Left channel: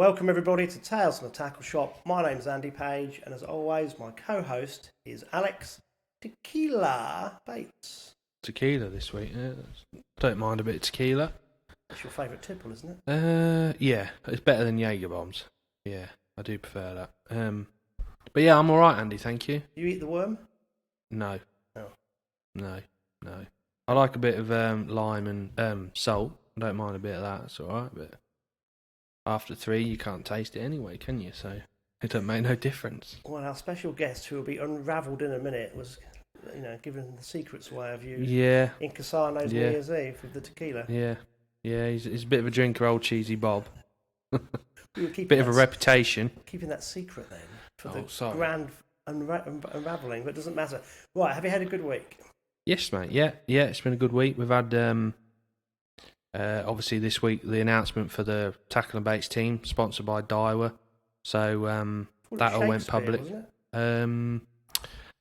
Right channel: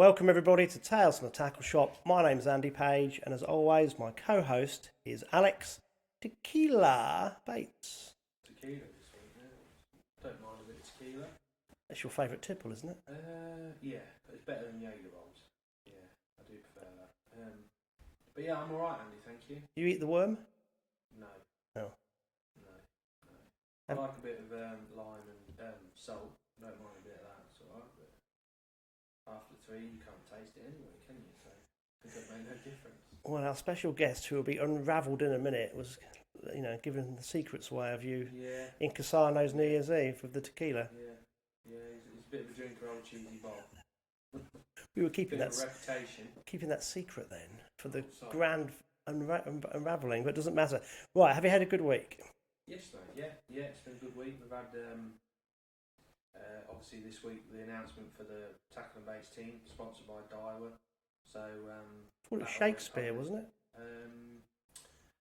Welcome everybody to Tales from the Tackle Shop. My name's Andy Page, and as always, my co-host is Alex Tequila Bates. Tequila this week, yeah. Don't mind a bit of tequila. That's your favourite tipple, isn't it? Yeah, it's better than Jaeger bombs. Yeah, I do prefer that. But yeah, I'm alright, Andy, thank you. You eat the worm? No. Oh. No. I like a bit of lime and salt. I don't mind a bit of that, it's alright, but after 3 you can't taste it anyway, can you? So it don't make no difference. Well, our special guest, who will be unravelled in a minute, was, given the secrets away of you. Yeah. In Casano's New Year's Eve with the tequila. Yeah. He's a bit of a drinker, old Cheesy Bob. We were keeping bit of a reputation. Keeping that secret then for the sorry. grand unravelling, but it doesn't matter. Right, have you had a good week? Yes, mate. Yeah, it's been a good week. We've had obviously this week the announcement for the Tackle and Baits team, sponsored by Daiwa. So that all went public. Wasn't it?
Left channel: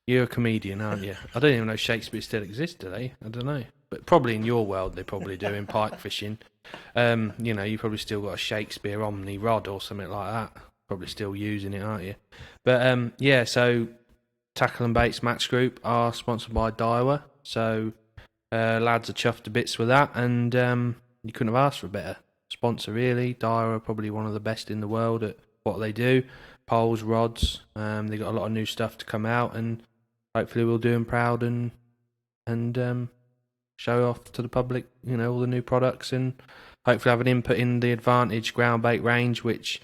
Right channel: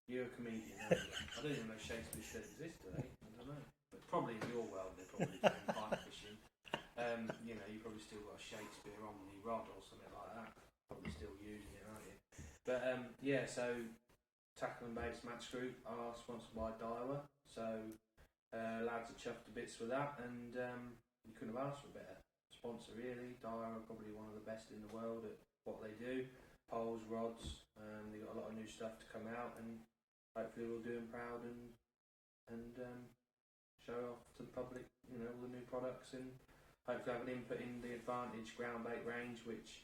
You're a comedian, aren't you? I don't even know if Shakespeare still exists today. I don't know, but probably in your world they probably do in pike fishing. You probably still got a Shakespeare Omni rod or something like that. Probably still using it, aren't you? But so Tackle and Baits Match Group are sponsored by Daiwa. So lads are chuffed to bits with that, and you couldn't have asked for a better sponsor, really. Daiwa are probably one of the best in the world at what they do. Poles, rods, they got a lot of new stuff to come out, and hopefully we'll do them proud and show off to the public, all the new products, and hopefully have an input in the Advantage ground bait range, which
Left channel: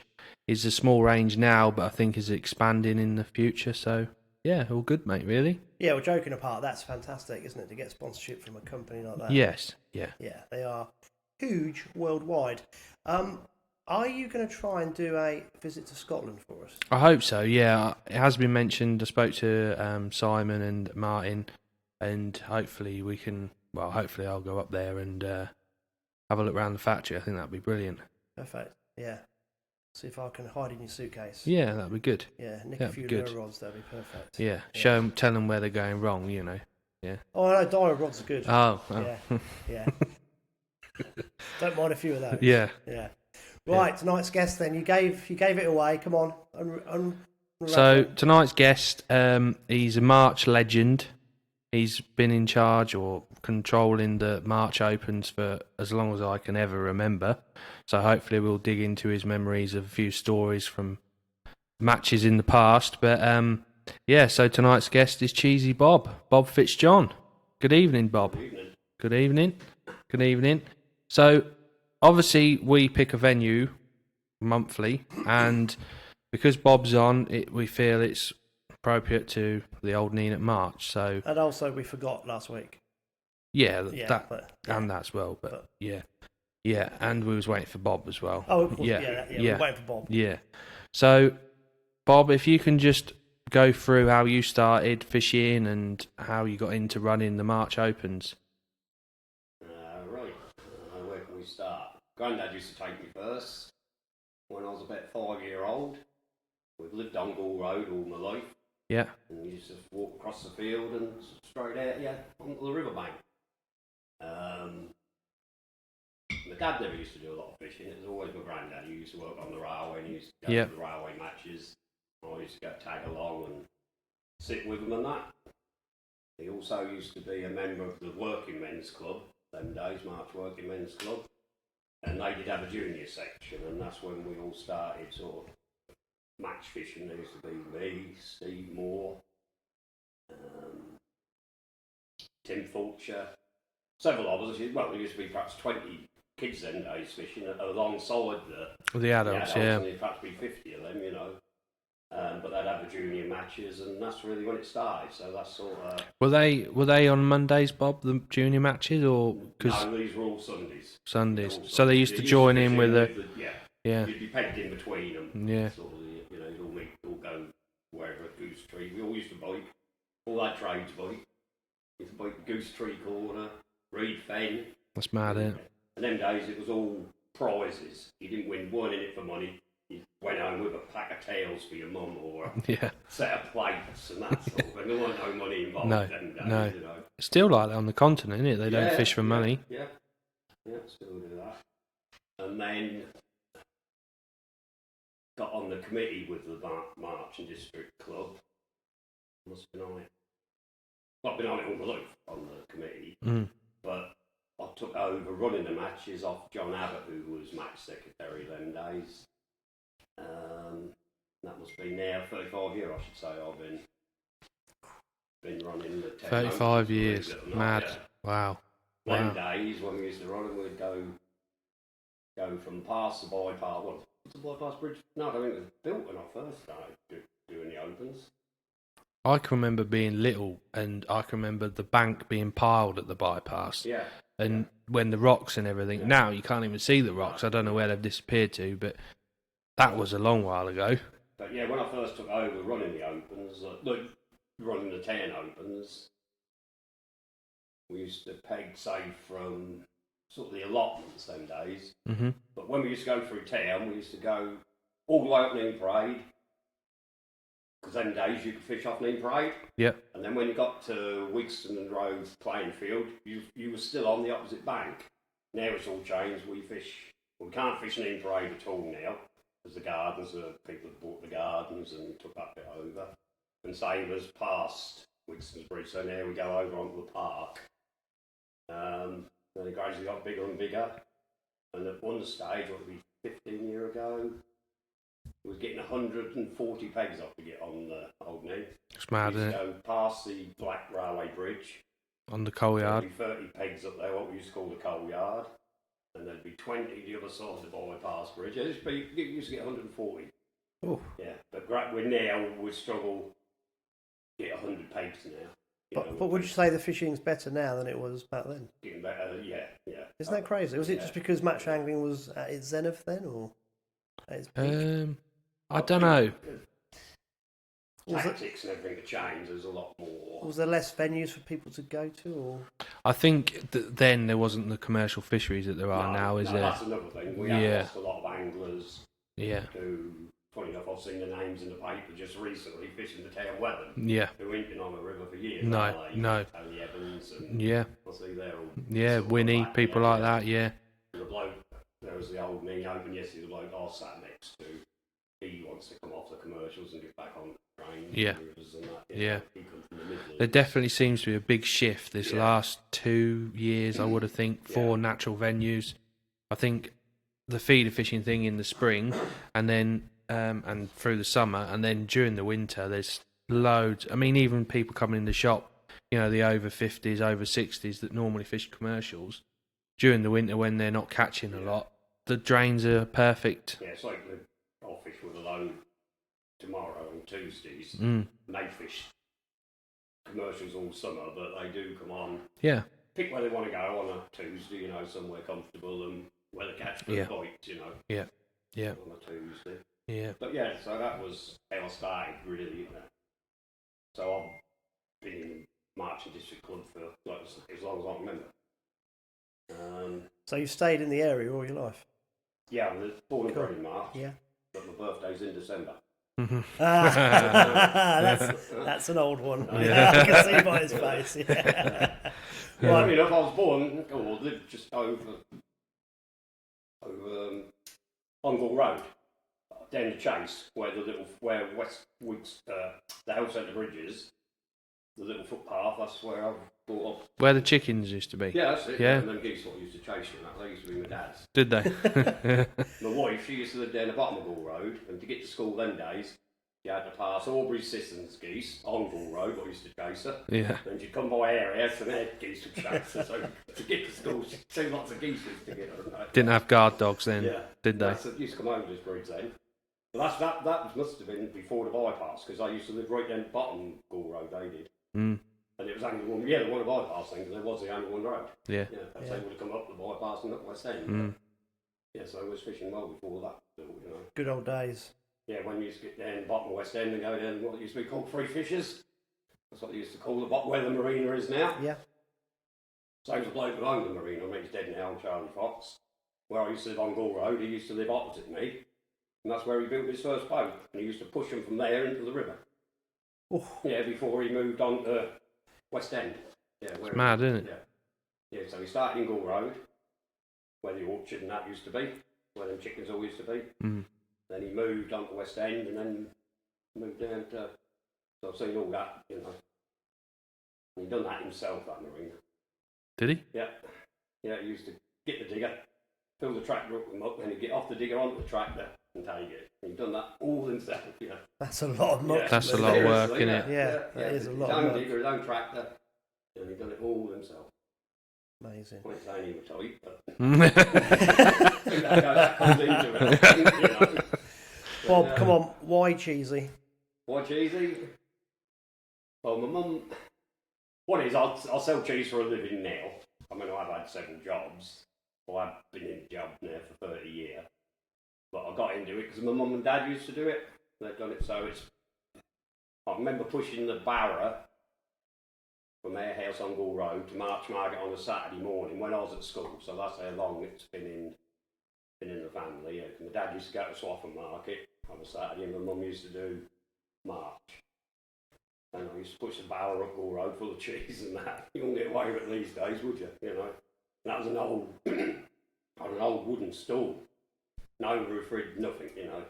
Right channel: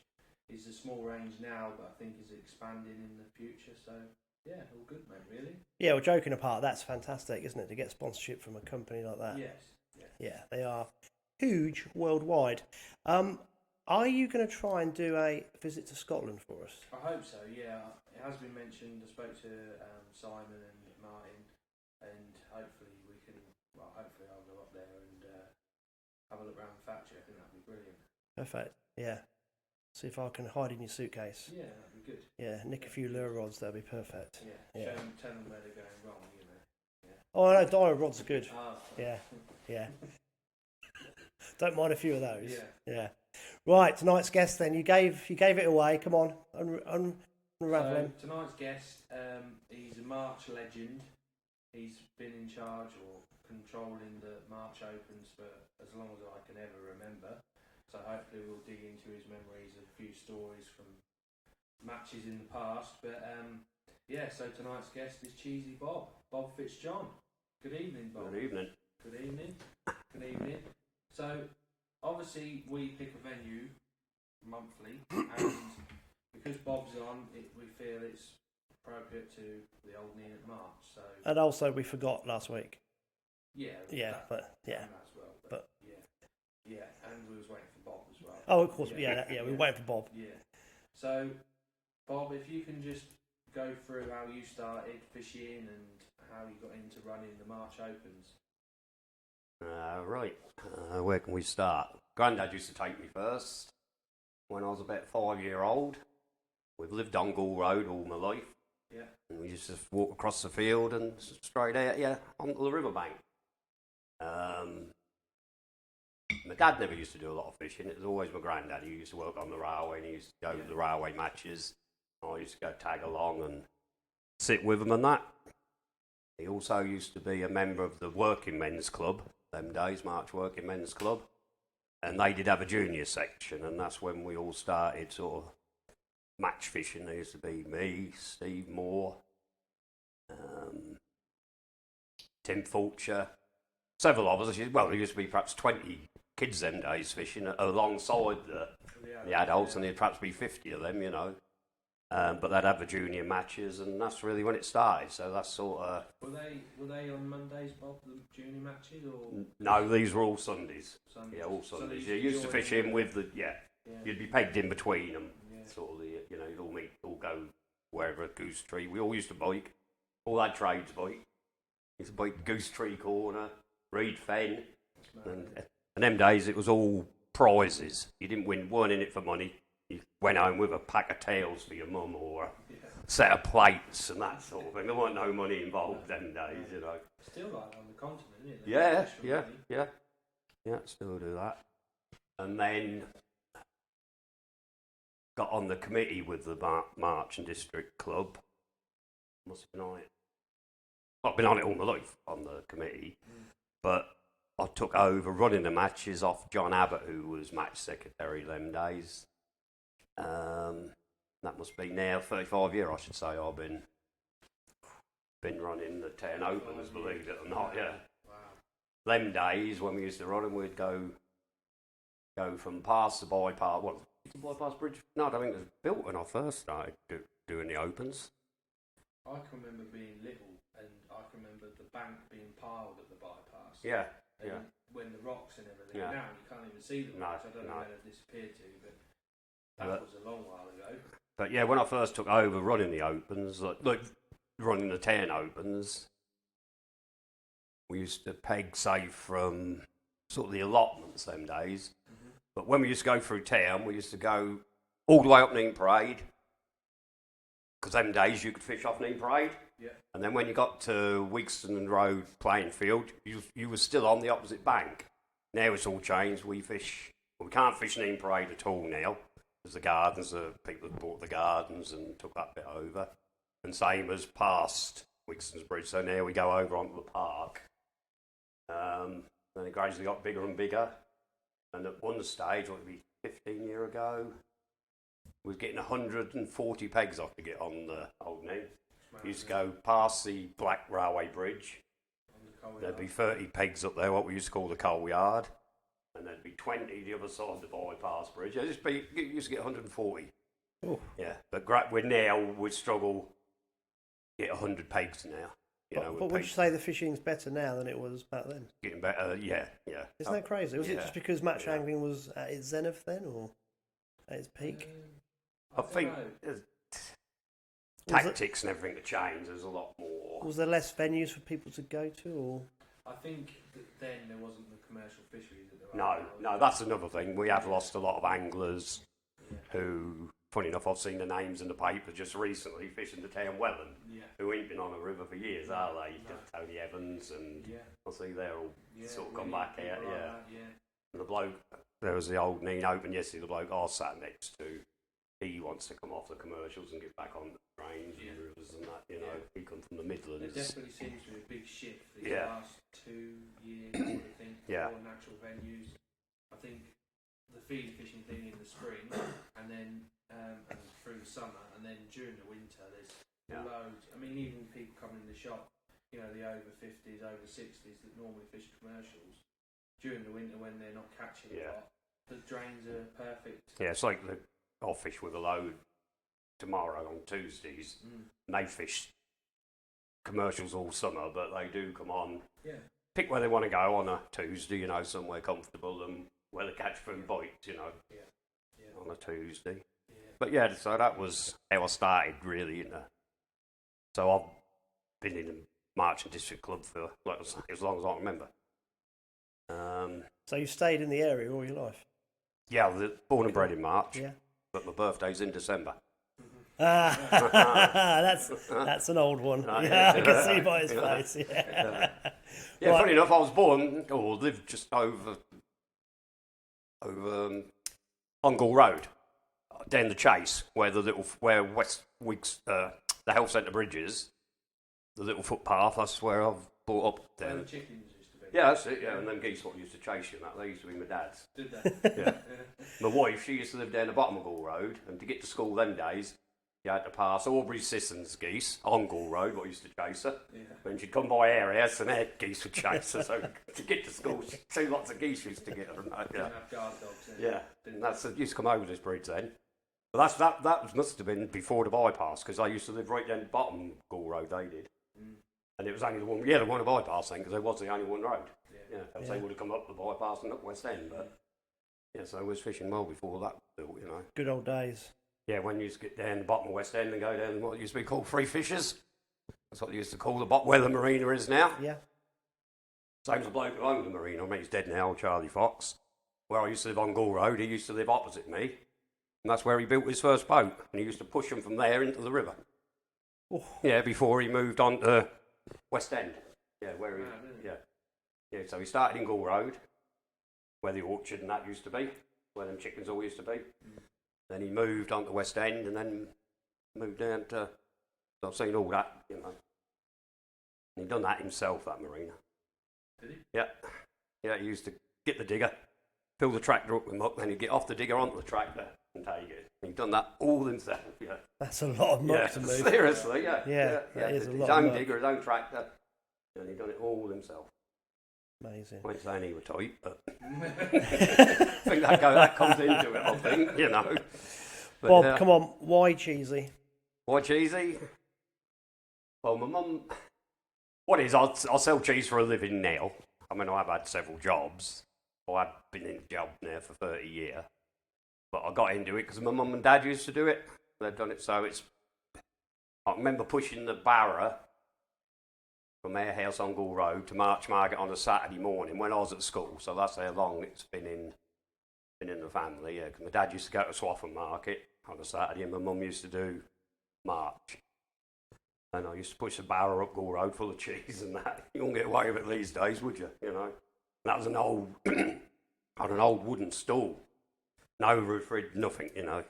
is a small range now, but I think is expanding in the future. So yeah, all good, mate, really. Yeah, well, joking apart, that's fantastic, isn't it, to get sponsorship from a company like that? Yes, yeah. Yeah, they are huge worldwide. Are you going to try and do a visit to Scotland for us? I hope so, yeah. It has been mentioned. I spoke to Simon and Martin, and hopefully hopefully I'll go up there and have a look around the factory. I think that'd be brilliant. Perfect, yeah. See if I can hide in your suitcase. Yeah, that'd be good. Yeah, nick a few lure rods, that'd be perfect. Yeah, tell them where they're going wrong, Yeah. Oh, no, diamond rods are good. Oh. Yeah. Don't mind a few of those. Yeah. Right, tonight's guest then. You gave it away. Come on. So tonight's guest, he's a March legend. He's been in charge or controlling the March Opens for as long as I can ever remember. So hopefully we'll dig into his memories of a few stories from matches in the past. But so tonight's guest is Cheesy Bob Fitzjohn. Good evening, Bob. Good evening. So obviously we pick a venue monthly, and because Bob's on, we feel it's appropriate to the old Nene at March. So, and also we forgot last week. And that as well. But yeah, and we was waiting for Bob as well. Oh, of course, we were waiting for Bob. Yeah. So, Bob, if you can just go through how you started fishing and how you got into running the March Opens. Right. Where can we start? Grandad used to take me first when I was about 5 years old. We've lived on Gall Road all my life. Yeah. And we used to just walk across the field and straight out, onto the riverbank. My dad never used to do a lot of fishing. It was always my granddad who used to work on the railway, and he used to go to the railway matches. I used to go tag along and sit with him and that. He also used to be a member of the Working Men's Club, them days, March Working Men's Club. And they did have a junior section, and that's when we all started sort of match fishing. There used to be me, Steve Moore, Tim Fulcher, several of us. Well, there used to be perhaps 20 kids them days fishing alongside the adults, and there'd perhaps be 50 of them, but they'd have the junior matches, and that's really when it started. So that's sort of... Were they on Mondays, Bob, the junior matches, or...? No, these were all Sundays. So they used to join in with the... Yeah. You'd be pegged in between them. Yeah. Sort of, you'd all meet, all go wherever at Goose Tree. We all used to bike. All that trades bike. Used to bike Goose Tree Corner, Reed Fen. That's mad, isn't it? And them days it was all prizes. You weren't in it for money. You went home with a pack of tails for your mum or a set of plates and that sort of. And there wasn't no money involved them days, No. It's still like that on the continent, isn't it? They don't fish for money. Yeah, still do that. And then got on the committee with the March and District Club. Must have been on it. Well, I've been on it all my life, on the committee. But I took over running the matches off John Abbott, who was match secretary them days. That must be now 35 years, I should say. I've been running the 10 35 opens, years. believe it or not, Mad. yeah. Wow. Them days when we used to run them, we'd go from past the bypass. What was the bypass bridge? No, I don't think it was built when I first started doing the opens. I can remember being little, and I can remember the bank being piled at the bypass. Yeah. And when the rocks and everything. Yeah. Now you can't even see the rocks. I don't know where they've disappeared to, but that was a long while ago. But yeah, when I first took over running the opens, running the 10 opens, we used to peg, say, from sort of the allotments them days. Mm-hmm. But when we used to go through town, we used to go all the way up Nene Parade, because them days you could fish off Nene Parade. Yeah. And then when you got to Wigston Road playing field, you were still on the opposite bank. Now it's all changed. We can't fish Nene Parade at all now. There's the gardens, the people that bought the gardens and took that bit over. And same as past Wigston's Bridge, so now we go over onto the park. And it gradually got bigger and bigger. And at one stage, what would be 15 years ago, we were getting 140 pegs off to get on the old Nene. It's mad, We used isn't to it? go past the Black Railway Bridge. On the coal There'd yard. be 30 pegs up there, what we used to call the coal yard. And there'd be 20 the other side of the bypass bridge. You used to get 140. Oh. Yeah, but we struggle to get 100 pegs now. But would you say the fishing's better now than it was back then? Getting better, yeah. Isn't that crazy? Was it just because match angling was at its zenith then, or at its peak? I don't know. Tactics and everything to change. There's a lot more. Was there less venues for people to go to, or? I think then there wasn't the commercial fisheries that there are now, is there? That's another thing. We have lost a lot of anglers. Yeah. Who, funny enough, I've seen the names in the paper just recently fishing the town Welland. Yeah. Who ain't been on a river for years. No, Are they? no. Tony Evans and I see they're all. Yeah, Winnie, people like that. Yeah. And the bloke, there was the old Nene Open yesterday. The bloke I sat next to, he wants to come off the commercials and get back on the train. Yeah. And that, Yeah. He comes from the Midlands. There definitely seems to be a big shift this last 2 years, I would have think, for natural venues. I think the feeder fishing thing in the spring, and then and through the summer, and then during the winter, there's loads. I mean, even people coming in the shop, the over 50s, over 60s that normally fish commercials, during the winter when they're not catching a lot, the drains are perfect. Yeah, it's like I'll fish with a load tomorrow on Tuesdays. They fish commercials all summer, but they do come on. Yeah. Pick where they want to go on a Tuesday, somewhere comfortable and where to catch for the bites, Yeah. Yeah. on a Tuesday. Yeah. But yeah, so that was how I started, really, So I've been in the March and District Club for as long as I remember. So you stayed in the area all your life? Yeah, I was born and bred in March. Yeah. But my birthday's in December. That's an old one. Yeah. I can see by his face. Yeah. Funny enough, I was born or lived just over Ongle Road, down the Chase, where West Wigs, the health centre bridge is, the little footpath. That's where I've brought up. Where the chickens used to be. Yeah, that's it. Yeah. And them geese what used to chase you. They used to be my dad's. Did they? My wife, she used to live down the bottom of Gall Road, and to get to school them days, you had to pass Aubrey Sisson's geese on Gall Road, what used to chase her. Yeah. And she'd come by areas and their geese would chase her. So to get to school, two lots of geese used to get her. Didn't have guard dogs then, did they? Used to come over this bridge then. But that must have been before the bypass, because I used to live right down the bottom Gall Road, they did. And it was only the one, the one bypass thing, because there was the only one road. Yeah. They would have come up the bypass and up West End. But, so I was fishing well before that built, Good old days. Yeah, when you used to get down the bottom of West End and go down what used to be called Free Fishers. That's what they used to call where the marina is now. Yeah. Same as the bloke who owned the marina. I mean, he's dead now, Charlie Fox. Where I used to live on Gall Road, he used to live opposite me. And that's where he built his first boat. And he used to push them from there into the river. Oh. Yeah, before he moved on to West End. Yeah, it's mad, isn't it? Yeah, so he started in Gall Road, where the orchard and that used to be, where them chickens all used to be. Then he moved on to West End and then moved down to... So I've seen all that, you know. And he done that himself, that marina. Did he? Yeah. Yeah, he used to get the digger, fill the tractor up with muck, then he'd get off the digger onto the tractor and take it. And he'd done that all himself, you know. That's a lot of muck. Yeah, that's a lot of work, seriously, isn't it? Yeah, that is a lot His of own muck. digger, his own tractor, and he'd done it all himself. Amazing. I ain't saying he was tight, but I think that comes into it, I think, you know. But, Bob, come on. Why cheesy? Why cheesy? Well, my mum... What is, I'll sell cheese for a living now. I mean, I've had several jobs. I've been in a job now for 30 years. But I got into it because my mum and dad used to do it. They've done it, so it's... I remember pushing the barrow from our house on Bull Road to March Market on a Saturday morning when I was at school. So that's how long it's been in the family. Yeah, 'cause my dad used to go to Swaffham Market on a Saturday and my mum used to do March. And I used to push the barrow up Bull Road full of cheese and that. You wouldn't get away with it these days, would you? You know. And that was an old, had an old wooden stool. No roof rid, nothing, you know.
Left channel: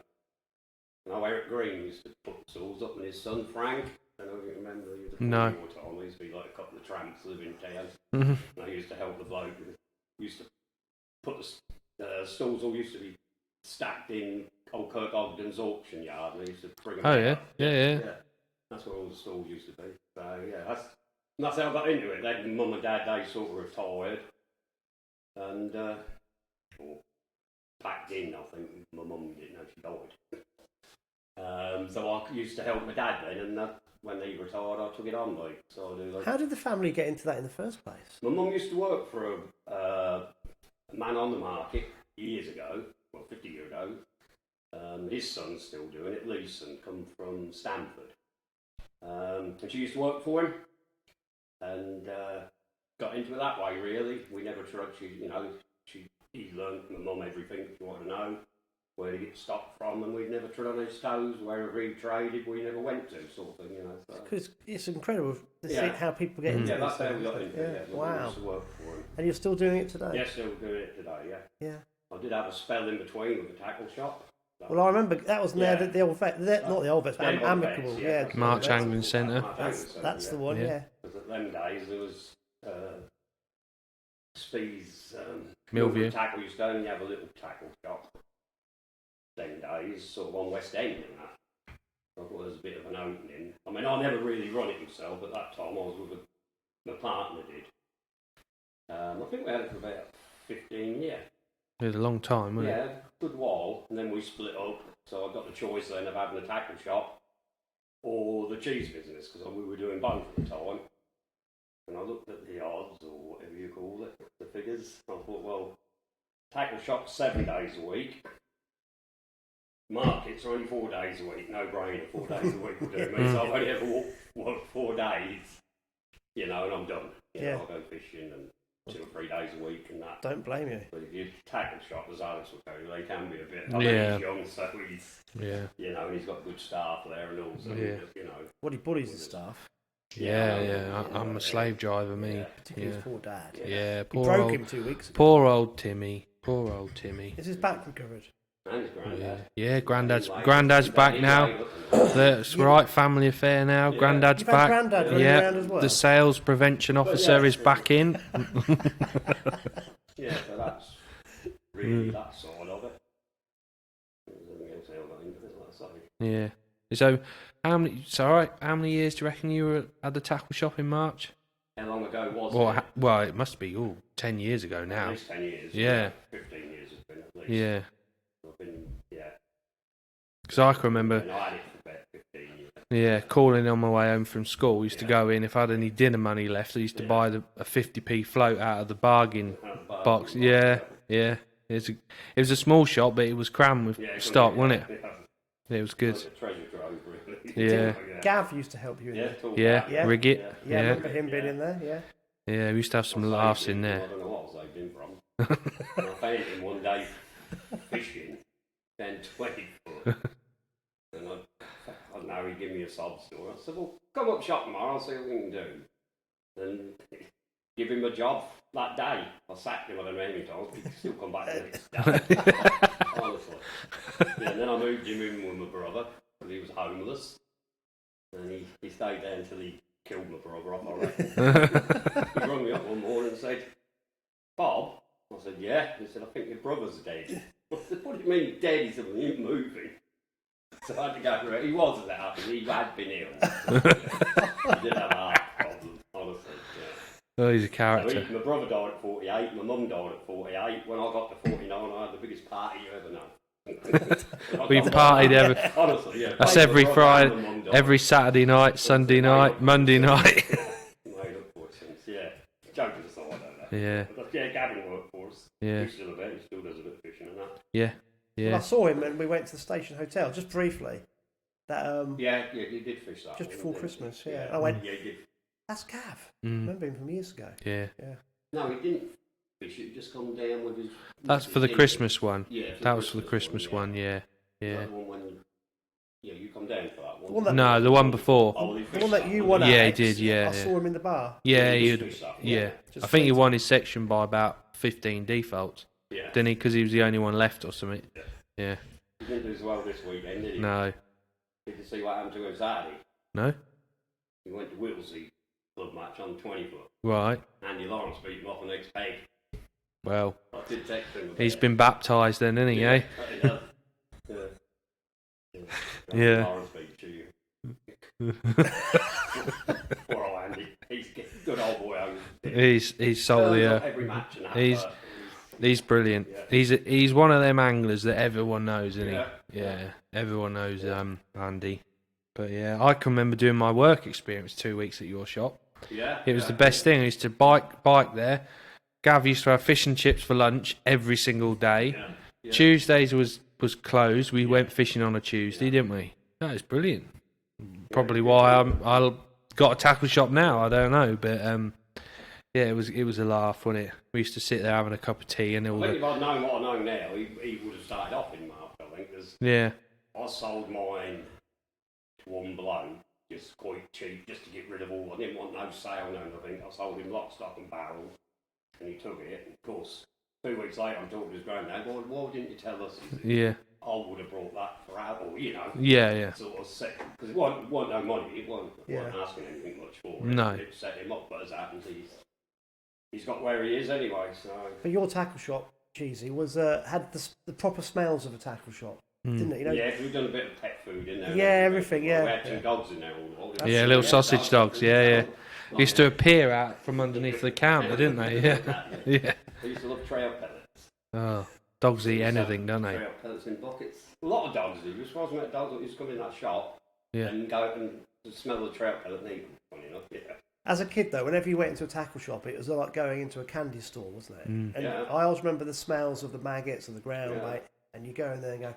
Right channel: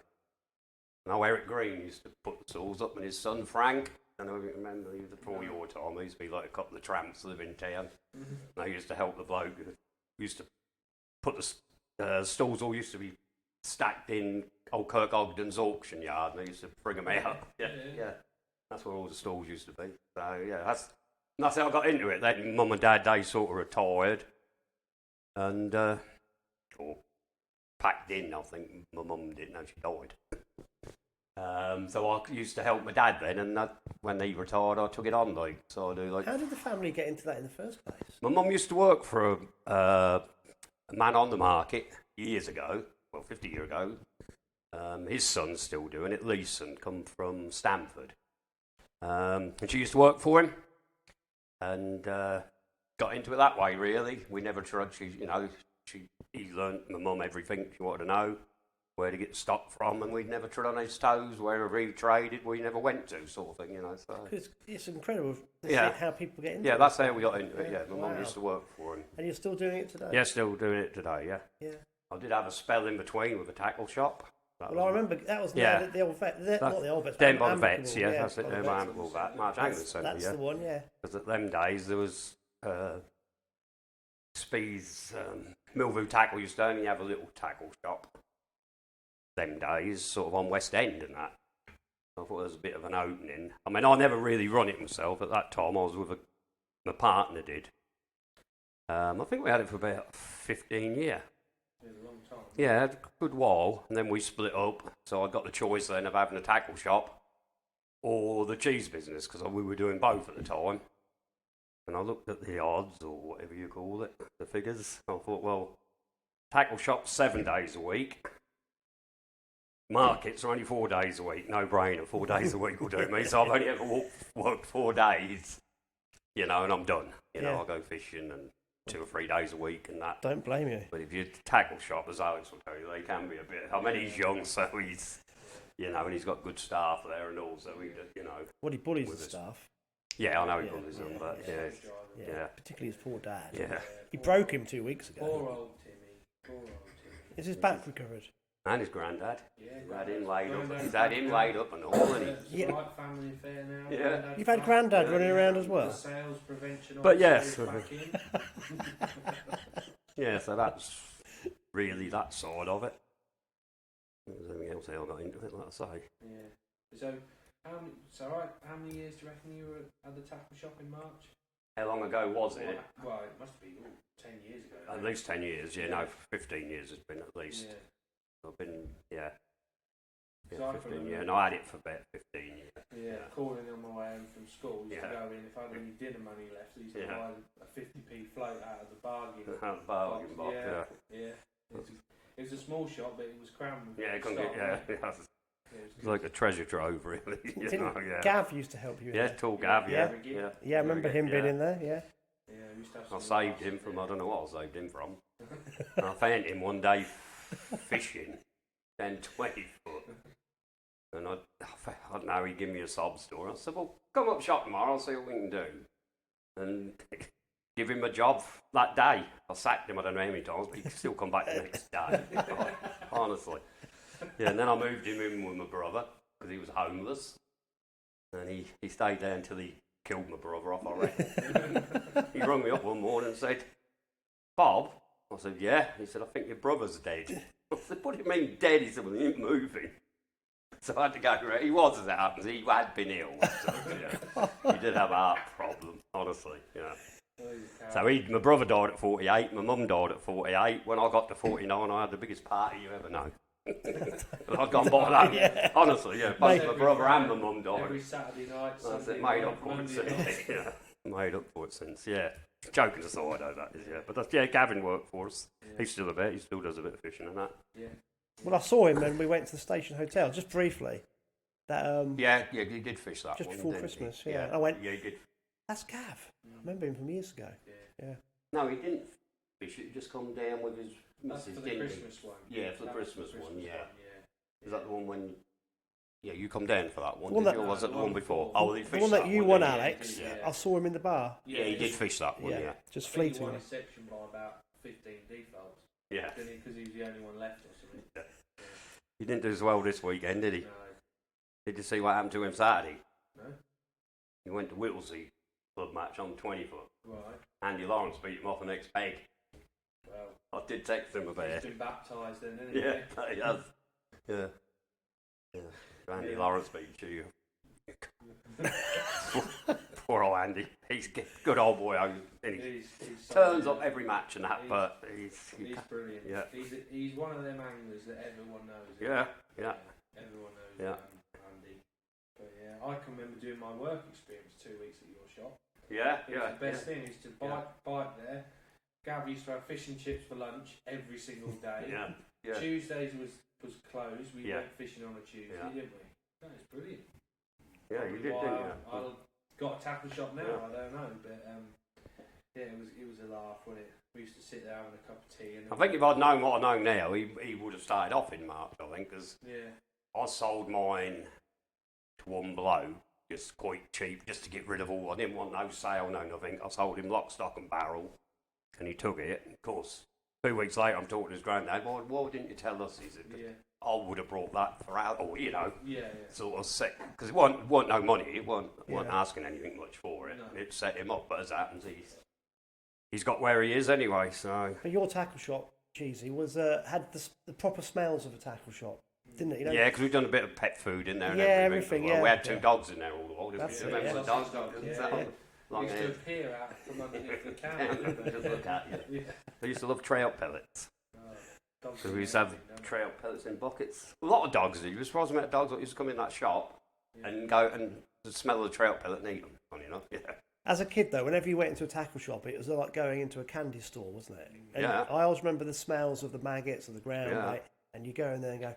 Now Eric Green used to put the stools up and his son Frank, I don't know if you remember the No. War time, there used to be like a couple of tramps living in town. Mm-hmm. They used to help the bloke. We used to put the stalls all used to be stacked in old Kirk Ogden's auction yard and they used to bring them Oh, out. yeah. Yeah. That's where all the stalls used to be. So yeah, that's how I got into it. Then mum and dad, they sort of retired and or packed in, I think. My mum didn't know she died. So I used to help my dad then, and when he retired, I took it on. Like, so I do like. How did the family get into that in the first place? My mum used to work for a man on the market years ago, well, 50 years ago. His son's still doing it. Leeson come from Stamford, and she used to work for him, and got into it that way. Really, we never tried. He learned my mum everything she wanted to know. Where to get stock from, and we'd never trod on his toes. Wherever he traded, we never went to, sort of thing, you know. So. Because it's incredible to see how people get into it. Yeah, that's how we got into it. Yeah, my mum Wow. used to work for him. And you're still doing it today? Yeah, still doing it today. Yeah. Yeah. I did have a spell in between with a tackle shop. Well, I remember that was Yeah. the old vet, not the old vets, but Them old amicable. vets, Yeah, that's March it. Angling Centre. March Angling Centre, That's the one. Yeah. Yeah. Because at them days there was Speed's Millview. Millview Tackle used to only have a little tackle shop. Them days, sort of on West End and that. I thought there was a bit of an opening. I mean, I never really run it myself at that time. I was with my partner did. I think we had it for about 15 years. It was a long time, wasn't Yeah, it? a good while, and then we split up. So I got the choice then of having a tackle shop or the cheese business because we were doing both at the time. And I looked at the odds or whatever you call it, the figures. I thought, well, tackle shop's 7 days a week. Markets are only 4 days a week. No brainer. 4 days a week will do me. So I've only ever worked 4 days, you know, and I'm done. You know, I go fishing and 2 or 3 days a week and that. Don't blame you. But if you tackle shop, as Alex will tell you, they can be a bit. I mean, he's young, so he's, you know, and he's got good staff there and all. So you know, Well, he bullies the staff, Yeah. I'm a slave driver, me. particularly for Dad. Yeah. He Poor broke old, him 2 weeks ago. Poor old Timmy. Poor old Timmy. Is his back recovered? and his granddad. Yeah, Granddad's His back dad now. laid up and all. That's right, family affair now. Yeah. Granddad's You've had back. Grandad running around as well? The sales prevention officer is back in. Yeah, so that's really that side of it. There's anything else I got into it, like I say. Yeah. So how many years do you reckon you were at the tackle shop in March? How long ago was it? Well, it must be 10 years ago now. At least 10 years. Yeah. 15 years it's been at least. Yeah. I've been, Because I can remember, And I had it for about 15 years. yeah, calling on my way home from school. Used to go in, if I had any dinner money left, I used to buy a 50p float out of the bargain box. Yeah. It was a small shop, but it was crammed with stock, wasn't it? It was good. Like a treasure trove, really. Yeah. Gav used to help you in there. Tall Yeah, Gav, Yeah. rig it. Yeah, I remember him being in there, yeah. Yeah, we used to have some I laughs saved him in from- there. I don't know what I saved him from. And I found him one day fishing 10, 20 foot. And I don't know, he gave me a sob story. I said, well, come up shop tomorrow, I'll see what we can do. And give him a job that day. I sacked him, I don't know how many times, but he still come back the next day. Honestly. Yeah, and then I moved him in with my brother because he was homeless. And he stayed there until he killed my brother off, I reckon. He rang me up one morning and said, Bob? I said, yeah. He said, I think your brother's dead. I said, what do you mean dead? He said, well, he ain't moving. So I had to go around. He was there because he had been ill. So, yeah. He did have a heart problem, honestly. Yeah. Oh, he's a character. So my brother died at 48, my mum died at 48. When I got to 49, I had the biggest party you ever know. We've partied ever. Honestly, yeah. That's every Friday, every every Saturday night, Sunday night, Monday night. Yeah. Made up for it since, yeah. Joking aside, I don't know. Yeah. But yeah, Gavin worked for us. Yeah. He still does a bit of fishing and that. Yeah. Yeah. Well, I saw him when we went to the Station Hotel, just briefly. That Yeah, he did fish that just one, before didn't Christmas. he? Yeah. I went, Yeah, he did. that's Gav. I Mm. remember him from years ago. Yeah. Yeah. No, he didn't fish. He just come down with his. That's for the Christmas one. Yeah, That was for the Christmas one. Yeah. Is Yeah. that the one when? Yeah, you come down for that one. The one that- No, the one before. Oh, he The fished one that you one, won, didn't Yeah, he Alex. did, yeah, I yeah. saw him in the bar. Yeah, he he did fish that one. yeah. Just I think he fleeting. won his section by about 15 defaults, Yeah. didn't he? Because he was the only one left or something. Yeah. He didn't do as well this weekend, did he? No. Did you see what happened to him Saturday? No. He went to Whittlesey club match on 20 foot. Right. Andy Lawrence beat him off the next peg. Well, I did text him about he's it. been baptised then, isn't he? Yeah, Eh? he does. Yeah. Andy Yeah. Lawrence beat you. Poor old Andy. He's good old boy. He's solid. Turns up Yeah. every match and that. He's- but He's brilliant. Yeah. He's one of them anglers that everyone knows, isn't Yeah. he? Yeah. Everyone knows Yeah. Andy. But yeah, I can remember doing my work experience 2 weeks at your shop. Yeah. It was the best thing. I used to bike there. Gav used to have fish and chips for lunch every single day. Yeah. Yeah. Tuesdays was closed. We Yeah. went fishing on a Tuesday, Yeah. didn't we? That is brilliant. Probably good why job. I got a tackle shop now. I don't know, but yeah, it was a laugh, wasn't it? We used to sit there having a cup of tea and I all think the, if I'd known what I know now, he would have started off in March, I think, because yeah, I sold mine to one bloke, just quite cheap, just to get rid of all. I didn't want no sale, no nothing. I sold him lock, stock and barrel, and he took it. And of course, 2 weeks later, I'm talking to his granddad, why didn't you tell us? He said, yeah, I would have brought that for out, or, yeah. sort of set, because it wasn't no money, it wasn't Yeah. asking anything much for it. No. It set him up, but as it happens, he's got where he is anyway, so. But your tackle shop, Cheesy, was had the proper smells of a tackle shop, didn't it? You know? Yeah, because we've done a bit of pet food in there. and Yeah, everything, Well, we yeah. had two dogs in there all the while. That's Yeah, true, little yeah. sausage dogs. Yeah. Used to appear out from underneath the counter, didn't they? Yeah, yeah. I used to love trail pellets. Oh, dogs eat We used to have anything, don't they? Trail pellets in buckets. A lot of dogs do. You surprised me at dogs that used to come in that shop Yeah. and go and smell the trail pellet and eat them. Funny enough, yeah. As a kid, though, whenever you went into a tackle shop, it was like going into a candy store, wasn't it? Mm. And Yeah. I always remember the smells of the maggots and the ground Yeah. bait, and you go in there and go.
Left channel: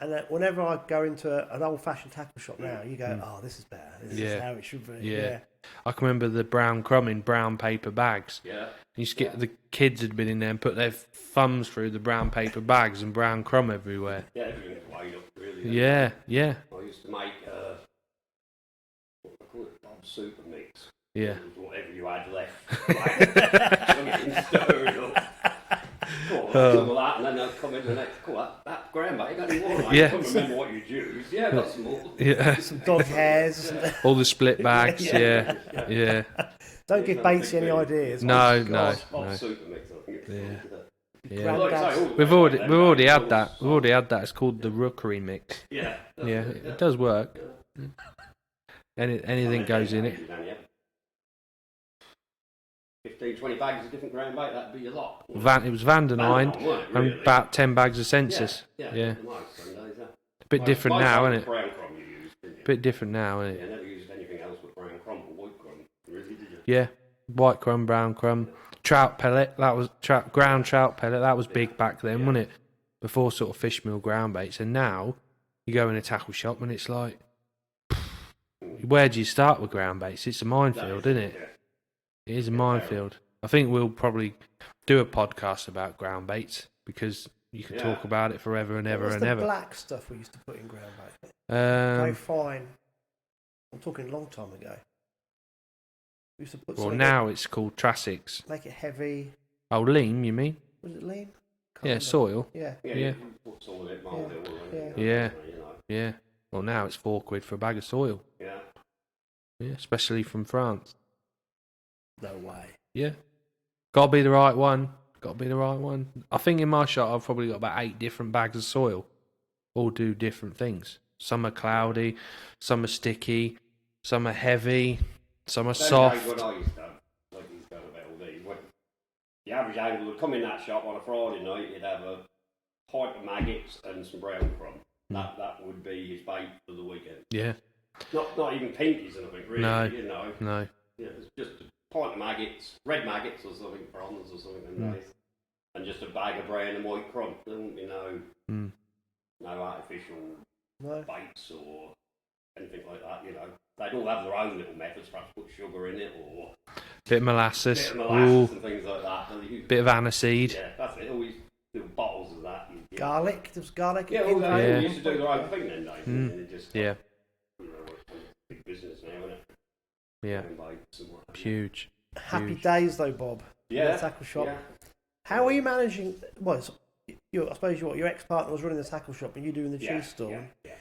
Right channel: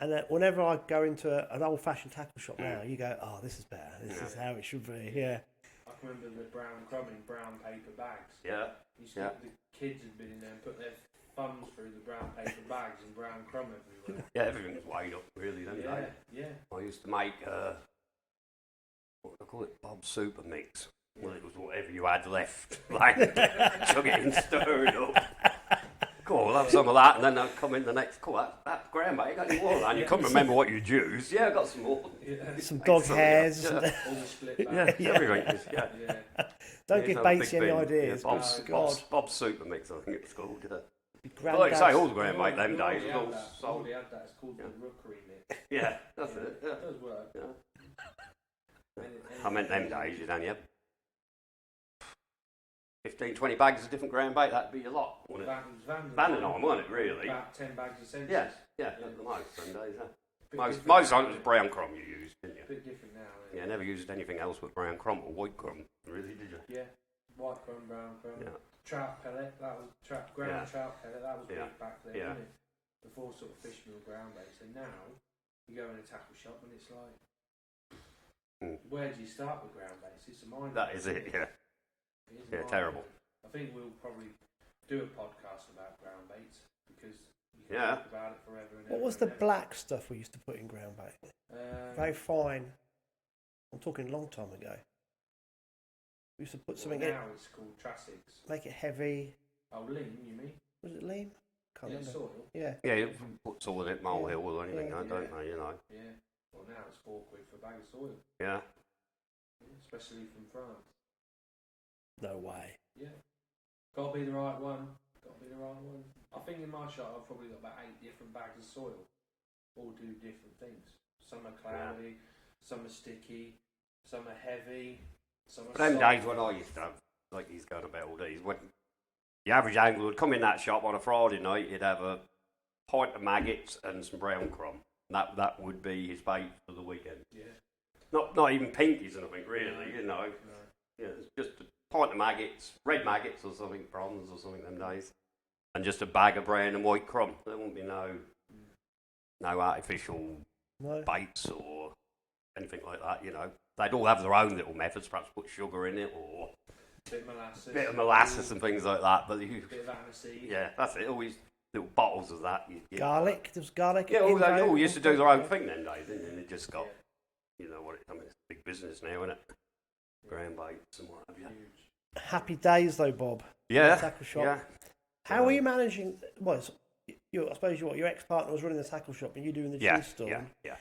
And then whenever I go into an old-fashioned tackle shop now, you go, "Oh, this is better. This is Yeah. how it should be." Yeah. Yeah. I can remember the brown crumb in brown paper bags. Yeah. You used to get the kids had been in there and put their thumbs through the brown paper bags and brown crumb everywhere. Yeah, everything was weighed up, really. didn't Yeah, it? yeah, I used to make, what do I call it? Bob's super mix. yeah. It was whatever you had left. Like, chug it and stir it up. Cool, like some of that, and then they'll come in the next. Cool, that grandma, you got any more of that? Yeah. You can't remember what you used. Yeah, I got some more. Yeah, Some dog hairs. all the split bags. Yeah. Yeah. Don't give Yeah, Batesy big any thing. ideas. No, Oh, no. God. Bob's super mix, I think it's called. Yeah. Well, like I say, all the way We've back already then, we've already it had was that. We've solid. already had that. It's called the rookery mix. Yeah, that's Yeah, it, it does work. Yeah. Anything goes in it. 15, 20 bags of different ground bait, that'd be a lot. It was Vandenine Vandenine, wasn't it, and really? about 10 bags of census. Yeah. Yeah. Most Sundays, yeah. A bit Most- different most now, times isn't it's it? brown crumb you used, didn't you? Bit different now, isn't Yeah, it? never used anything else but brown crumb or white crumb, really, did you? Yeah. White crumb, brown crumb, trout pellet. That was ground trout pellet. That was big back then, Yeah. wasn't it? Before sort of fish meal ground baits, and now you go in a tackle shop and it's like, where do you start with ground baits? It's a That minefield, isn't it? Yeah. It is a Yeah, minefield. I think we'll probably do a podcast about ground baits because you can Yeah. talk about it forever and What ever was and the ever. black stuff we used to put in ground bait? Very Um, fine. I'm talking a long time ago. We used to put Well, something now it's called Trassix. make it heavy. Oh, lean, you mean? Was it lean? Can't Yeah, remember. soil. Yeah. Yeah, Yeah. you put soil in molehill or anything. Yeah. Like that, you know. Yeah. Well, now it's £4 for a bag of soil. Yeah. Yeah, especially from France. No way. Yeah. Got to be the right one. Got to be the right one. I think in my shop I've probably got about 8 different bags of soil. All do different things. Some are cloudy, some are sticky, some are heavy, some are Them soft. days when I used to have, like he's going about all these, when the average angler would come in that shop on a Friday night, he'd have a pint of maggots and some brown crumb. That would be his bait for the weekend. Yeah. Not even pinkies or anything, really, No. you know. No. Yeah, it's just a pint of maggots, red maggots or something, bronze or something them days. And just a bag of brown and white crumb. There wouldn't be no artificial baits or anything like that, you know. They'd all have their own little methods, perhaps put sugar in it or Bit of molasses. and things like that. But Bit of aniseed. yeah, that's it. Always little bottles of that. Garlic. There was garlic. Yeah, all they all used to do their own thing then, days, and it just got, Yeah. you know, what it's big business now, isn't it? Yeah. Brown baits and what have you. Huge. Happy Huge. days though, Bob. Yeah. The tackle shop. Yeah. How are you managing? Well, I suppose your ex-partner was running the tackle shop and you doing the cheese stall. Yeah.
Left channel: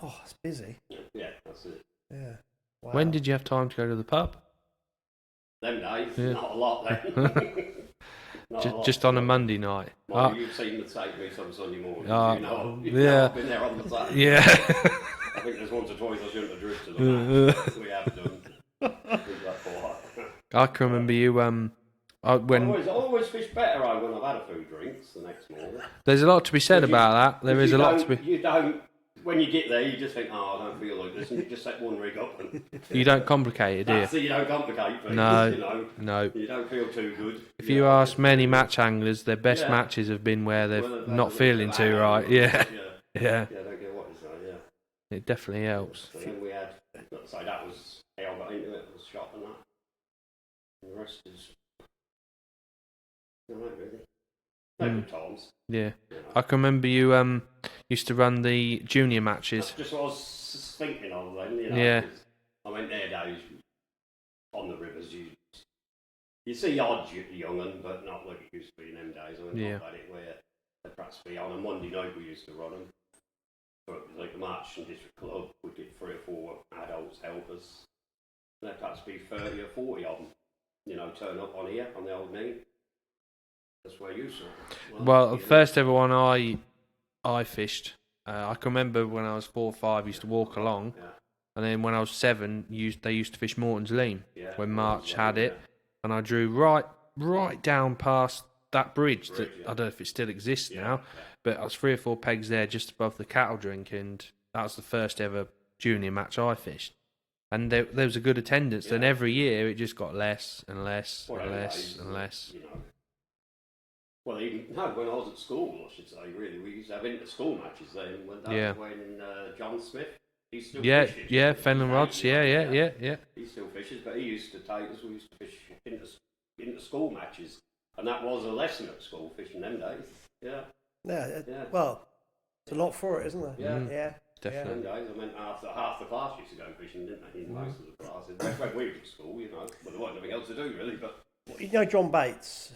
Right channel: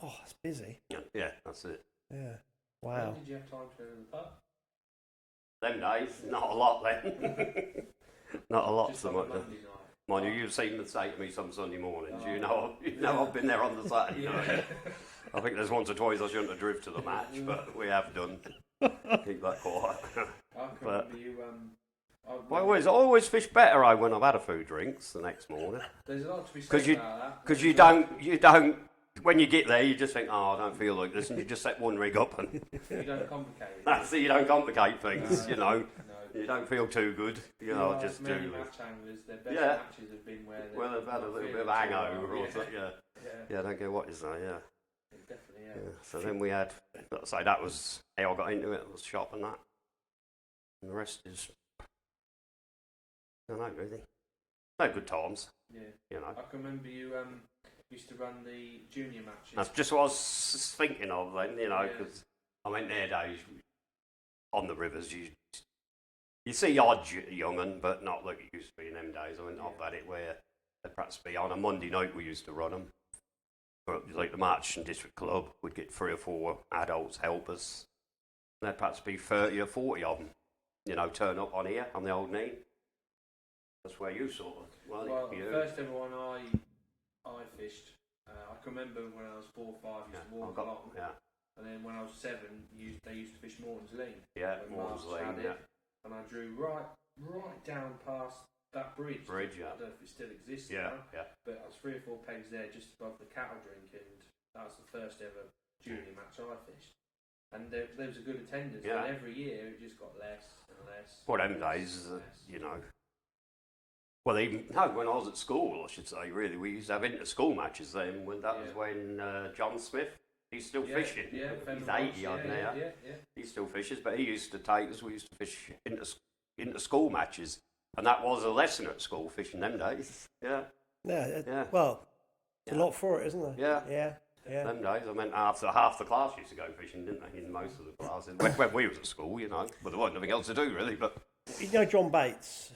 God, it's busy. Yeah, that's it. Yeah. Wow. When did you have time to go to the pub? Them days, Yeah. not a lot then. Not a lot. Just on a Monday night. Mind you've seen them take me some Sunday mornings. You know yeah. I've been there on the Saturday. Yeah. I think there's once or twice I shouldn't have drifted to the match, but we have done. Leave that quiet. I can remember you. When I always fish better when I've had a few drinks the next morning. there's a lot to be said about that. There is you a lot to be. You don't. When you get there, you just think, oh, I don't feel like this, and you just set one rig up, and You don't complicate it, do you? that's it. You don't complicate things. No. You know, No. you don't feel too good. If you know, ask just- many match anglers, their best Yeah. matches have been where they're well, they've had not a little feeling bit of too hangover right. or Yeah. something, Yeah. Yeah, I don't get what you say. Yeah. It definitely helps. So then we had, let's say that was how I got into it, was shop and that. And the rest is, I don't know really. No good times, Yeah. you know. I can remember you used to run the junior matches. That's just what I was thinking of then, you know. Yeah. 'Cause, I mean, their days on the rivers, you see odd young'un, but not like it used to be in them days. I mean, Yeah. not that it where they'd perhaps be on a Monday night we used to run them. But like the March and District Club, we'd get 3 or 4 adults help us. And there'd perhaps be 30 or 40 of them, you know, turn up on here, on the old Nene. That's where you saw them. Well, you the first ever one I fished. I can remember when I was 4 or 5, used to walk along, Yeah, and then when I was 7, they used to fish Morton's Lean yeah. when Morton's March Lean, had it, yeah. and I drew right down past that bridge. Bridge, that, yeah. I don't know if it still exists Yeah, now, yeah. but I was 3 or 4 pegs there just above the cattle drink, and that was the first ever junior match I fished. And there was a good attendance. Then Yeah. every year it just got less and less Well, and them less days, and less. you know. Well, even when I was at school, I should say, really, we used to have inter-school matches then. When that Yeah. was when John Smith, he's still Yeah, fishing. yeah, He's Fenland rods. 80 Yeah. He still fishes, but he used to take us. We used to fish inter-school matches, and that was a lesson at school fishing them days. Yeah, Yeah. Well, it's a lot for it, isn't there? Yeah. Yeah. Definitely. them days. I mean, half the class used to go fishing, didn't they? In most of the classes, when we was at school, you know, but there wasn't nothing else to do really. But You know John Bates,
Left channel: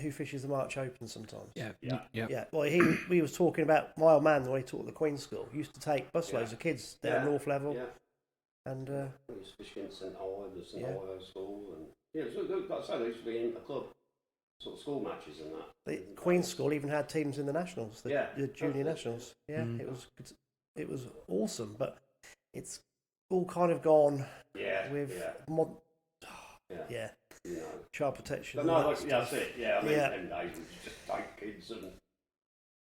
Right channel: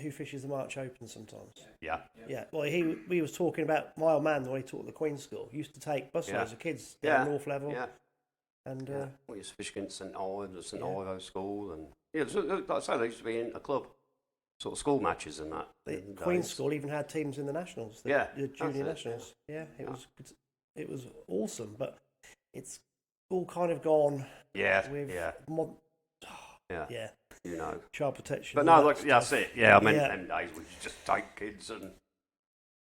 who fishes the March Open sometimes. yeah. Yeah. Well, we was talking about my old man when he taught at the Queen's School. He used to take busloads of kids down North Level, Yeah. and We used to fish against St Ives, the St Yeah. Ives school, and yeah, so, like I say, they used to be in a club, sort of school matches and that. the Queen's School even had teams in the nationals, the that's junior it. nationals. Yeah, it was awesome, but it's all kind of gone Yeah, with yeah, yeah, you know. child protection. But and no, that look, yeah, stuff. that's it. Yeah, I mean, Yeah. them days we just take kids and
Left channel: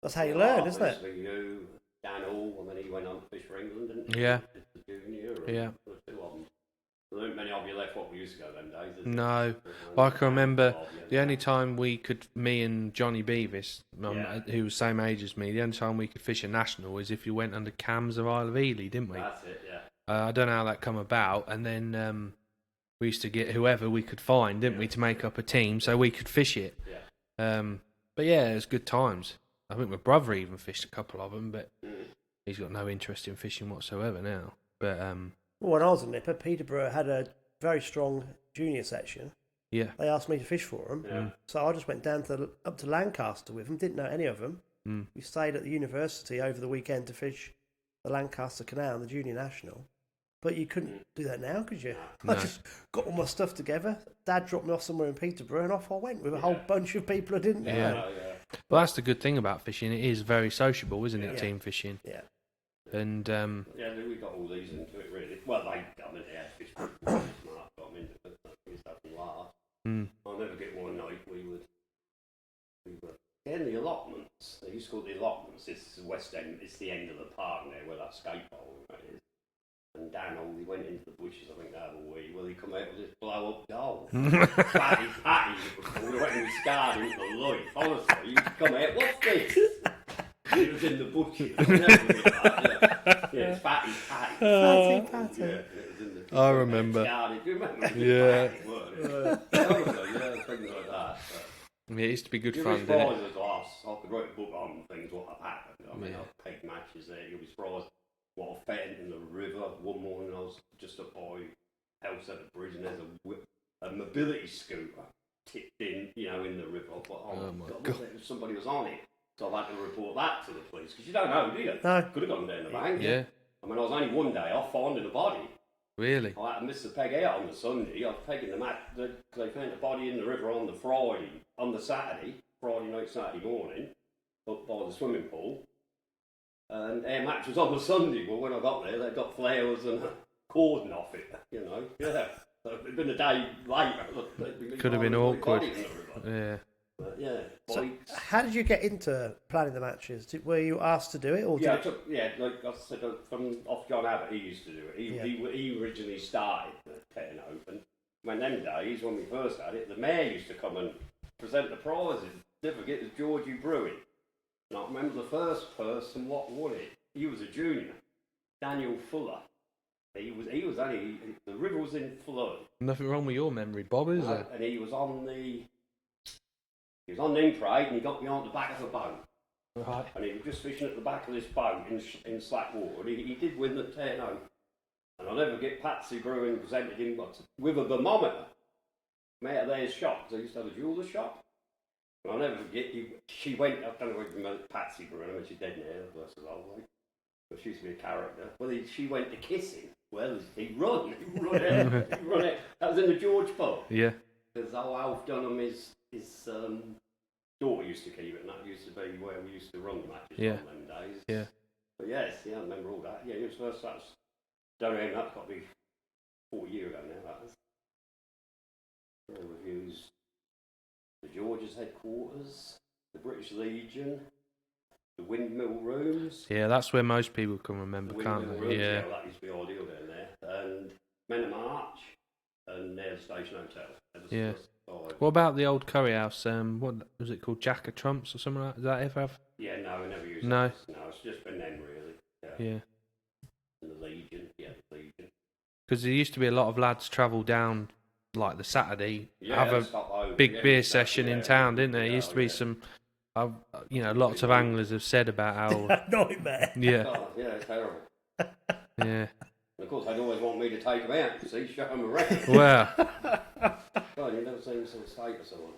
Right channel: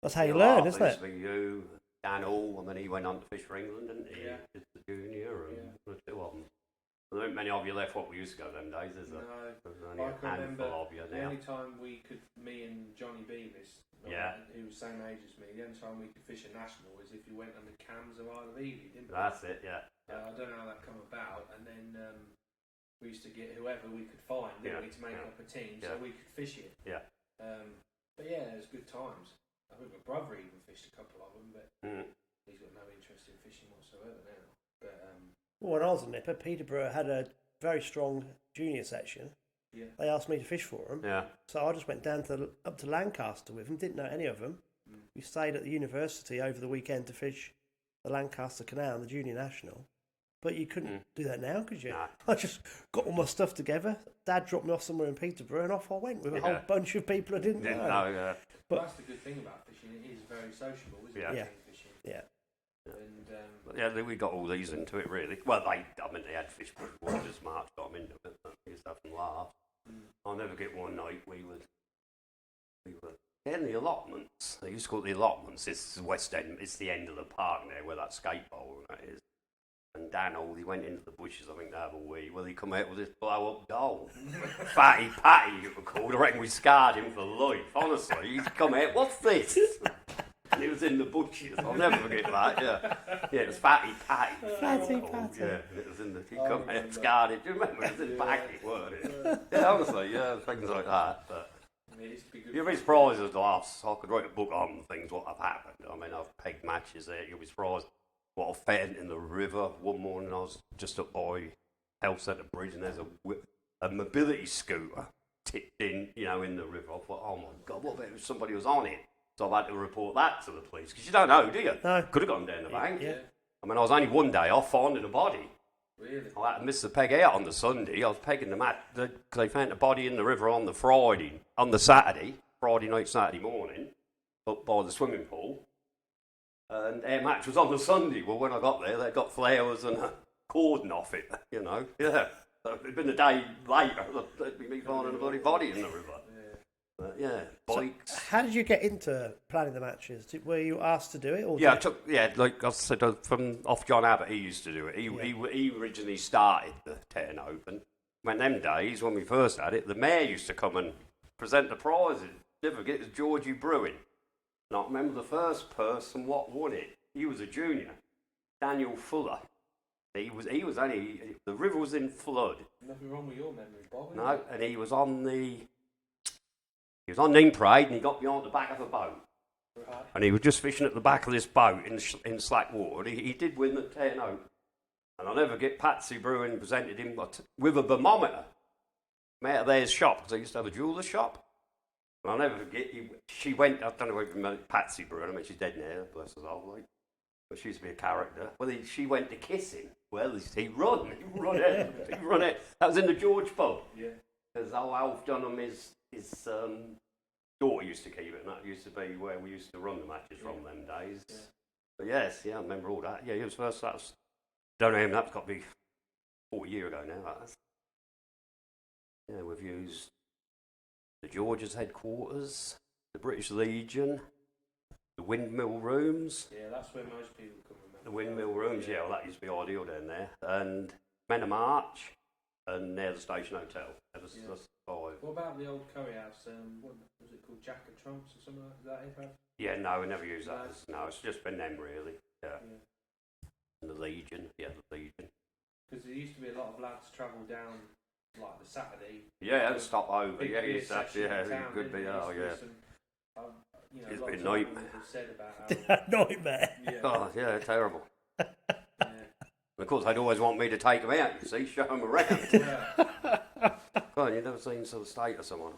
That's how you learn, isn't it? obviously you, Dan Hall, and then he went on to fish for England, didn't he? Yeah. Did the junior. And Yeah. the 2 of them. There weren't many of you left what we used to go them days, is there? No. There's I only can a remember handful of you the now. only time we could, me and Johnny Beavis, Yeah. who was the same age as me, the only time we could fish a national is if you went under cams of Isle of Ely, didn't we? That's it, yeah. I don't know how that come about, and then we used to get whoever we could find, didn't we, to make up a team so we could fish it. Yeah. But yeah, it was good times. I think my brother even fished a couple of them, but Mm. he's got no interest in fishing whatsoever now. But Well, when I was a nipper, Peterborough had a very strong junior section. Yeah. They asked me to fish for them. Yeah. So I just went down up to Lancaster with them. Didn't know any of them. Mm. We stayed at the university over the weekend to fish the Lancaster Canal and the Junior National. But you couldn't do that now, could you? No. I just got all my stuff together. Dad dropped me off somewhere in Peterborough, and off I went with a whole bunch of people I didn't know. Yeah. Well, that's the good thing about fishing. It is very sociable, isn't it? Yeah. Team fishing. Yeah. And we got all these into it really. Well, they had fish before this March got them into it. We used to have them laugh. I'll never get one night we were in the allotments. They used to call it the allotments. It's the West End. It's the end of the park there where that skate bowl and that is. And Dan he went into the bushes, I think, to have a wee. Well, he come out with this blow-up doll. Fatty Patty, it was called. I reckon we scarred him for life, honestly. He'd come out, what's this? He was in the bushes. I'll never forget that, yeah. It's Fatty Patty. Fatty Patty. Yeah, and it was in the... I remember. Scarred it. Do you remember? It was Patty, weren't it? Honestly, things like that. But it used to be good you'll fun. be surprised as laughs. I could write a book on things, what have happened. I mean, I've pegged matches there. You'll be surprised. What I fed in the river one morning. I was just up by Hellsetter Bridge, and there's a mobility scooter tipped in, in the river. I thought, oh my God, what if somebody was on it? So I had to report that to the police, because you don't know, do you? No. Could have gone down the bank. Yeah. I mean, I was only one day off finding a body. Really? I had to miss the peg out on the Sunday. I was pegging the mat because they found the body in the river on the Friday night, Saturday morning, up by the swimming pool. And our match was on the Sunday. Well, when I got there, they got flowers and a cordon off it, Yeah. So it'd been a day later. Could have been awkward. Body in the river. Yeah. Bikes. So how did you get into planning the matches? Were you asked to do it? Or Like I said, from off John Abbott, he used to do it. He originally started the 10 Open. When them days, when we first had it, the mayor used to come and present the prizes. Never forget, it was Georgie Brewing. And I remember the first person what won it. He was a junior, Daniel Fuller. He was only, the river was in flood. Nothing wrong with your memory, Bob, is there? And he was on Nene Parade, and he got behind the back of a boat. Right. And he was just fishing at the back of this boat in slack water. He did win the 10 Open. And I'll never get Patsy Brewing presented him with a thermometer. Out of their shop, because they used to have a jeweller's shop. And I'll never forget, she went, I don't know if you remember Patsy Brewing, I mean, she's dead now, bless her soul, like. But she used to be a character. Well, she went to kiss him. Well, he run out. That was in the George pub. Yeah. Because old Alf Dunham, his daughter used to keep it, and that used to be where we used to run the matches on them days. Yeah. But yes, I remember all that. Yeah, he was first, don't know him, that's got to be 40 years ago now, that is. Yeah, we've used the George's headquarters, the British Legion, the Windmill Rooms. Yeah, that's where most people can remember, The Windmill can't they? Rooms, Yeah. well, that used to be ideal down there. And Men of March, and near the Station Hotel. Yeah. What about the old curry house? What was it called? Jack of Trumps or something like that? Does that ever have? Yeah, no, we never used No. that. No, it's just been them, really. Yeah. And the Legion, the Legion. Because there used to be a lot of lads travel down, like the Saturday, Yeah, have stop over. a big Yeah, beer used to- session in town, didn't there? There used to be some, lots of anglers have said about how. Nightmare. Yeah. Oh, yeah, terrible. Yeah. And of course, they'd always want me to take them out, you see, show them around. Well, Well, you've never seen some state of someone.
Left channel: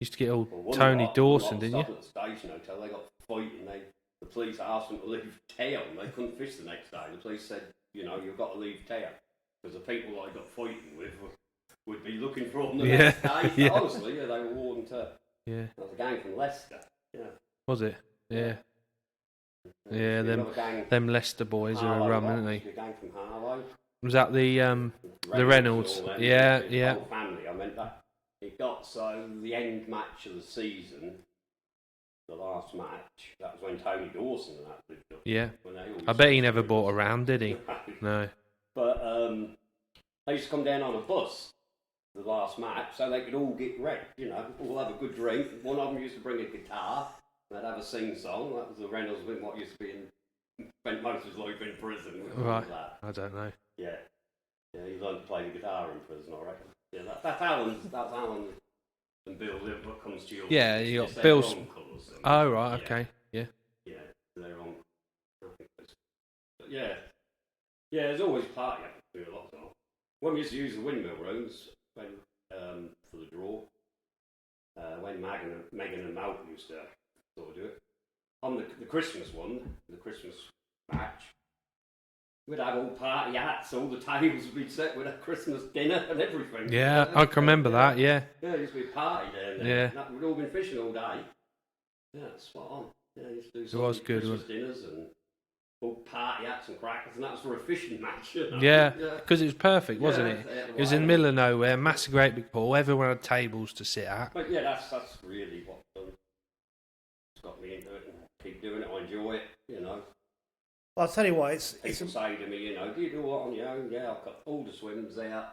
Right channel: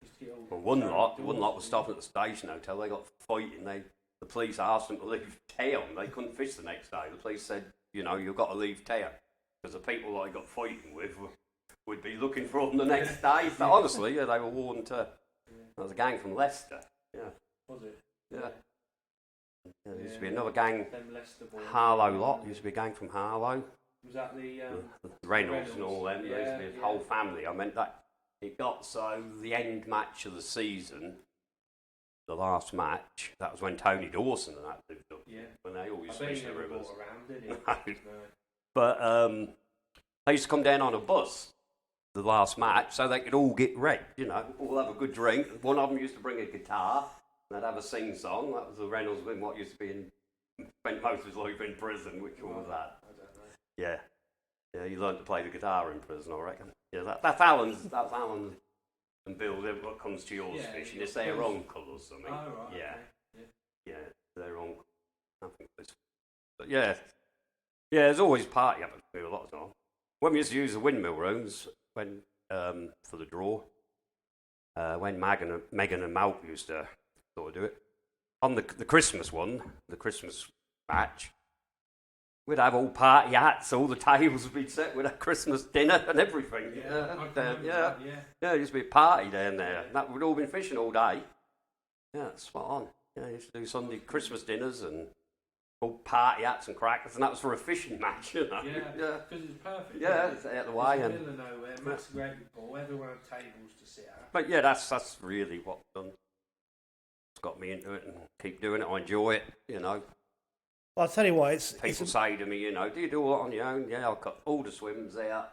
used to get all Well, one Tony lot Dawson, didn't stopped you? at the Station Hotel, they got fighting. The police asked them to leave town. They couldn't fish the next day. The police said, you've got to leave town. Because the people that I got fighting with would be looking for them the next day. So honestly, they were warned to. Yeah. There was a gang from Leicester. Yeah. Was it? Yeah. There used to be another gang. Them Leicester boys Harlow are around, lot. weren't There they? used to be a gang from Harlow. Was that the Reynolds? and all them. Yeah, His yeah. whole family. I meant that. It got so the end match of the season, the last match, that was when Tony Dawson and that lived up. Yeah. When they all I used bet to he never screw bought us. around, did he? No. But they used to come down on a bus, the last match, so they could all get wrecked, all have a good drink. One of them used to bring a guitar, and they'd have a sing-song. That was the Reynolds with what used to be spent most of his life in prison. We call Right. that. I don't know. Yeah. Yeah, he learned to play the guitar in prison, I reckon. Yeah, that's Alan and Bill, what comes to your Yeah, position. you It's got their Bill's- uncle or something. Oh, right, Yeah. okay. Yeah. Yeah, they're on. I think that's. But yeah, there's always party happening a lot of time. when we used to use the windmill rooms when for the draw, when Megan and Mal used to sort of do it, on the Christmas one, the Christmas match, we'd have all party hats, all the tables would be set with a Christmas dinner and everything. Yeah, I can remember that, yeah. Yeah, it used to be a party down there. Yeah. That, we'd all been fishing all day. Yeah, it's spot on. Yeah, used to do some was good, Christmas dinners and all party hats and crackers, and that was for a fishing match. You know? Yeah, because it was perfect, wasn't it? Out of the It was way in the and- middle of nowhere, massive great big pool, everyone had tables to sit at. But yeah, that's really what I've done. It's got me into it and keep doing it. I enjoy it, you know. Well, I'll tell you what, it's People say to me, you know, do you do all that on your own? Yeah, I've got all the swims there.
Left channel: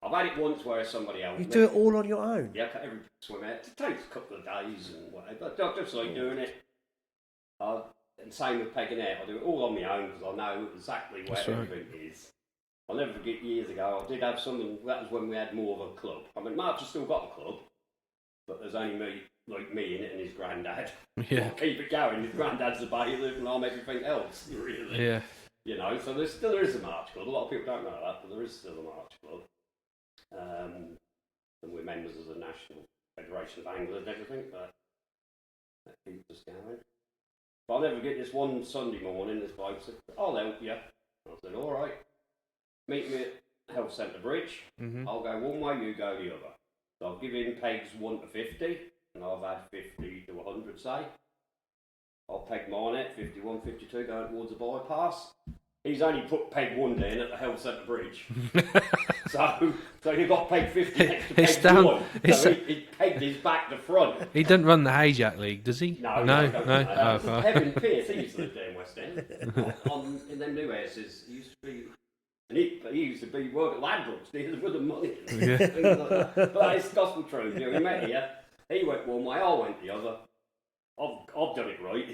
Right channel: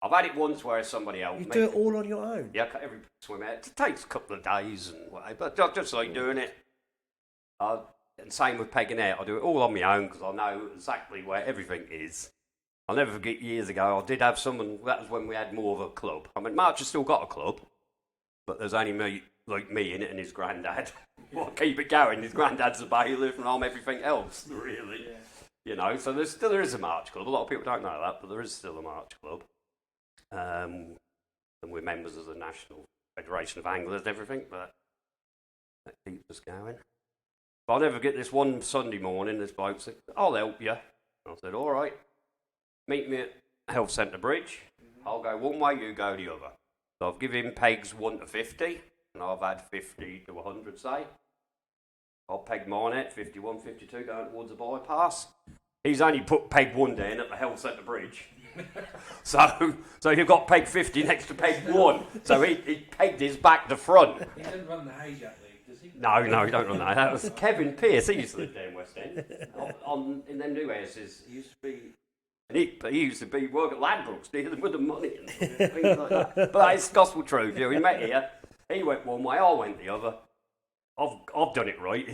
I've had it once where somebody else. you do it all on your own. Yeah, every swim out. It takes a couple of days and whatever, but I just like doing it. And same with pegging out. I do it all on my own because I know exactly where everything is. I'll never forget years ago, I did have someone, that was when we had more of a club. I mean, March has still got a club, but there's only me in it and his granddad. Yeah. Well, keep it going. His granddad's a bailiff and I'm everything else, really. Yeah. You know, so there is a March club. A lot of people don't know that, but there is still a March club. And we're members of the National Federation of Anglers and everything, but that keeps us going. But I'll never get this one Sunday morning, this bloke said, I'll help you. I said, all right, meet me at Health Centre Bridge. Mm-hmm. I'll go one way, you go the other. So I've given him pegs 1 to 50, and I've had 50 to 100, say. I'll peg mine at 51, 52, going towards the bypass. He's only put peg 1 down at the Health Centre Bridge. so you've got peg 50 next to peg 1. So he pegged his back to front. He doesn't run the Hayjack League, does he? No, don't run that. That was Oh, Kevin Pearce. He used to live down West End. In them new houses, he used to be. And he used to be work at Ladbrokes, dealing with the money and things like that. But it's gospel truth. You know, we met here. He went one way, I went the other. I've done it right.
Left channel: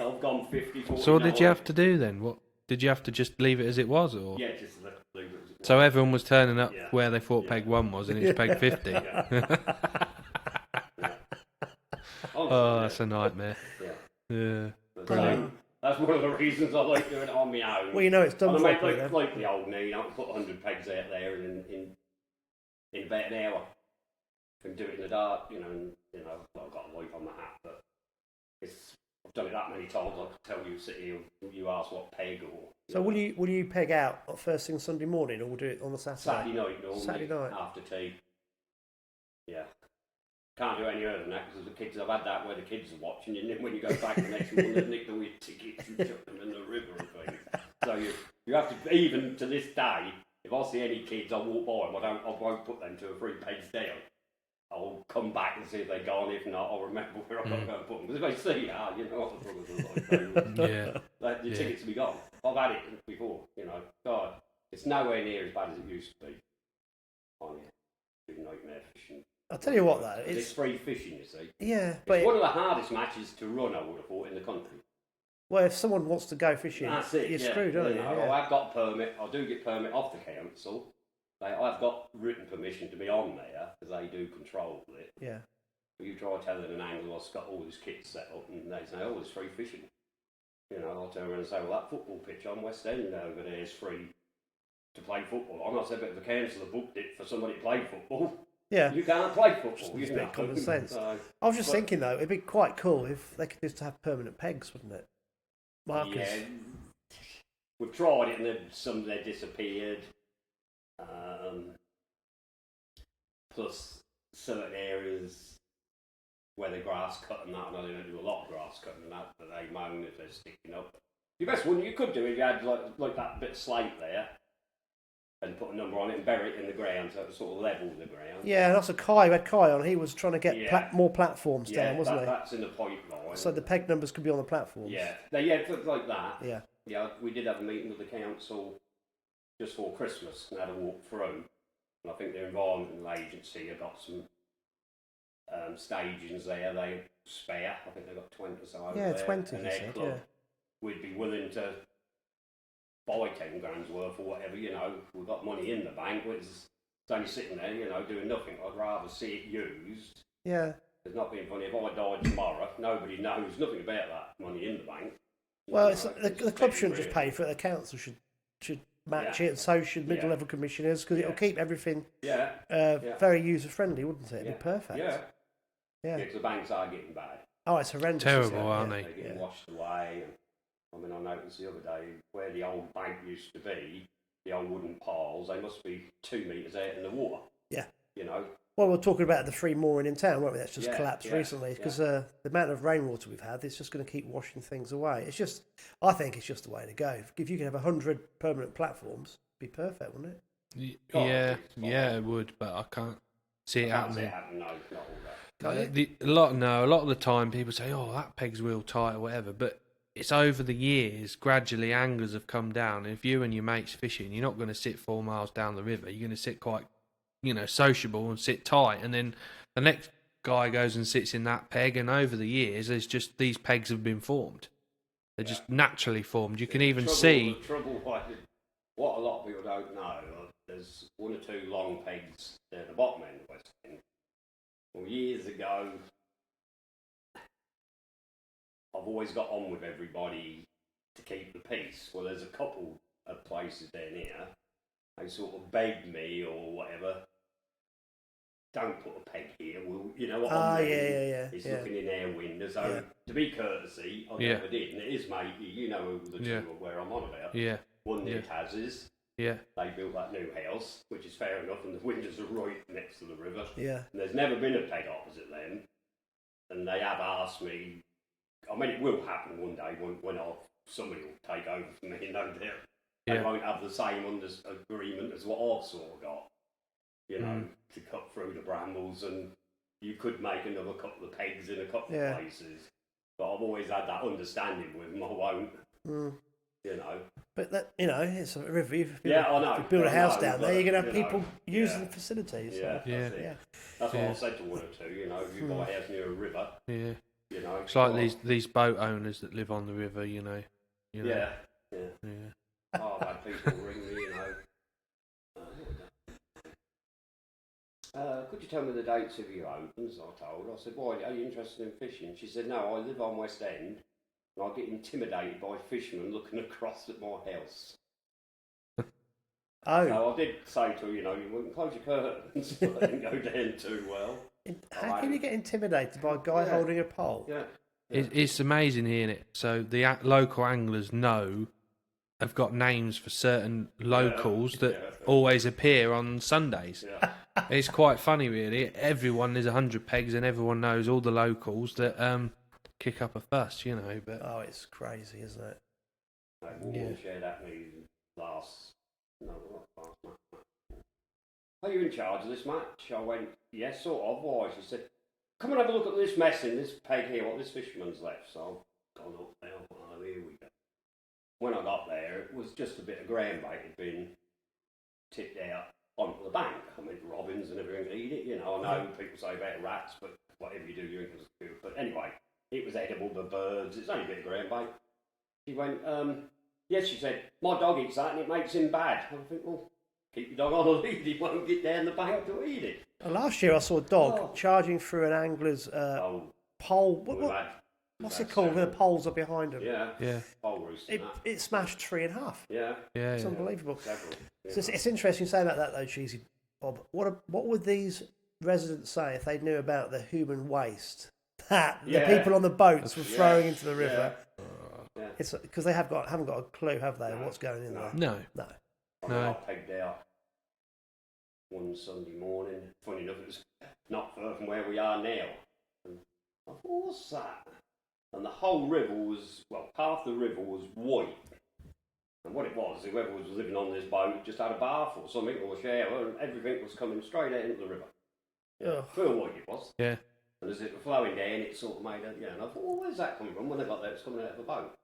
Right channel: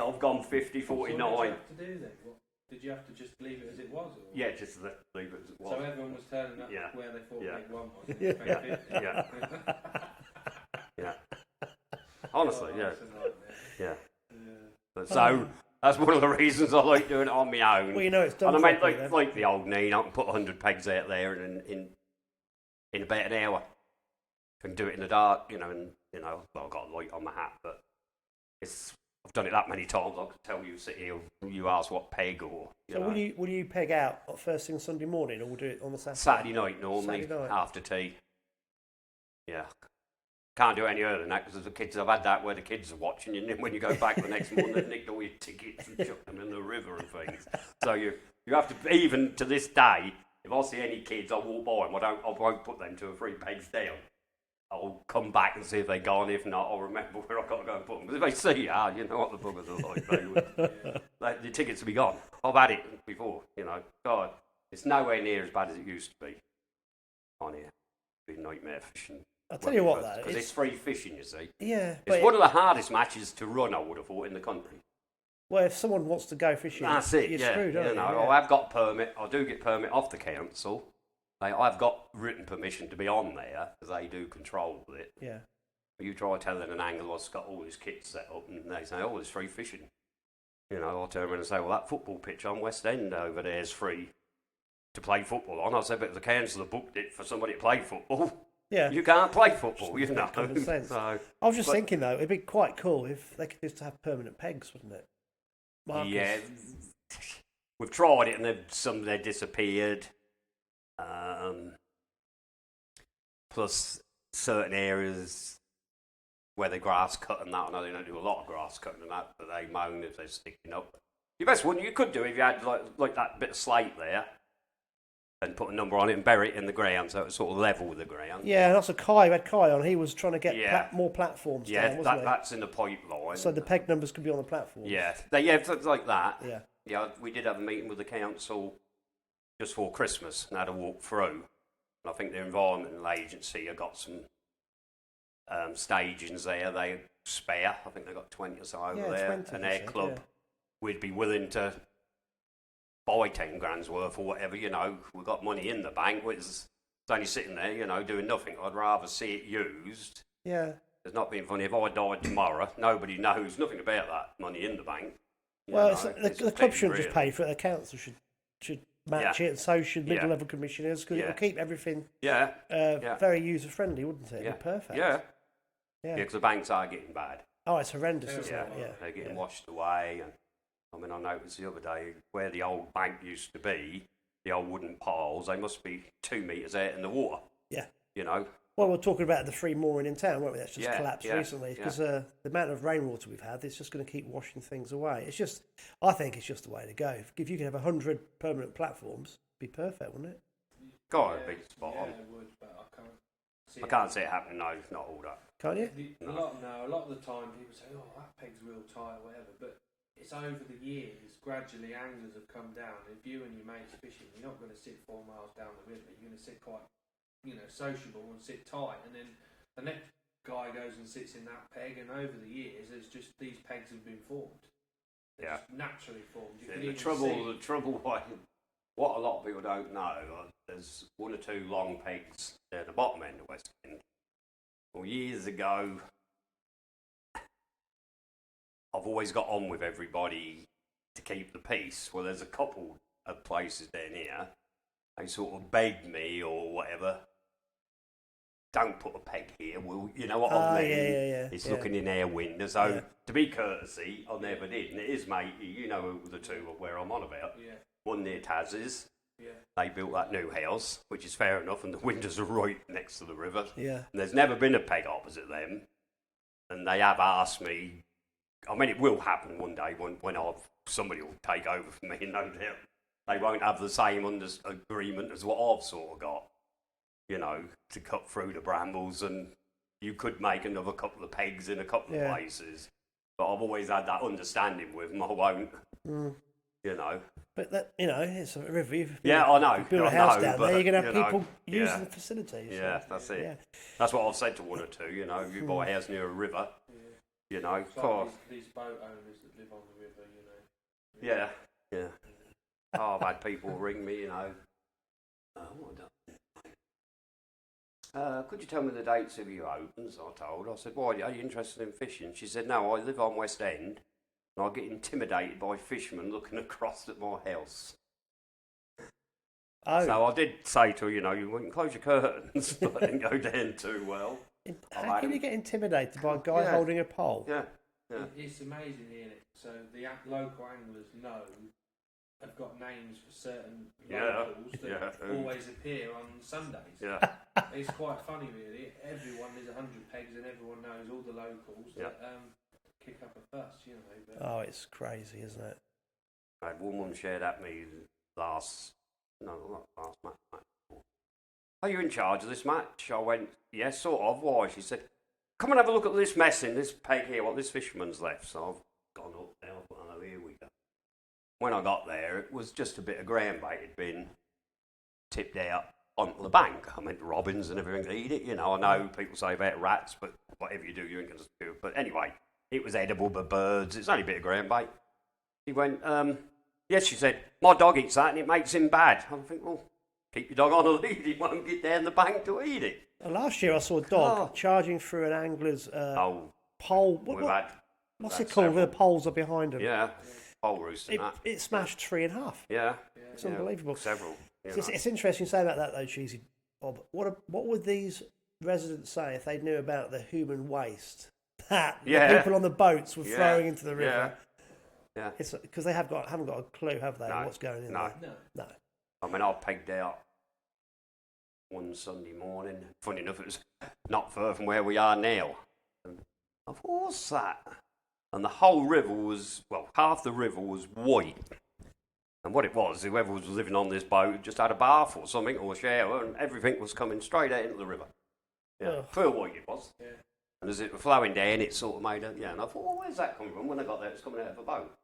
I've gone 50, 49. So what did you have to do then? What did you have to just leave it as it was, or? Yeah, just leave it as it was. So everyone was turning up Yeah. where they thought Yeah. peg 1 was, and it's peg 50. Yeah. Honestly, Oh, yeah. that's a nightmare. Yeah. Yeah. But so that's one of the reasons I like doing it on my own. Well, you know it's done And I mean, properly then. like the old Nene, I can put 100 pegs out there and in about an hour. Can do it in the dark, you know, and well, I've got a light on my hat, but I've done it that many times. I could tell you, sit here, you ask what peg or. So will you peg out first thing Sunday morning, or we'll do it on the Saturday? Saturday night normally, Saturday night. after tea. Yeah. Can't do it any earlier than that because the kids, I've had that where the kids are watching you, and then when you go back the next morning, they've nicked all your tickets and chucked them in the river and things. So you have to, even to this day, if I see any kids, I walk by them, I won't put them 2 or 3 pegs down. I'll come back and see if they're gone. If not, I'll remember where I've got to go and put them. Because if they see you, you know what the buggers are like. The tickets will be gone. I've had it before, you know. God, it's nowhere near as bad as it used to be on here. It's been a nightmare fishing. I'll tell you what, though. It's free fishing, you see. Yeah, It's but one of the hardest matches to run, I would have thought, in the country. well, if someone wants to go fishing, That's it. you're yeah. screwed, aren't you? know, Yeah. I've got permit. I do get permit off the council. I've got written permission to be on there because they do control it. Yeah. You try telling an angler what's got all his kits set up, and they say, "Oh, it's free fishing." You know, I'll turn around and say, "Well, that football pitch on West End over there is free to play football on." I said, "But if the council have booked it for somebody to play football, Yeah. you can't play football." You Just know, make common sense. So, I was just thinking, though, it'd be quite cool if they could just have permanent pegs, wouldn't it? Markers. yeah, we've tried it, and some they disappeared. Plus, certain areas where the grass cut and that, I know they don't do a lot of grass cutting and that, but they moan if they're sticking up. The best one you could do if you had like that bit of slate there and put a number on it and bury it in the ground so it sort of level with the ground. Yeah, and also Kai, we had Kai on, he was trying to get Yeah. more platforms down, wasn't that's in the pipeline. he? So the peg numbers could be on the platforms. Yeah, things like that. Yeah. Yeah, we did have a meeting with the council just for Christmas and had a walk through. And I think the Environmental Agency have got some stagings there. They spare. I think they've got 20 or so over Yeah, there. 20, And they their said, club, yeah. we'd be willing to buy 10 grand's worth or whatever, you know. We've got money in the bank. It's only sitting there, you know, doing nothing. I'd rather see it used. Yeah. It's not being funny. If I died tomorrow, nobody knows nothing about that money in the bank. Well, You know, the club shouldn't real. just pay for it, the council should match it, and so should middle-level commissioners, because it'll keep everything very user-friendly, wouldn't it? It'd be perfect. Yeah, because the banks are getting bad. Oh, it's horrendous. Terrible, aren't they? They're getting washed away. And I mean, I noticed the other day where the old bank used to be, the old wooden piles, they must be 2 metres out in the water. Yeah. You know? Well, we're talking about the free mooring in town, weren't we? That's just collapsed recently because the amount of rainwater we've had, it's just going to keep washing things away. It's just, I think it's just the way to go. If you could have 100 permanent platforms, it'd be perfect, wouldn't it? It would, but I can't see it happening. No, not all that. A lot of the time people say, "Oh, that peg's real tight" or whatever, but it's over the years. Gradually, anglers have come down. And if you and your mates fishing, you're not going to sit 4 miles down the river. You're going to sit quite, sociable and sit tight. And then the next guy goes and sits in that peg. And over the years, there's just these pegs have been formed. They're just naturally formed. You can even see. The trouble, what a lot of people don't know, there's 1 or 2 long pegs at the bottom end of West End. Well, years ago, I've always got on with everybody to keep the peace. Well, there's a couple of places down here, they sort of begged me or whatever, don't put a peg here, you know what I mean? It's looking in our window, so to be courtesy, I never did. And it is, mate, you know the two where I'm on about. Yeah. One near Taz's. Yeah. They built that new house, which is fair enough, and the windows are right next to the river. Yeah. And there's never been a peg opposite them. And they have asked me, I mean, it will happen one day when somebody will take over from me, and they won't have the same agreement as what I've sort of got, to cut through the brambles, and you could make another couple of pegs in a couple of places. But I've always had that understanding with them, I won't. But that, it's a river. If I know. If you build a house down there, you're going to have people using the facilities. Yeah, that's it. That's what I've said to 1 or 2. If you buy a house near a river, it's like these boat owners that live on the river. Yeah. Oh, I've had people ring me. Could you tell me the dates of your opens? I said, why, are you interested in fishing? She said, no, I live on West End. And I get intimidated by fishermen looking across at my house. Oh. So I did say to her, you can close your curtains, but I didn't go down too well. How can you get intimidated by a guy holding a pole? Yeah. It's amazing hearing it. So the local anglers have got names for certain locals that always appear on Sundays. Yeah. It's quite funny, really. There's 100 pegs, and everyone knows all the locals that kick up a fuss, But oh, it's crazy, isn't it? Woman shared at me last match. Are you in charge of this match? I went, yes, sort of. Why? She said, come and have a look at this mess in this peg here, what this fisherman's left. So I've gone up there, oh, here we go. When I got there, it was just a bit of ground bait had been tipped out onto the bank. I mean, robins and everything eat it, I know people say about rats, but whatever you do, you ain't going to do it. But anyway, it was edible by birds. It's only a bit of ground bait. She went, yes, she said, my dog eats that and it makes him bad. I think, well, keep your dog on a lead. He won't get down the bank to eat it. Last year I saw a dog charging through an angler's pole. What's it called? Where the poles are behind him. Yeah. Pole roost and that. It smashed 3 in half. Yeah. It's unbelievable. Several. It's interesting you say about that though, Cheesy Bob. What would these residents say if they knew about the human waste that the people on the boats were throwing into the river? Yeah. It's because they haven't got a clue, have they, what's going in there? No. I mean, I pegged out one Sunday morning. Funny enough, it was not far from where we are now. And I thought, what's that? And the whole river half the river was white. And what it was, whoever was living on this boat just had a bath or something, or a shower, and everything was coming straight out into the river. Full white it was. Yeah. And as it was flowing down, it sort of made and I thought, well, where's that coming from? When I got there, it was coming out of a boat.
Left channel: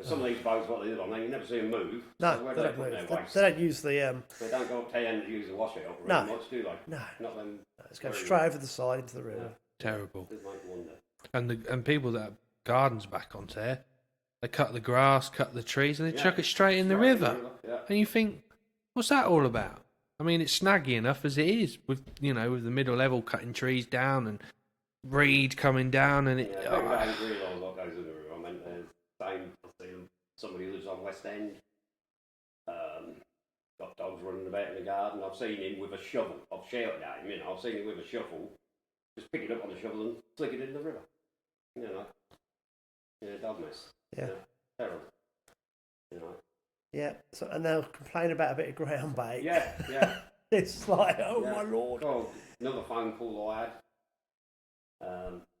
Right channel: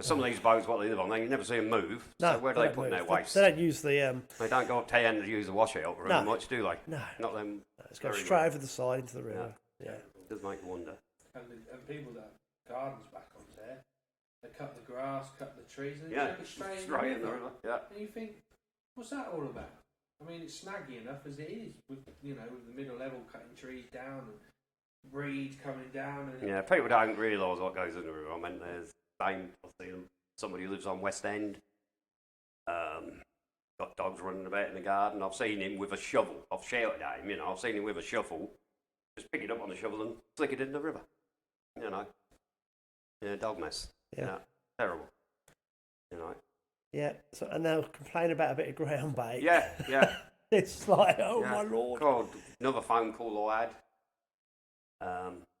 Some of these boats, what they live on, you never see them move. No, so where do they put their waste? They don't use the... They don't go up to the end to use the washout very much, do they? No. Not them. It's going straight over the side into the river. Terrible. It does make you wonder. And people that have gardens back onto there, they cut the grass, cut the trees, and they chuck it straight in the river. And you think, what's that all about? I mean, it's snaggy enough as it is with with the middle level cutting trees down and reed coming down, and people don't realise what goes in the river. I mean, there's I see somebody who lives on West End. Got dogs running about in the garden. I've seen him with a shovel. I've shouted at him, I've seen him with a shovel, just pick it up on the shovel and flick it in the river. Yeah, dog mess. Yeah. Terrible. Yeah, so, and they'll complain about a bit of ground bait. Yeah. It's like, my lord. God, another phone call I had.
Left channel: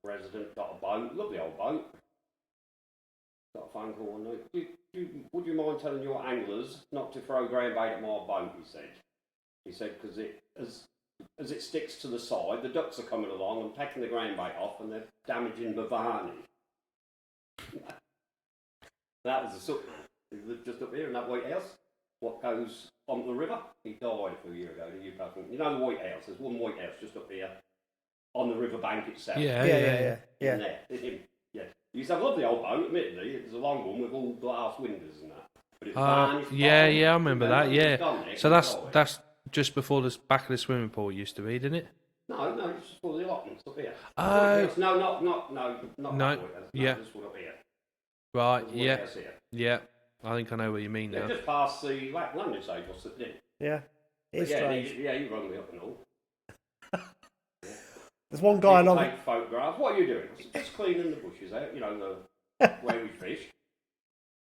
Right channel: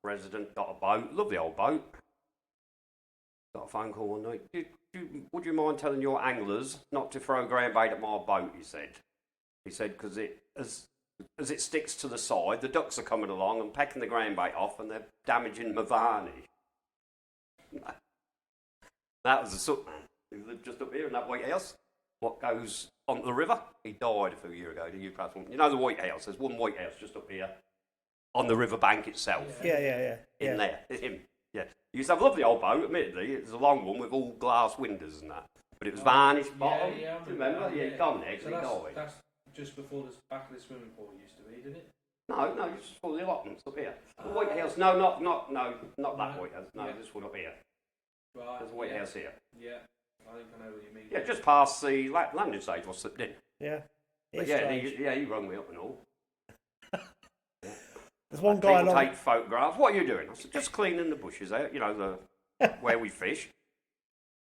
Resident got a boat, lovely old boat. Got a phone call one night. Would you mind telling your anglers not to throw ground bait at my boat? He said because as it sticks to the side, the ducks are coming along and pecking the ground bait off, and they're damaging my varnish. That was a soot man who lived just up here in that White House. What goes onto the river? He died a few years ago. You know the White House? There's one White House just up here on the river bank itself. Yeah. In there. It's him. Yeah. He used to have a lovely old boat, admittedly. It was a long one with all glass windows and that. But it was varnished. Yeah, I remember that, yeah. So that's died. just before the back of the swimming pool used to be, didn't it? No, it's just for the allotments up here. No, not that White House. No, this one up here. Right, White House here. Yeah. I think I know what you mean now. Just past the landing stage was slipped in. Yeah. It's strange. He rung me up and all. There's one guy along. Take photographs. What are you doing? I said, just cleaning the bushes out, where we fish.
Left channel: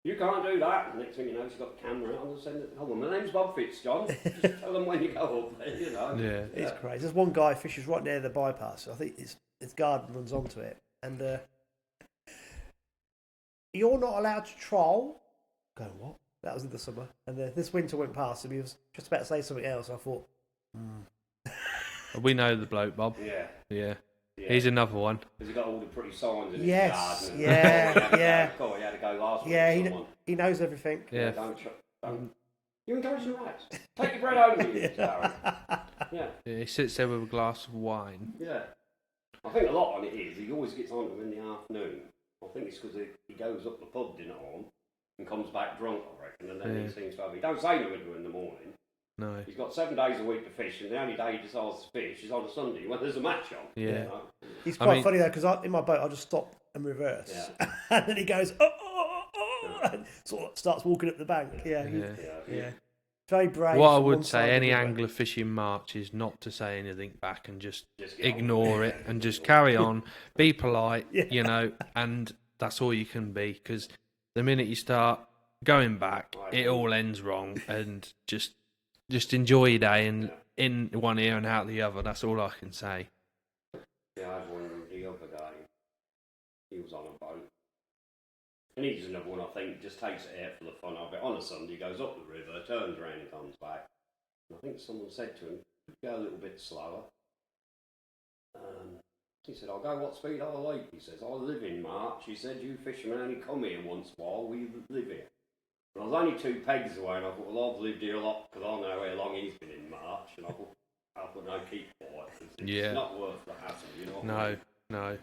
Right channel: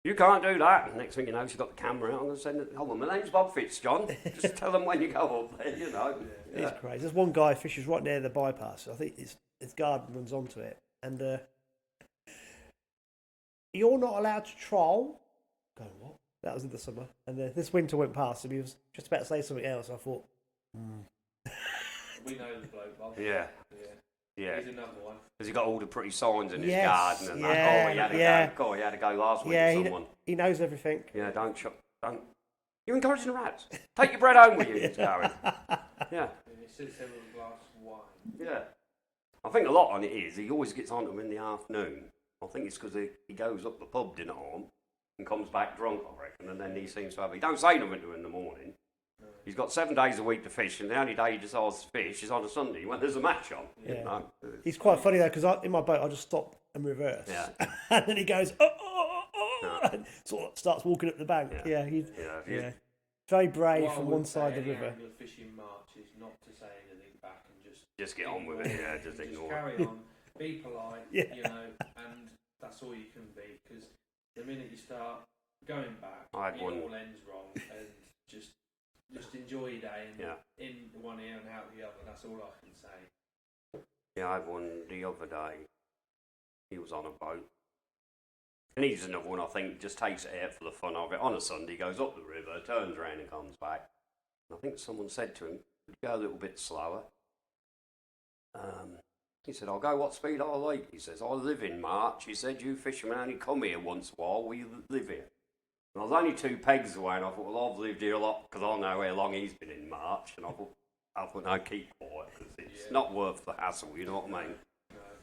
You can't do that. And next thing you know, she's got the camera out and send it. Hold on, my name's Bob Fitzjohn. Just tell them when you go up there, Yeah. It's crazy. There's one guy fishes right near the bypass. I think his garden runs onto it. And you're not allowed to troll. Going, what? That was in the summer. And this winter went past and he was just about to say something else. I thought, We know the bloke, Bob. Yeah. He's another one. Has he got all the pretty signs in his yes, garden? Yeah. God, he had to go last week. Yeah, he knows everything. Yeah, don't. You're encouraging the rats. Take your bread home with you, Darren. Yeah. He sits there with a glass of wine. Yeah. I think a lot on it is he always gets on to them in the afternoon. I think it's because he goes up the pub dinner on and comes back drunk, I reckon, and then he seems to have... He don't say nothing to him in the morning. No. He's got 7 days a wech to fish, and the only day he decides to fish is on a Sunday when there's a match on. Yeah. He's quite funny though, because in my boat I just stop and reverse, and then he goes and sort of starts walking up the bank. Yeah. Very brave. What I would say, any angler fishing March is not to say anything back and just ignore it and just carry on, be polite, and that's all you can be, because the minute you start going back, it all ends wrong, and just enjoy your day and in one ear and out the other. That's all I can say. Yeah, I had one the other day. He was on a boat. And he's another one, I think, just takes it out for the fun of it. On a Sunday, goes up the river, turns around and comes back. And I think someone said to him, go a little bit slower. He said, I'll go what speed I like. He says, I live in March. He said, you fishermen only come here once in a while. We live here. And I was only 2 pegs away, and I thought, well, I've lived here a lot because I know how long he's been in March. And I thought, no, keep quiet. It's not worth the hassle, you know what I mean?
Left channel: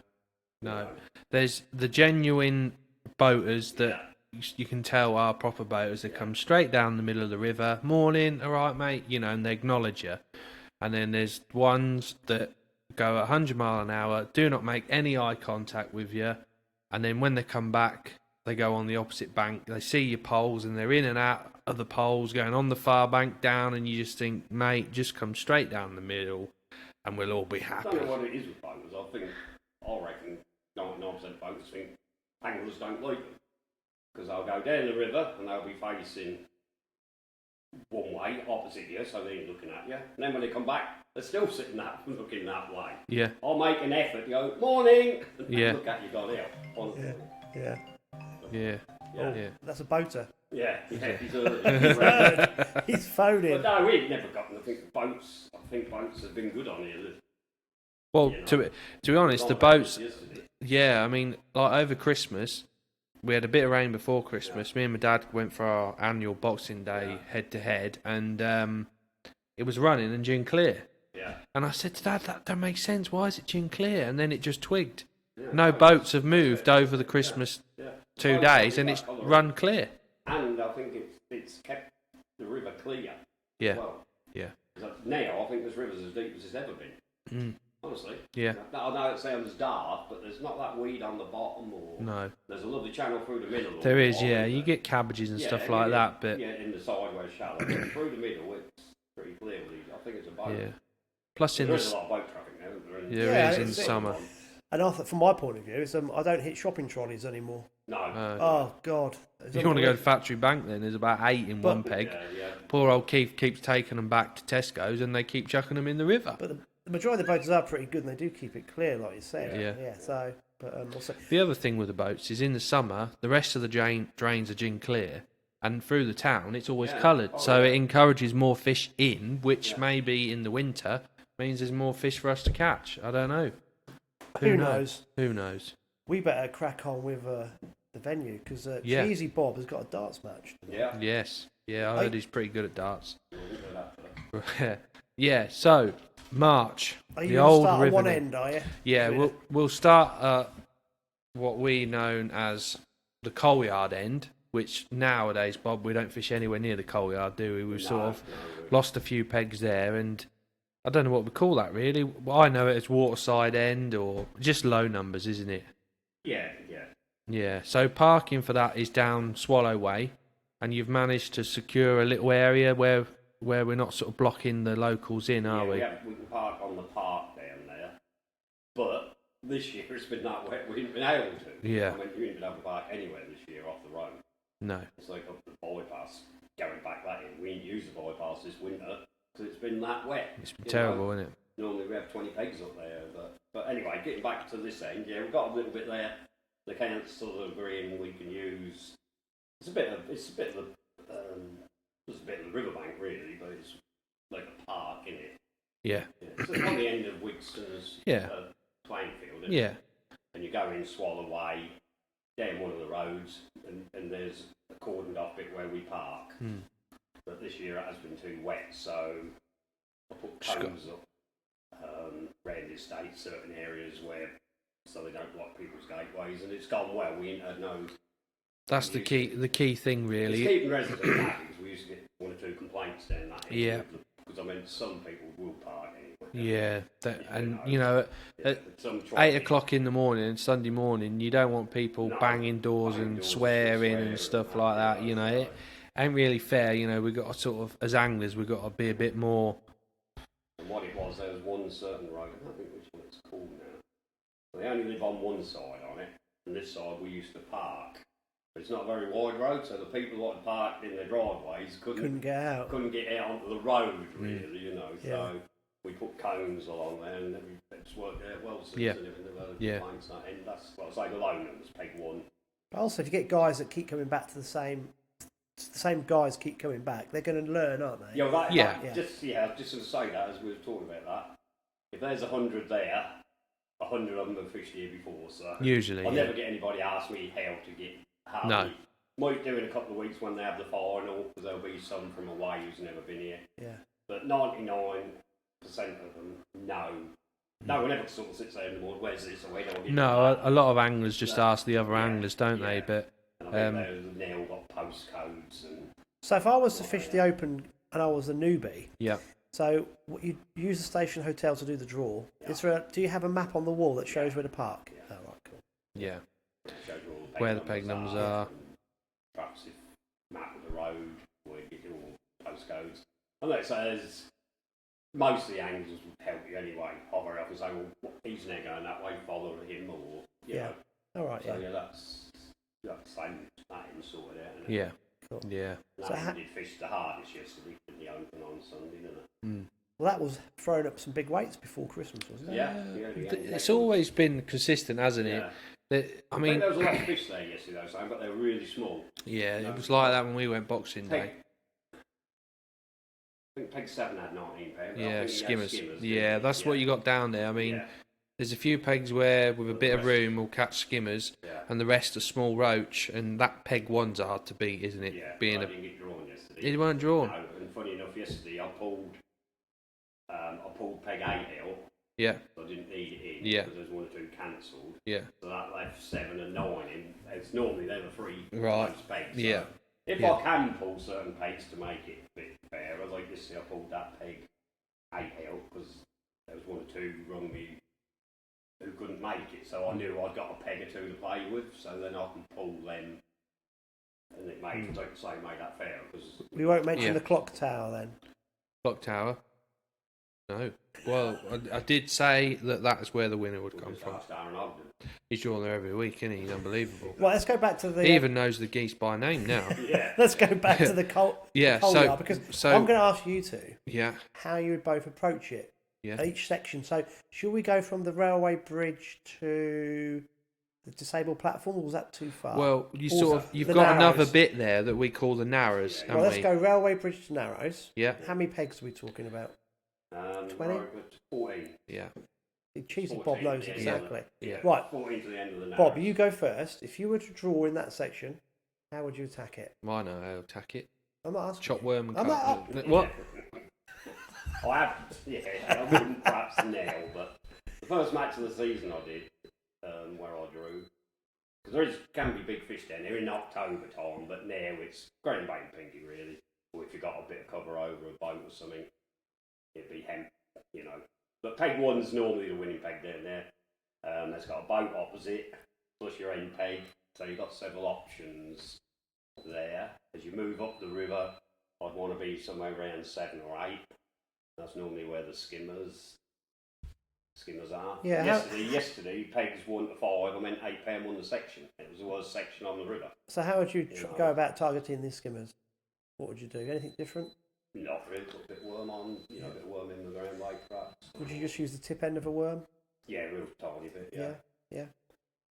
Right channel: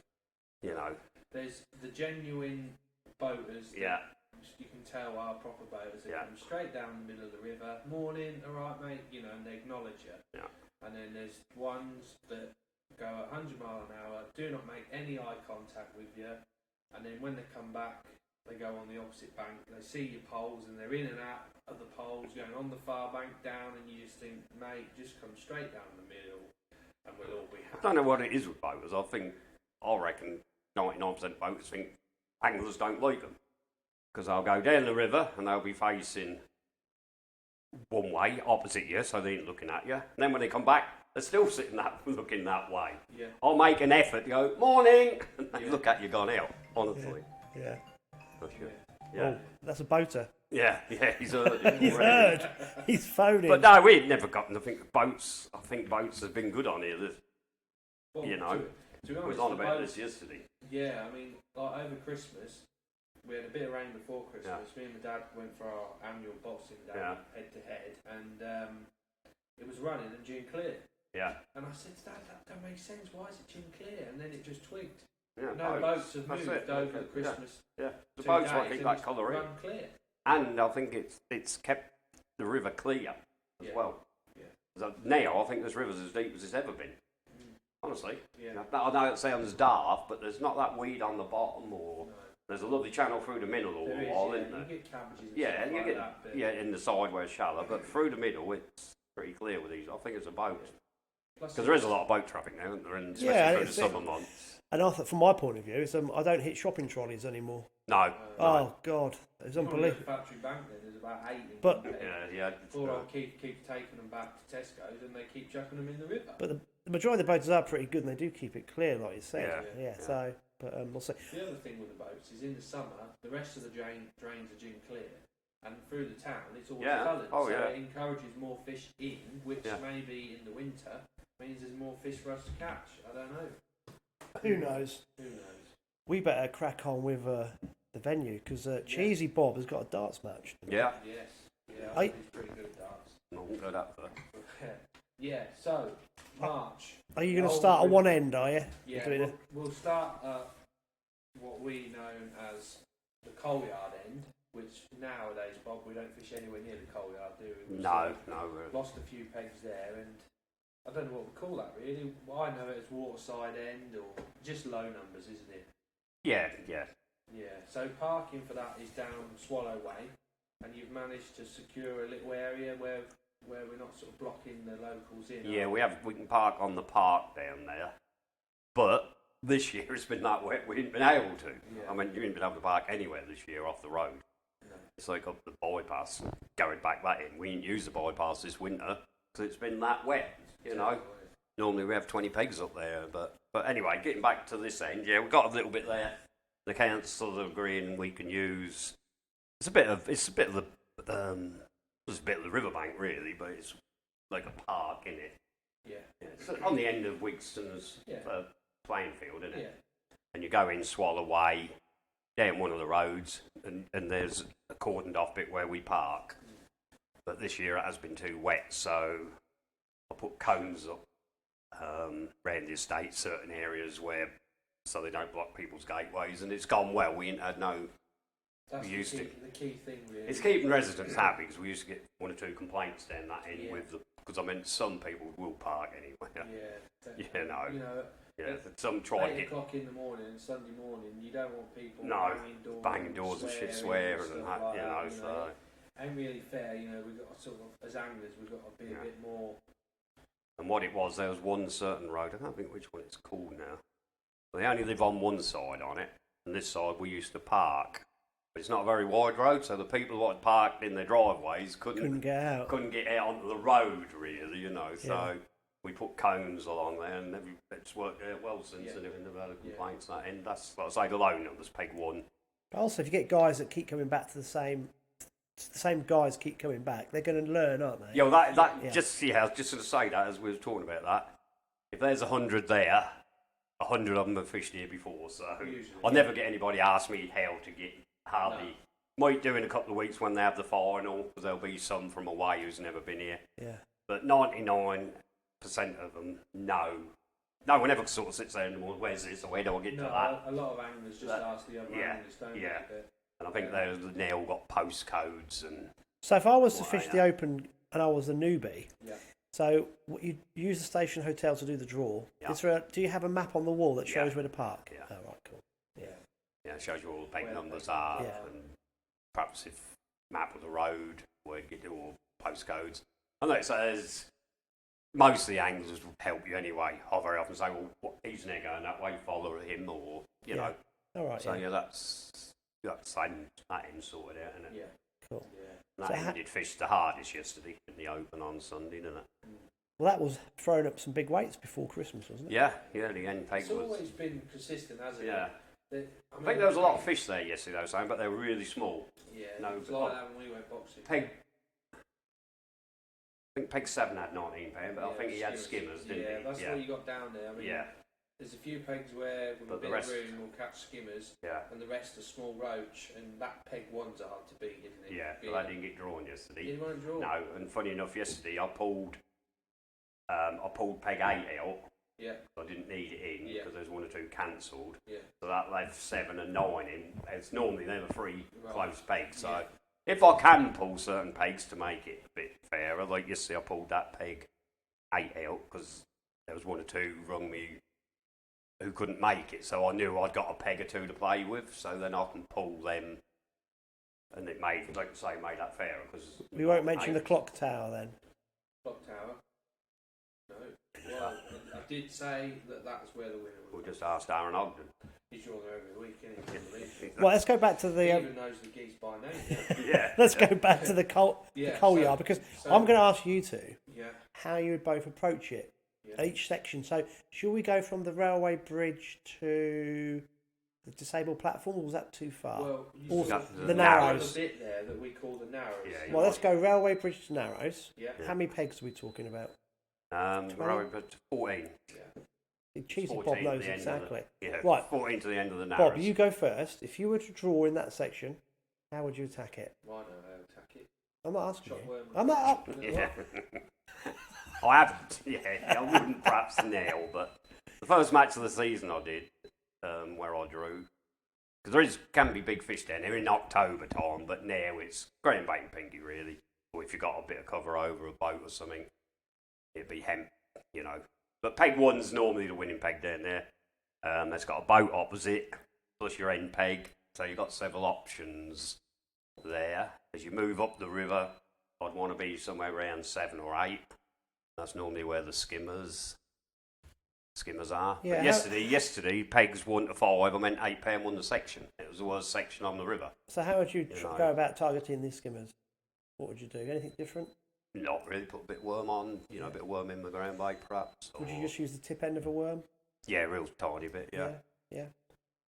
No. There's the genuine boaters that you can tell are proper boaters that come straight down the middle of the river. Morning, all right, mate, and they acknowledge you. And then there's ones that go 100 miles an hour, do not make any eye contact with you. And then when they come back, they go on the opposite bank. They see your poles and they're in and out of the poles, going on the far bank down, and you just think, mate, just come straight down the middle and we'll all be happy. I don't know what it is with boaters. I reckon 99% of boaters think anglers don't like them. Because they'll go down the river and they'll be facing one way, opposite you, so they ain't looking at you. And then when they come back, they're still sitting looking that way. Yeah. I'll make an effort, go, morning, and they look at you gone out, honestly. Yeah. Yeah. That's a boater. Yeah, he's He's phoning. But no, we've never got nothing. Boats, I think boats have been good on here. Well, to be honest, the boats... Yeah, I mean, like over Christmas, we had a bit of rain before Christmas. Me and my dad went for our annual Boxing Day head-to-head, and it was running and gin clear. Yeah. And I said to Dad, that don't make sense. Why is it gin clear? And then it just twigged. Yeah, no boats have moved over the Christmas 2 days, and it's run clear. And I think it's kept the river clear as well. Yeah. Now I think this river's as deep as it's ever been. honestly. Yeah. I know it sounds daft, but there's not that weed on the bottom, or No. there's a lovely channel through the middle. There is, yeah. You get cabbages and stuff like that, but in the side where it's shallow, but through the middle it's pretty clear with these. I think it's a boat. yeah. Plus, There is a lot of boat traffic now, isn't there? In the summer. And from my point of view, it's, I don't hit shopping trolleys anymore. No. Oh, God. If you want to go to Factory Bank, then there's about 8 in one peg. Poor old Keith keeps taking them back to Tesco's and they keep chucking them in the river. But the majority of the boats are pretty good and they do keep it clear, like you said. Yeah. So, but we'll see. The other thing with the boats is in the summer, the rest of the drains are gin clear. And through the town, it's always coloured. It encourages more fish in, which maybe in the winter means there's more fish for us to catch. I don't know. Who knows? Who knows? We better crack on with the venue because Cheesy Bob has got a darts match tonight. Yes. Yeah, I heard he's pretty good at darts. Yeah. Yeah, so, March. Are you going to start at one end, are you? Yeah, we'll start at what we known as the coal yard end, which nowadays, Bob, we don't fish anywhere near the coal yard, do we? We've sort of lost a few pegs there, and I don't know what we call that, really. Well, I know it as waterside end or just low numbers, isn't it? Yeah. Yeah, so parking for that is down Swallow Way, and you've managed to secure a little area where we're not sort of blocking the locals in, are we? Yeah, we can park on the park down there, but this year it's been that wet, we haven't been able to. Yeah. I mean, you haven't been able to park anywhere this year off the road. No. It's like up the bypass, going back that in. We didn't use the bypass this winter because it's been that wet. It's been terrible, isn't it? Normally we have 20 pegs up there, but anyway, getting back to this end, we've got a little bit there. The council are agreeing we can use. It's a bit of the riverbank really, but it's like a park in it. Yeah. So it's on the end of Wigston's playing field, isn't it? And you go in Swallow Way, down one of the roads, and there's a cordoned off bit where we park. But this year it has been too wet, so I put cones up around the estate, certain areas so they don't block people's gateways, and it's gone well. We ain't had no. That's the key thing, really. It's keeping residents happy, because we used to get 1 or 2 complaints down that end. Because I mean, some people will park anyway. At some 8 o'clock in the morning, Sunday morning, you don't want people banging doors and swearing and stuff like that. It ain't really fair. We've got to sort of, as anglers, we've got to be a bit more. And what it was, there was one certain road, I don't think which one it's called now. They only live on one side on it, and this side we used to park. But it's not a very wide road, so the people who had parked in their driveways couldn't get out onto the road, really, So we put cones along there, and it's worked out well since. And we've never had complaints that end. That's what I say, the low numbers, peg 1. But also, if you get guys that keep coming back to the same guys keep coming back, they're going to learn, aren't they? Just I was just going to say that as we were talking about that. If there's 100 there, 100 of them have fished here before, so usually I'll never get anybody ask me how to get Harvey. No. Might do in a couple of weeks when they have the final, because there'll be some from away who's never been here. Yeah. But 99% of them, no. No one ever sort of sits there in the morning, where's this, or where do I get a lot of anglers just ask the other anglers, don't they? But and I think they've now got postcodes. And so if I was to fish the Open and I was a newbie, yeah. So you use the station hotel to do the draw. Yeah. Do you have a map on the wall that shows where to park? Yeah. Oh, right, cool. Yeah. Yeah, it shows you all where the peg numbers are. And perhaps if map of the road, where you get all postcodes. And like it says, most of the anglers will help you anyway. I'll very often say, well, he's now going that way, follow him, or, you know. All right, so, that's the same, that end sorted out, isn't it? Yeah. Cool. Yeah. So did fish the hardest yesterday in the Open on Sunday, didn't it? Mm. Well, that was throwing up some big weights before Christmas, wasn't it? Yeah. It's always been consistent, hasn't it? I mean, there was a lot of fish there yesterday, I was saying, but they were really small. Yeah, it was like that when we went boxing day. I think Peg 7 had 19 pounds. Yeah, I think skimmers. Yeah, that's what you got down there. I mean, there's a few pegs where, with a bit of room, we'll catch skimmers, and the rest are small roach, and that Peg 1's hard to beat, isn't it? Yeah, I didn't get drawn yesterday. It weren't drawn? No, and funny enough, yesterday I pulled Peg 8 out. Yeah. I didn't need it in, yeah, because there's 1 or 2 cancelled. Yeah. So that left 7 and 9 in. It's normally they're the 3 close pegs. So yeah. If I can pull certain pegs to make it a bit fairer, like yesterday I pulled that Peg 8 out, because there was one or two who rung me who couldn't make it, so I knew I'd got a peg or two to play with, so then I can pull them, and it made, like I say, made that fair. Because we won't mention the clock tower then. Clock tower. No. Well, I did say that is where the winner would come just from. asked Aaron Ogden. He's drawn there every week, isn't he? He's unbelievable. Well, let's go back to the... He even knows the geese by name now. Let's go back to the coal yard, because I'm going to ask you two how you would both approach it. Each section. So, should we go from the railway bridge to the disabled platform, or was that too far? Well, you've got another bit there that we call the Narrows. Well, let's go railway bridge to Narrows. Yeah. How many pegs are we talking about? 20? 14. Yeah. Cheesy Bob knows exactly. Right. 14 to the end of the Narrows. Bob, you go first. If you were to draw in that section, how would you attack it? I know how to attack it. I'm not asking. Chop worm. I'm not. What? I haven't. I wouldn't perhaps now, but the first match of the season I did, where I drew, because can be big fish down there in October time, but now it's green bait and pinky really. Or if you've got a bit of cover over a boat or something, it'd be hemp, But peg one's normally the winning peg down there. That's got a boat opposite, plus your end peg, so you've got several options there. As you move up the river, I'd want to be somewhere around 7 or 8. That's normally where the skimmers are. Yeah. Yesterday, pegs 1 to 5. I meant £8 won the section. It was the worst section on the river. So how would you go about targeting these skimmers? What would you do? Anything different? Not really. Put a bit of worm on. A bit of worm in the ground bait, perhaps. Would you just use the tip end of a worm? Yeah, real tiny bit. Yeah.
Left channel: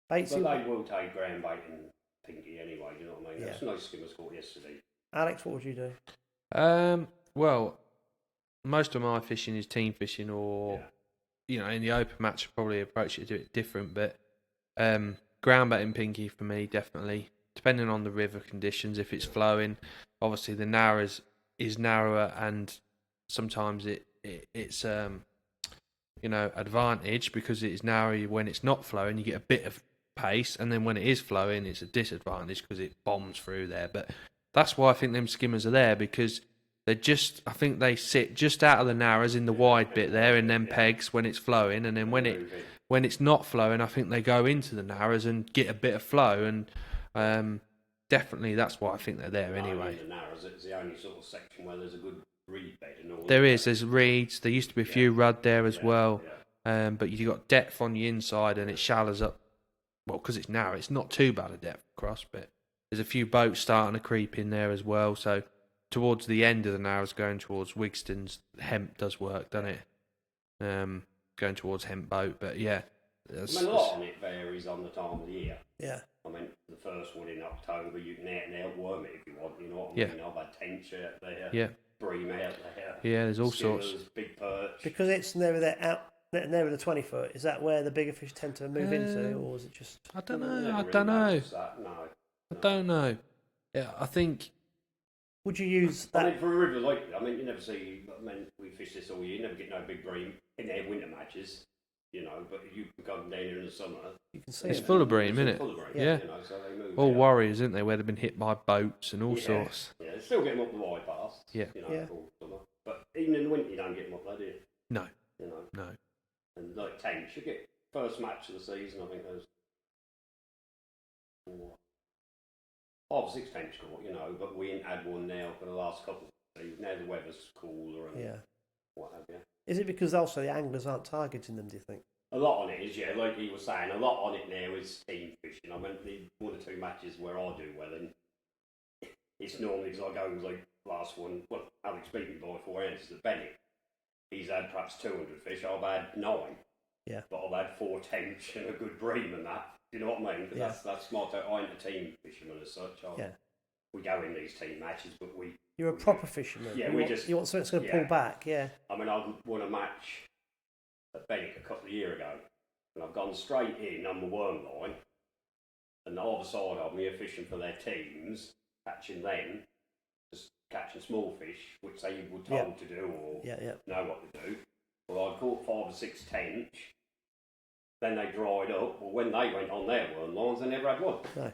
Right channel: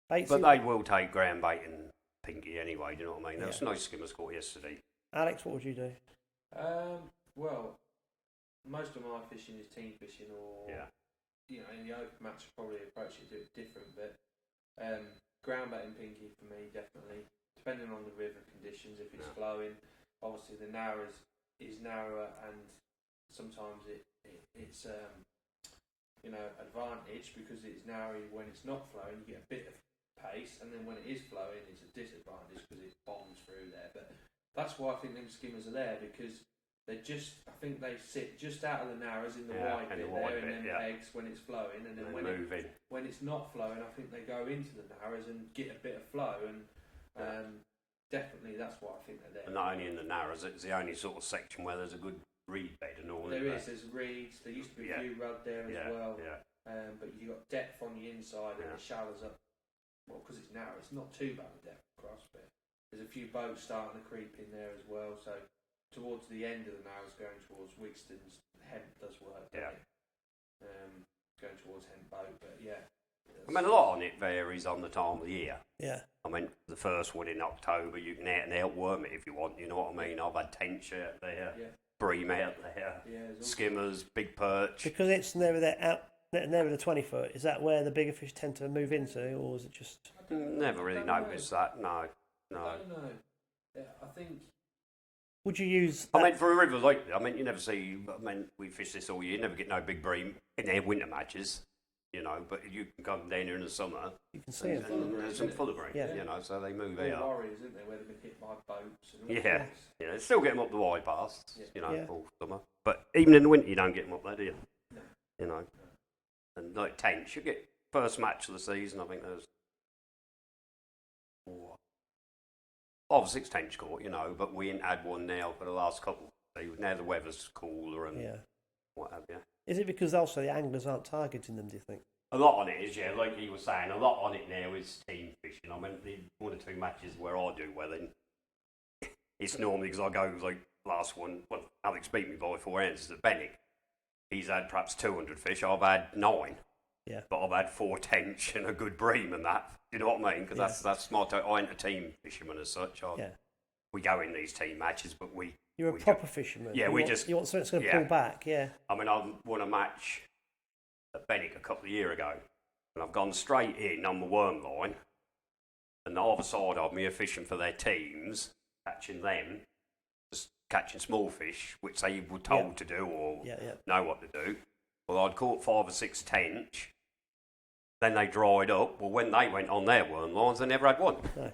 Baits, but they will take ground bait and pinky anyway. Do you know what I mean? There was nice skimmers caught yesterday. Alex, what would you do? Well, most of my fishing is team fishing, or in the open match, I'd probably approach it a bit different. But ground bait and pinky for me, definitely, depending on the river conditions. If it's flowing, obviously the Narrows is narrower, and sometimes it's advantage because it is narrow. When it's not flowing, you get a bit of pace, and then when it is flowing, it's a disadvantage because it bombs through there. But that's why I think them skimmers are there, because I think they sit just out of the Narrows in the wide bit there in them pegs when it's flowing, and then when it's not flowing, I think they go into the Narrows and get a bit of flow, and definitely that's why I think they're there anyway. In the Narrows, it's the only sort of section where there's a good reed bed and all. There's reeds. There used to be a few rudd there as well, but you've got depth on the inside, and it shallows up. Well, because it's narrow, it's not too bad a depth across, but there's a few boats starting to creep in there as well. So towards the end of the Narrows, going towards Wigston's, hemp does work, doesn't it? Going towards hemp boat, but a lot on it varies on the time of the year. Yeah. I mean, the first one in October, you can outworm it if you want. You know what I mean? I've had tench out there. Yeah. Bream out there. Yeah, there's all skimmers, sorts. Big perch. Because it's never the 20 foot. Is that where the bigger fish tend to move into, or is it just? I don't know. Never I don't know. No. I don't know. Yeah, I think. Would you use? I mean, for a river like, you never see. We fish this all year. You never get no big bream in their winter matches. But you can come down here in the summer. You can see it's full of bream, isn't it? Full of bream. Yeah. So they move. All warriors, isn't they? Where they've been hit by boats and all sorts. Yeah, they still get them up the wide paths. Yeah. All summer. But even in the winter, you don't get them up there, do you? No. No. And like tench, you get first match of the season. I think there's 5 or 6 tench caught, but we ain't had one now for the last couple. Now the weather's cooler and what have you. Is it because also the anglers aren't targeting them, do you think? A lot on it is, like he was saying, a lot on it now is team fishing. I mean, the 1 or 2 matches where I do well, and it's normally because I go like last one, Alex beat me by 4 ounces at Bennick. He's had perhaps 200 fish, I've had 9. Yeah. But I've had 4 tench and a good bream and that. You know what I mean? Because that's smart. I ain't a team fisherman as such. We go in these team matches, but You're a proper fisherman. Yeah, you want something that's going to pull back, yeah. I mean, I won a match at Bennick a couple of years ago, and I've gone straight in on the worm line, and the other side of me are fishing for their teams, catching them, just catching small fish, which they were told to do or know what to do. Well, I'd caught 5 or 6 tench, then they dried up. Well, when they went on their worm lines, they never had one. No.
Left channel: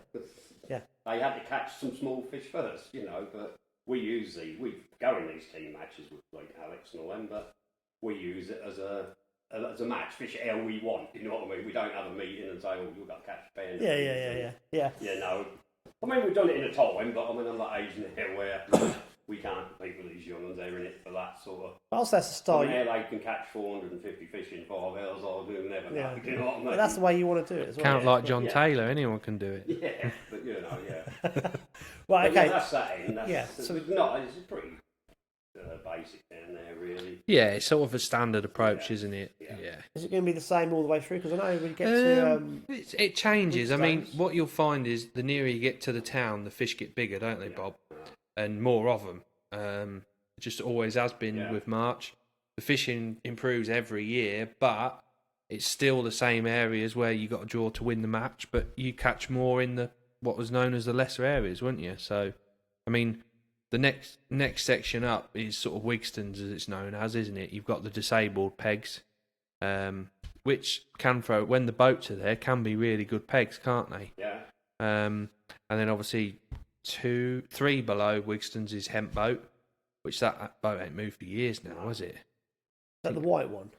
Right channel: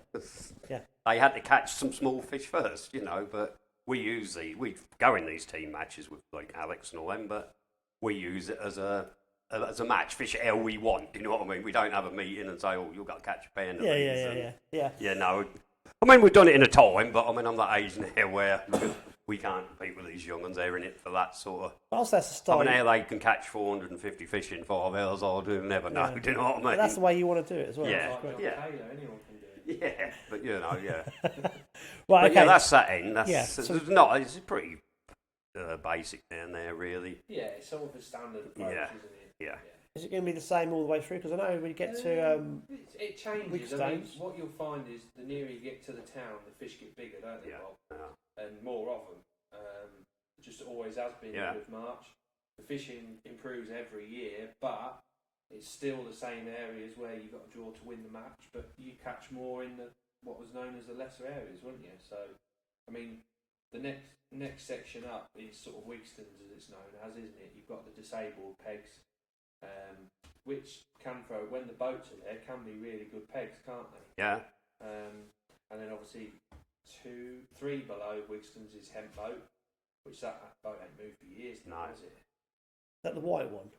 Yeah. They had to catch some small fish first, but we go in these team matches with like Alex and all them, but we use it as a as a match, fish it how we want. You know what I mean? We don't have a meeting and say, "Oh, you've got to catch a pen." Yeah. Yeah, no. I mean, we've done it in a time, but I mean, I'm that age now where we can't compete with these young ones. They're in it for that sort of. Whilst that's the style. Now they can catch 450 fish in 5 hours. I do never know. Do you know what I mean? But that's the way you want to do it as well. Count like John Taylor. Anyone can do it. Yeah, but you know, yeah. Right. Okay. Yeah, that's that end. That's, So it's pretty basic down there, really. Yeah, it's sort of a standard approach, isn't it? Yeah. Is it going to be the same all the way through? Because I know when you get to it changes. I mean, Weekdays. what you'll find is the nearer you get to the town, the fish get bigger, don't they, Bob? Yeah. And more of them. It just always has been with March. The fishing improves every year, but it's still the same areas where you got to draw to win the match. But you catch more in the what was known as the lesser areas, weren't you? So, I mean, the next section up is sort of Wigston's, as it's known as, isn't it? You've got the disabled pegs, which can throw when the boats are there can be really good pegs, can't they? Yeah. And then obviously 3 below Wigston's is hemp boat, which that boat ain't moved for years now, has it? is that the white one?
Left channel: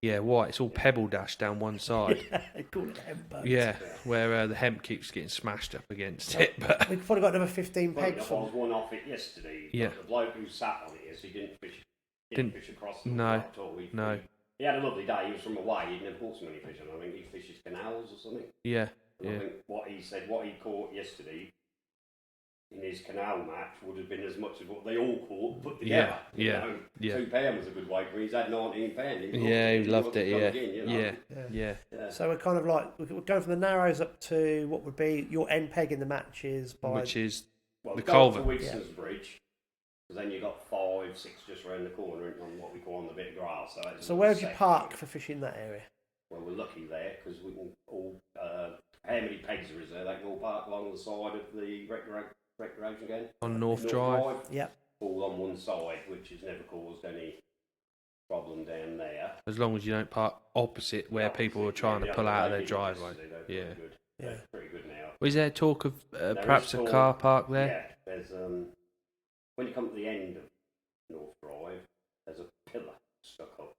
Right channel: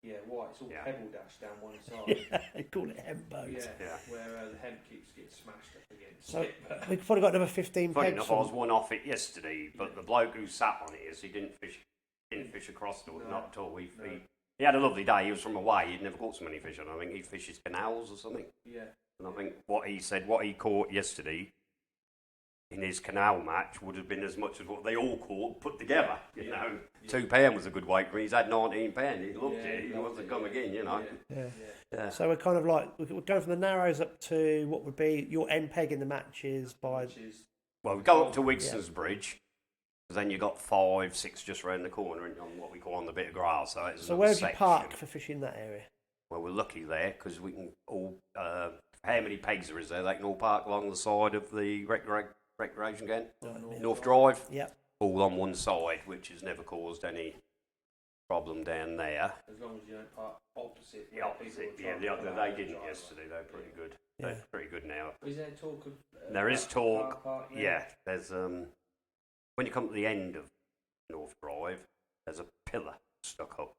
Yeah, white. It's all pebble dash down one side. They call it hemp boat. Yeah, where the hemp keeps getting smashed up against it. But We've probably got another 15 Funny pegs. enough, I was one off it yesterday, but the bloke who sat on it, he didn't fish across the water at all. He had a lovely day. He was from away. He'd never caught so many fish on. I think he fishes canals or something. Yeah. And I think what he caught yesterday in his canal match would have been as much as what they all caught put together. You know, £2 was a good weight for him. He's had £19. He loved it. Again, you know? Yeah. So we're kind of like we're going from the narrows up to what would be your end peg in the matches Which is we go up to Wigston's Bridge. Then you got 5, 6 just round the corner on what we call on the bit of grass. So where would you park for fishing that area? Well, we're lucky there because we can all. How many pegs there is there? They can all park along the side of the recreation again on North Drive. Yep. All on one side, which has never caused any problem down there. As long as you don't park opposite where people are trying to pull out of their driveway. They're pretty good now. Was there talk of perhaps a car park there? Yeah, there's when you come to the end of North Drive, there's a pillar stuck up,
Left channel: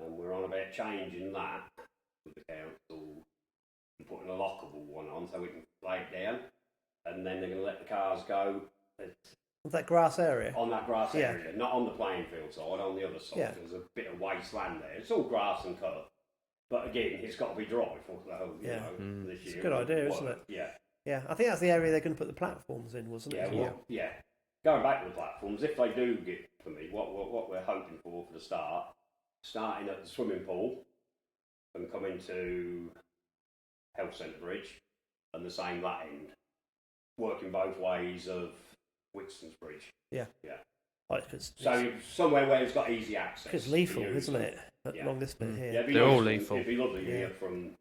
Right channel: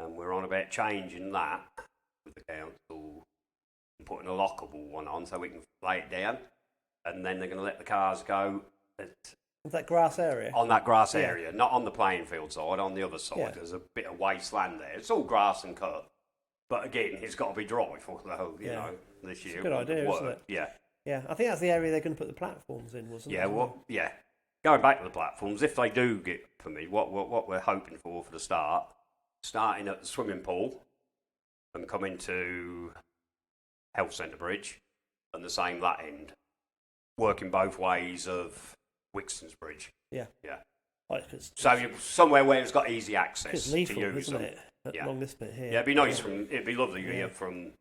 and we're on about changing that with the council and putting a lockable one on so we can lay it down, and then they're going to let the cars go. That grass area? On that grass area, not on the playing field side, on the other side. There's a bit of wasteland there. It's all grass and cut. But again, it's got to be dry for the whole, this year. It's a good idea, isn't it? Yeah. Yeah, I think that's the area they're going to put the platforms in, wasn't it? Going back to the platforms, if they do get permit, what we're hoping for the start, starting at the swimming pool and coming to Health Centre Bridge and the same that end, working both ways of Wigston's Bridge. Yeah. So you're somewhere where it's got easy access. It's lethal, isn't it? Along this bit here. Yeah, it'd be nice. It'd be lovely from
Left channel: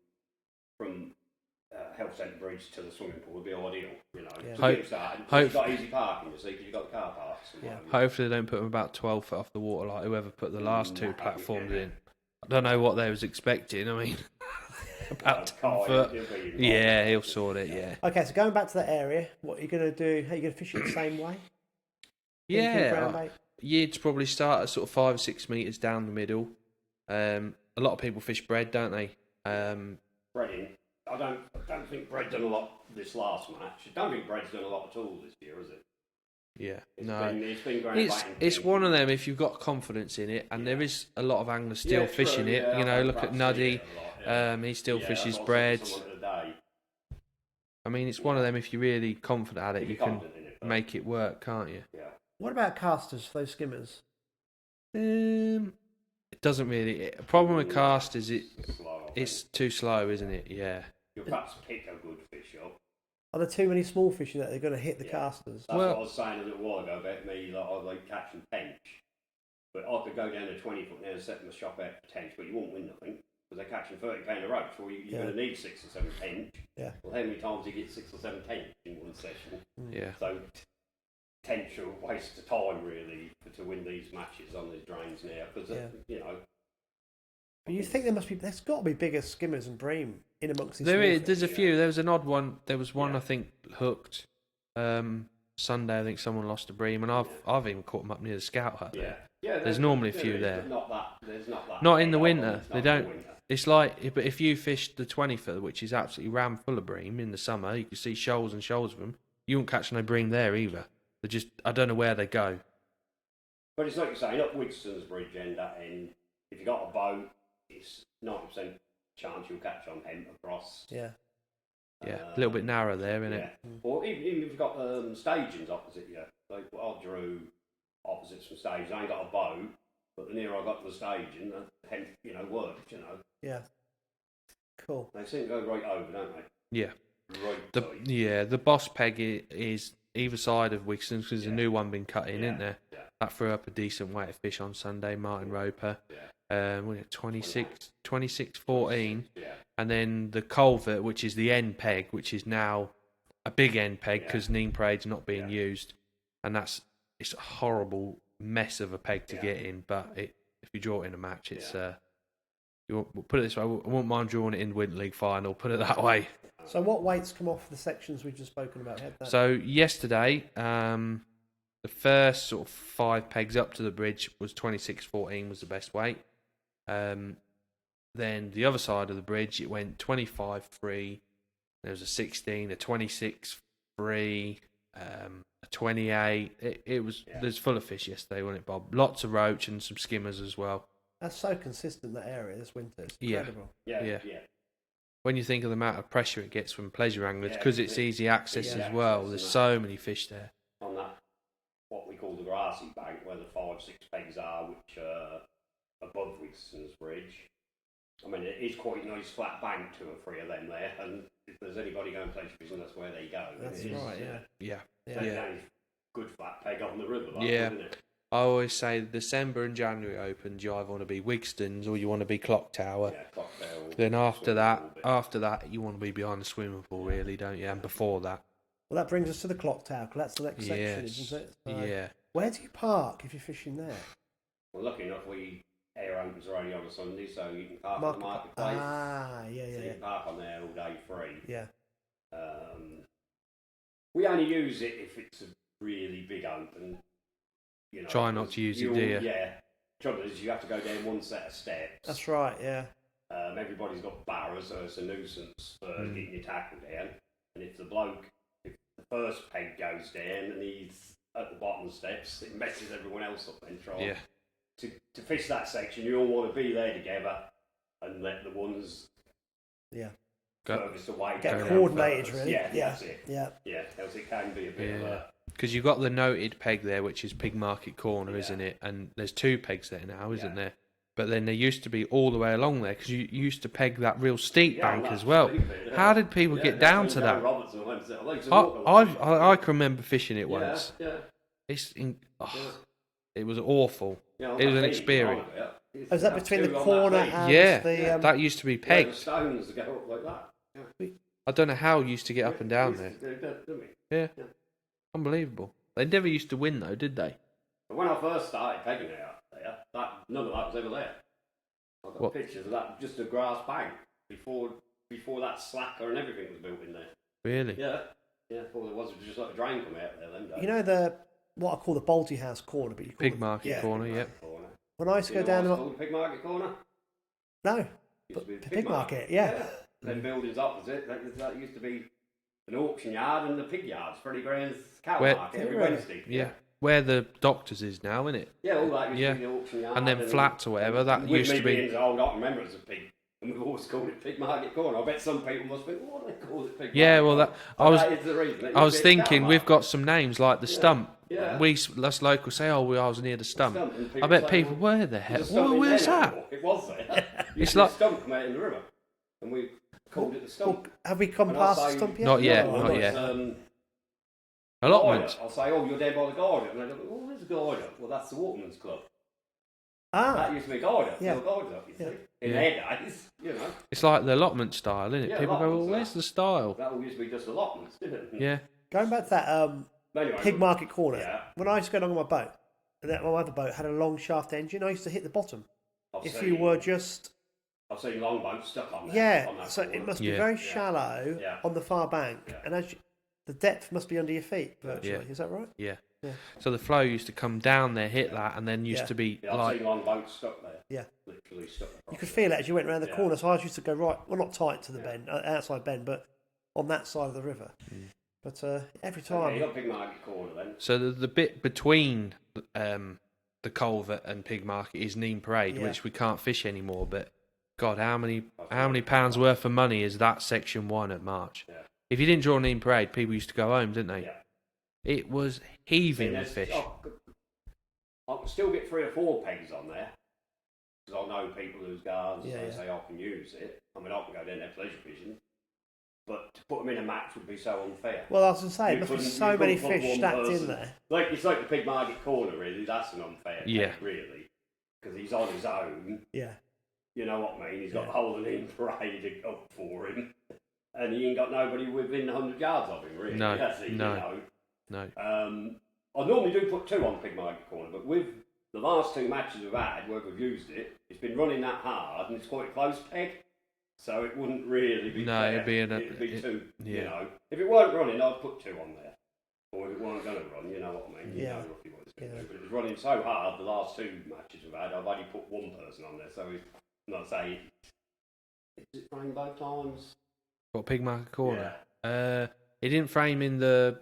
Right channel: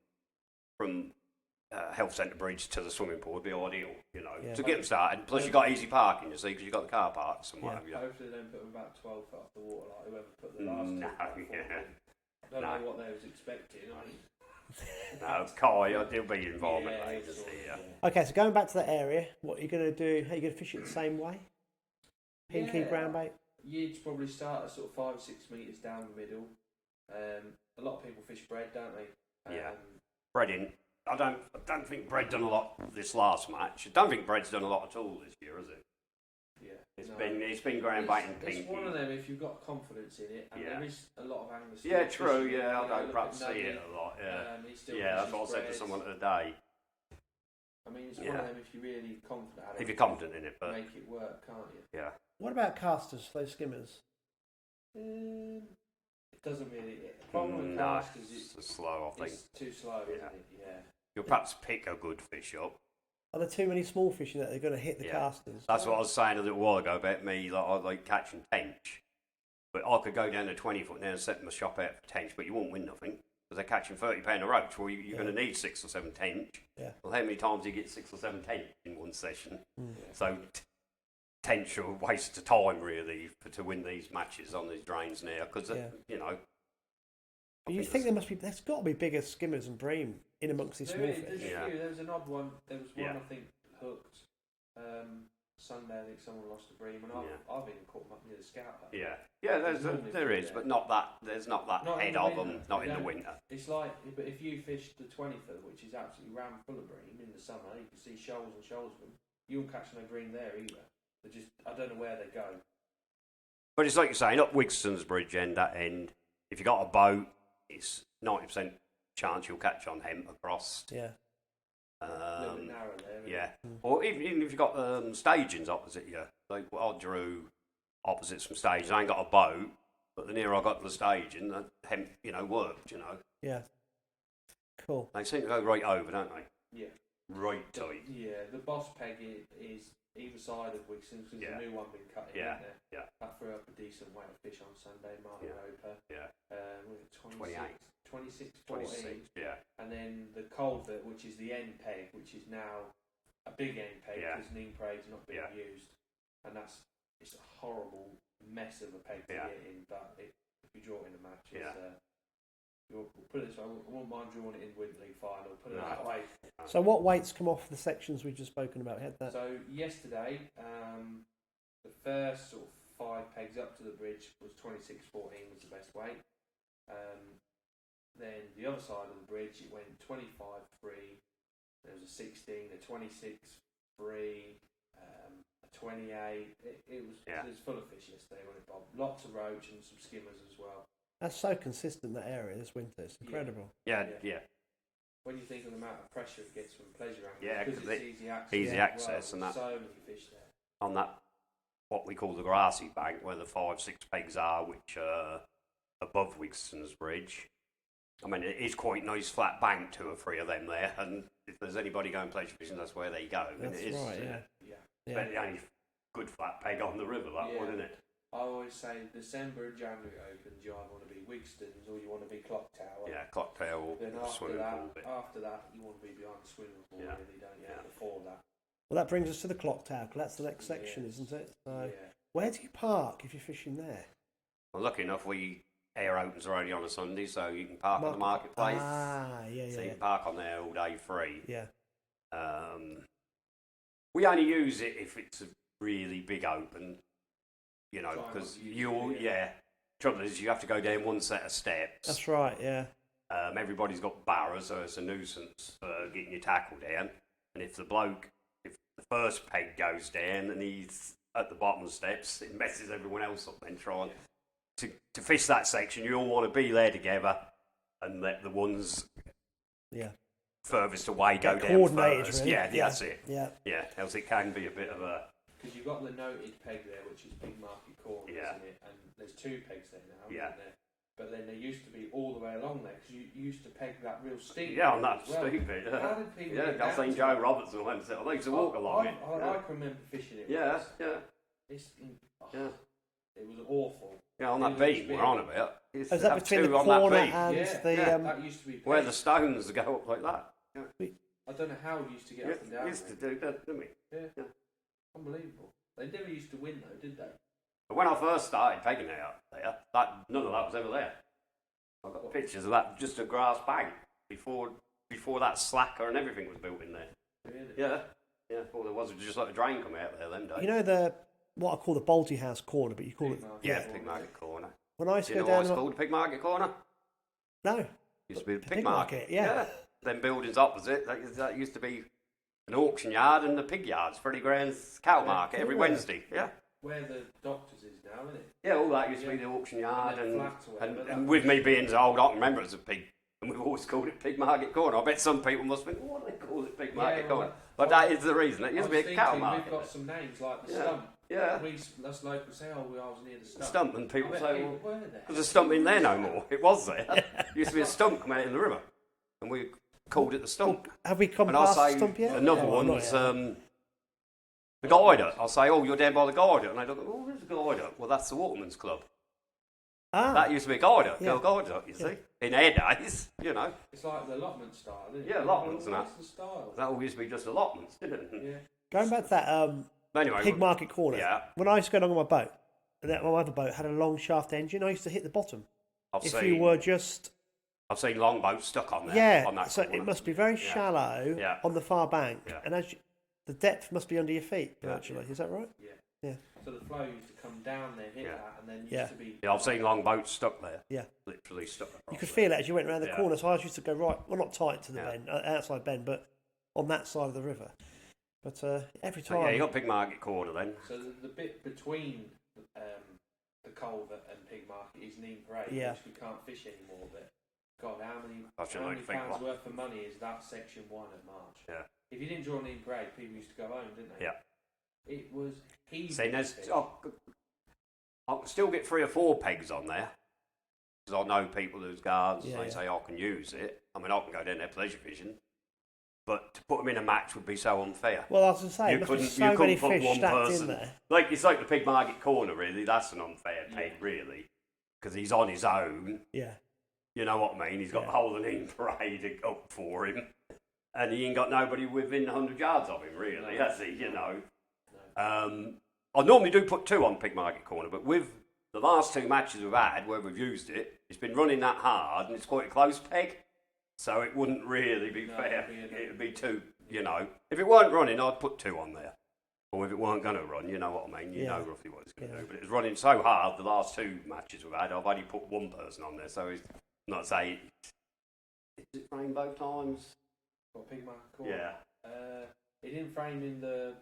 Health Centre Bridge to the swimming pool would be ideal, to get them started. Plus, you've got easy parking, you see, because you've got the car park somewhere. Hopefully, they don't put them about 12 foot off the water like whoever put the last 2 platforms in. I don't know what they was expecting. I mean, about Kai, he'll be involved. Yeah, he'll sort it. Yeah. Okay, so going back to that area, what are you going to do? Are you going to fish it the same way? Ground bait? You'd probably start at sort of 5 or 6 metres down the middle. A lot of people fish bread, don't they? Breading. I don't think Bread done a lot this last match. I don't think Bread's done a lot at all this year, has it? Yeah, it's been ground baiting. It's one of them if you've got confidence in it, and there is a lot of anglers still fishing it. Look at Nuddy. He still fishes Bread. I mean, it's one of them if you're really confident at it. If you're confident in it, make it work, can't you? Yeah. What about casters, those skimmers? It doesn't really. The problem with casters is it's too slow, isn't it? Yeah. You'll perhaps pick a good fish up. Are there too many small fish in that they're going to hit the casters? That's what I was saying a little while ago about me. Like I like catching tench, but I could go down to 20 foot now and set my shop out for tench, but you won't win nothing because they're catching £30 a roach. Well, you're going to need 6 or 7 tench. Yeah. Well, how many times do you get 6 or 7 tench in one session? Yeah. So tench are a waste of time really to win these matches on these drains now because But you think there's got to be bigger skimmers and bream in amongst these small fish. There's a few. There was an odd one. There was one I think hooked. Sunday, I think someone lost a bream, and I've even caught them up near the Scout Hut. Yeah, yeah. There's normally a few there, but not that. There's not that. Not in the winter. They don't. In the winter. It's like, but if you fished the 20-foot, which is absolutely ram full of bream in the summer, you can see shoals and shoals of them. You won't catch no bream there either. They just, I don't know where they go. But it's like you're saying, up Wigston's Bridge end, that end, if you got a boat, it's 90% chance you'll catch on hemp across. Yeah. Yeah, a little bit narrow there, isn't it? Or even if you've got stagings opposite you, like I drew opposites from stagings. I ain't got a boat, but the nearer I got to the staging, the hemp, worked, Yeah. Cool. They seem to go right over, don't they? Yeah. Right tight. The boss peg is either side of Wigston's because there's a new one been cut in, isn't there? Yeah. That threw up a decent weight of fish on Sunday, Martin Roper. Yeah. 26-14. Yeah. And then the culvert, which is the end peg, which is now a big end peg because Nene Parade's not being used. And it's a horrible mess of a peg to get in, but if you draw it in a match, it's... we'll put it this way, I wouldn't mind drawing it in the Winter League final, put it that way. So what weights come off the sections we've just spoken about? So yesterday, the first sort of 5 pegs up to the bridge was 26-14 was the best weight. Then the other side of the bridge, it went 25-3, there was a 16, a 26-3, a 28. It was there's full of fish yesterday, wasn't it, Bob? Lots of roach and some skimmers as well. That's so consistent, that area, this winter. It's incredible. Yeah. When you think of the amount of pressure it gets from pleasure anglers, because it's easy access as well, there's so many fish there. On that, what we call the grassy bank, where the 5-6 pegs are, which are above Wigston's Bridge. I mean, it is quite nice flat bank, 2 or 3 of them there, and if there's anybody going pleasure fishing, that's where they go. That's right, yeah. The only good flat peg on the river, isn't it? I always say December and January opens, you either want to be Wigston's or you want to be Clock Tower. Yeah, Clock Tower. Then after that, you want to be behind the swimming pool, really, don't you? And before that. Well, that brings us to the Clock Tower, because that's the next section, isn't it? So where do you park if you're fishing there? Well, lucky enough, air opens are only on a Sunday, so you can park at the marketplace. So you can park on there all day free. Yeah. We only use it if it's a really big open. Try not to use it, do you? Yeah. Trouble is, you have to go down one set of steps. That's right, yeah. Everybody's got barrows, so it's a nuisance for getting your tackle down. And if the first peg goes down and he's at the bottom of the steps, it messes everyone else up then trying. Yeah. To fish that section, you all want to be there together and let the ones furthest away get coordinated, first. Really. Yeah, that's it. Yeah. Yeah, else it can be a bit of a... Because you've got the noted peg there, which is Pig Market Corner, isn't it? And there's 2 pegs there now, isn't there? But then there used to be all the way along there, because you used to peg that real steep bank as well. How did people get down to that? I can remember fishing it once. It was awful. It was an experience. Is that between the corner and the... that used to be pegged. Where the stones go up like that. Yeah. I don't know how you used to get up and down there. Do that, didn't we? Yeah. Unbelievable. They never used to win though, did they? When I first started pegging it out there, none of that was ever there. I've got pictures of that, just a grass bank before that slacker and everything was built in there. Really? Yeah. All there was just like a drain coming out there then. You know what I call the Baldy House corner, but you call Pig Market Corner, corner. When I used to go down... It's called Pig Market Corner? No. It used to be the Pig Market, yeah. Them buildings opposite, that used to be an auction yard and the pig yards, Freddie Graham's cow market every Wednesday. Yeah. Where the Doctors is now, isn't it? Yeah, all that used to be the auction yard. And then flats or whatever. That with used me to be... being old, I don't remember it as a pig. And we've always called it Pig Market Corner. I bet some people must think, what do they call it Pig Market Corner? That is the reason. I was thinking, we've got some names like the Stump. Yeah. Us locals say, I was near the Stump. And I bet people, where the hell? There's a stump in there no. It was there. Used to be a stump come out in the river. And we called it the Stump. Have we come past the Stump yet? Not yet. Guider. I'll say, you're down by the Guider. And they look, there's a Guider. Well, that's the Waterman's Club. That used to be a Guider. Yeah. Guider, you see. In our days, It's like the allotment style, isn't it? Yeah, people go, where's the style? That all used to be just allotments, didn't it? Yeah. Going back to that Pig Market Corner, when I used to go along on my boat, and my other boat had a long shaft engine, I used to hit the bottom. I've seen long boats stuck on there. Yeah, so it must be very shallow on the far bank. Yeah. And the depth must be under your feet virtually. Is that right? Yeah. Yeah. So the flow used to come down there, hit that, and then used to be. Yeah, I've seen long boats stuck there. Yeah. Literally stuck. You could feel it as you went around the corner. So I used to go right, well, not tight to the bend, outside bend, but on that side of the river. But every time. Yeah, you got Pig Market Corner then. So the bit between the culvert and Pig Market is Nene Parade, which we can't fish anymore. But God, how many pounds worth of money is that section 1 at March? Yeah. If you didn't draw Nene Parade, people used to go home, didn't they? Yeah. It was heaving with fish. I can still get 3 or 4 pegs on there. Because I know people whose guards, they say I can use it. I mean, I can go down there pleasure fishing. But to put them in a match would be so unfair. Well, I was going to say, there must be so many fish stacked in there. It's like the Pig Market Corner, really. That's an unfair peg, really. Because he's on his own. Yeah. You know what I mean? He's got the whole of Nene Parade up for him. And he ain't got nobody within 100 yards of him, really. No, Has he? no. You know? No. I normally do put 2 on Pig Market Corner, but with the last 2 matches we've had where we've used it, it's been running that hard and it's quite a close peg, so it wouldn't really be fair. It'd be 2, you know. If it weren't running, I'd put 2 on there. Or if it weren't going to run, you know what I mean? You know roughly what it's going to do. But it was running so hard the last 2 matches we've had, I've only put 1 person on there, so it's not saying. Is it rainbow times? What, Pig Market Corner? Yeah. It didn't frame in the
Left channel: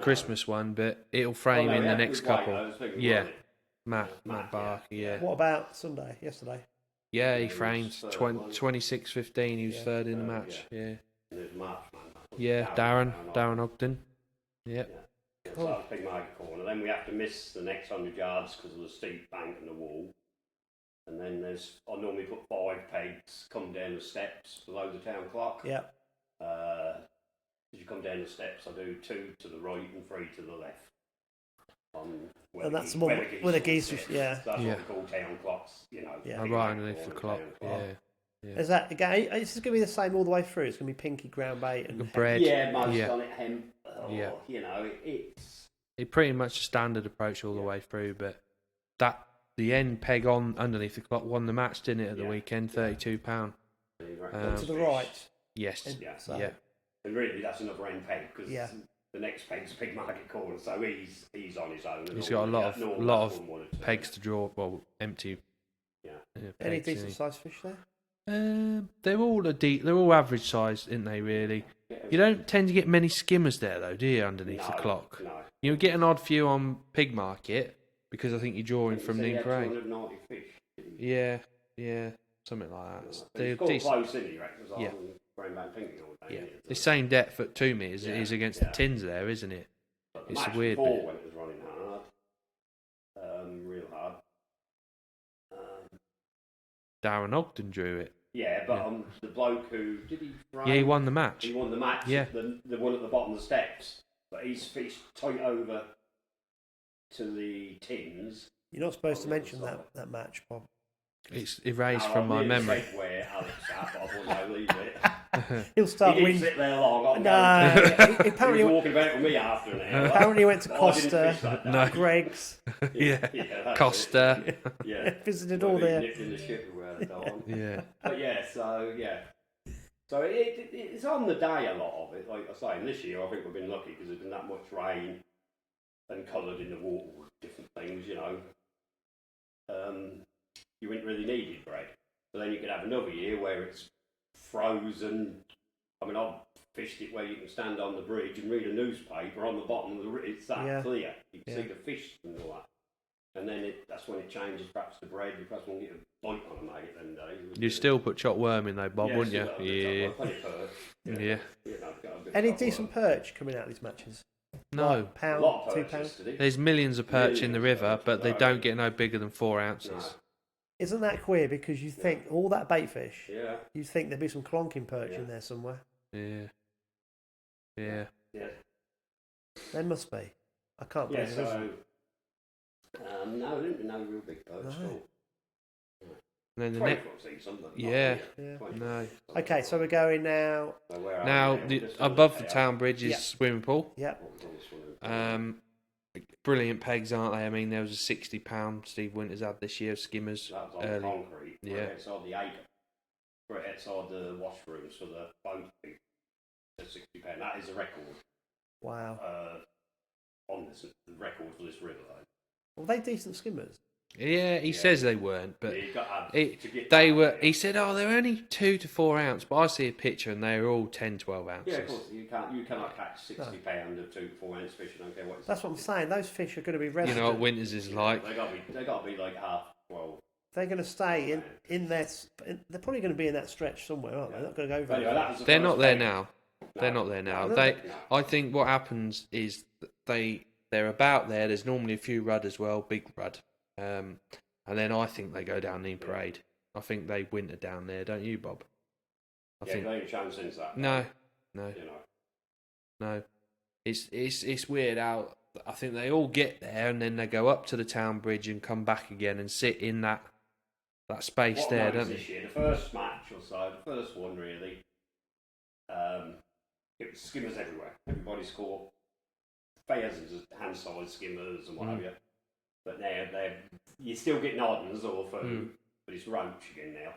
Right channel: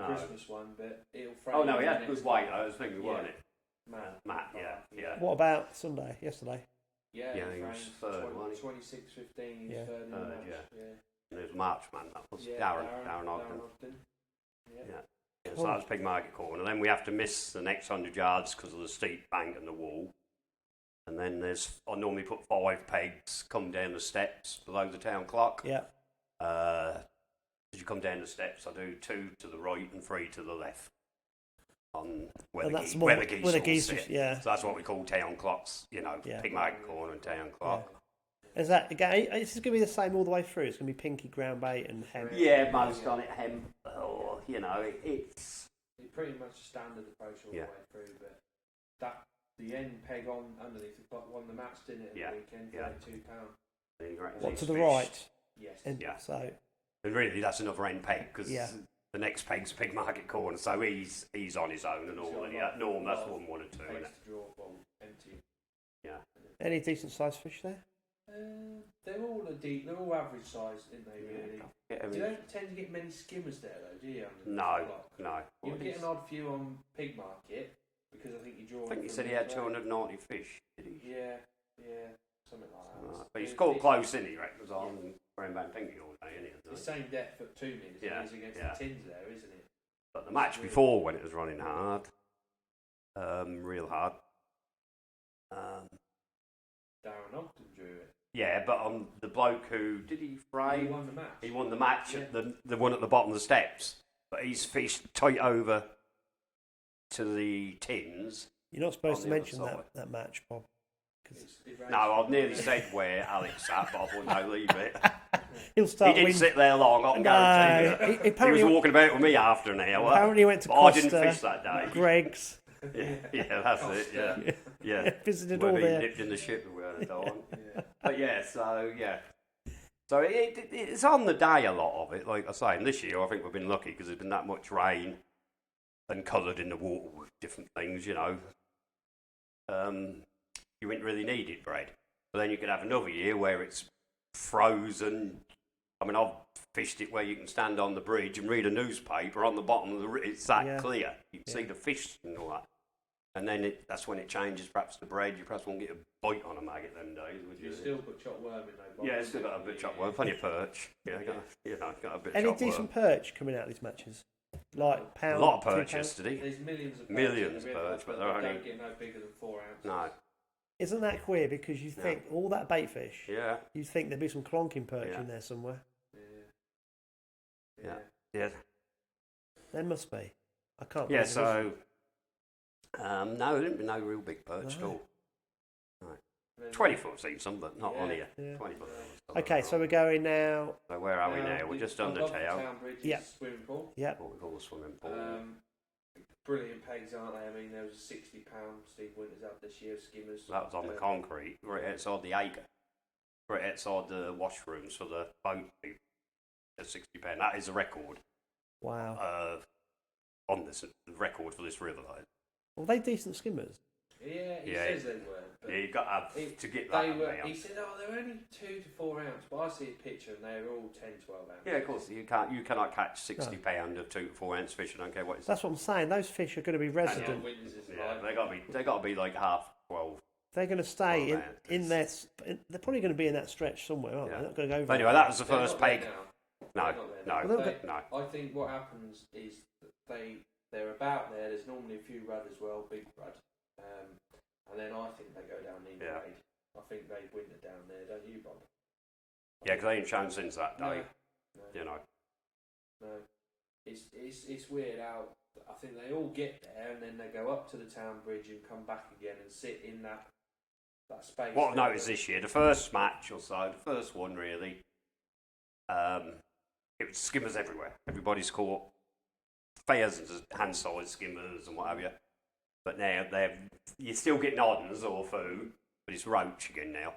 Christmas one, but it'll frame in the next couple. Matt Barker, What about Sunday, yesterday? Yeah, he framed 26-15. He was third in the match. Yeah. And there's March, man. Darren Ogden. Yeah. So that's Pig Market Corner. Then we have to miss the next 100 yards because of the steep bank and the wall. And then I normally put 5 pegs, come down the steps below the town clock. Yeah. As you come down the steps, I do 2 to the right and 3 to the left. And that's where the geese, So that's what we call town clocks, you know. Yeah. Pig Market Corner, town clock. Yeah. Is that again? Is this going to be the same all the way through? It's going to be pinky, ground bait, and bread. Yeah, most on it, hemp. You know, it's pretty much a standard approach all the way through. But the end peg on underneath the clock won the match, didn't it? At the weekend, £32. To the right. Yes. And really, that's another end peg because the next peg's Pig Market Corner, so he's on his own. And he's got a lot of pegs to draw. Well, empty. Yeah. Any decent sized fish there? They're all average sized, aren't they? Really. You don't tend to get many skimmers there, though, do you? Underneath the clock. No. You get an odd few on Pig Market because I think you're drawing from the. He had 290 fish. Yeah, something like that. But he's got close, isn't he? The same depth at 2 metres it is against the tins there, isn't it? But the match before when it was running hard, real hard. Darren Ogden drew it. Yeah, but the bloke who did he frame? Yeah, he won the match. He won the match. Yeah, the one at the bottom of the steps. But he's fished tight over to the tins. You're not supposed to mention that match, Bob. It's erased from my memory. Where Alex sat, but I thought I'd leave it. He'll start. He didn't sit there long. Apparently he was walking about with me after an hour. Apparently, he went to Costa, Greg's. Costa. Visited all there. Nipped in the ship So it's on the day a lot of it. Like I say, and this year I think we've been lucky because there's been that much rain and coloured in the water with different things. You know, you wouldn't really need it, bread. But then you could have another year where it's frozen. I mean, I've fished it where you can stand on the bridge and read a newspaper on the bottom of it's that clear. You can see the fish and all that. And then that's when it changes perhaps to bread. You perhaps won't get a bite on a maggot them days. You still put chopped worm in though, Bob, wouldn't you? Yeah, plenty of perch. You know, got a bit any decent perch coming out of these matches? No. Like pound, a lot of perch £2? yesterday. There's millions of perch in the river, but they don't get no bigger than 4 ounces. No. Isn't that queer? Because you think all that bait fish, you think there'd be some clonking perch in there somewhere. Yeah. There must be. I can't believe it. No, no real big perch at all. No. 20 foot seems some, but not No. Okay, so we're going now. So where are now we now? above the town bridge is swimming pool. Yep. Brilliant pegs, aren't they? I mean, there was a £60 Steve Winters had this year, skimmers. That was on the concrete, right outside the acre, right outside the washrooms for the boat. At £60. That is a record. Wow. On this record for this river. Well, they decent skimmers. Yeah, he says they weren't, but you've got to get they were. He said, "Oh, they're only 2 to 4 ounce," but I see a picture and they're all 10, 12 ounces. Yeah, of course you cannot catch 60 pound of 2 to 4 ounce fish. I don't care what it's. That's what I'm saying. Those fish are going to be resident. You know what Winters is like. They got to be like half 12. They're going to stay in their. They're probably going to be in that stretch somewhere, aren't they? They're not going to go. Anyway, that was the they're first not there now. No, they're not there now. No. I think what happens is they're about there. There's normally a few rudd as well, big rudd, and then I think they go down Nene Parade. I think they winter down there, don't you, Bob? They ain't shown since that. No. You know. No. It's weird how I think they all get there and then they go up to the town bridge and come back again and sit in that space what there. I noticed this year, the first match or so, the first one really, it was skimmers everywhere. Everybody's caught thousands of hand-sized skimmers and what have you. But now you're still getting oddens or food, but it's roach again now.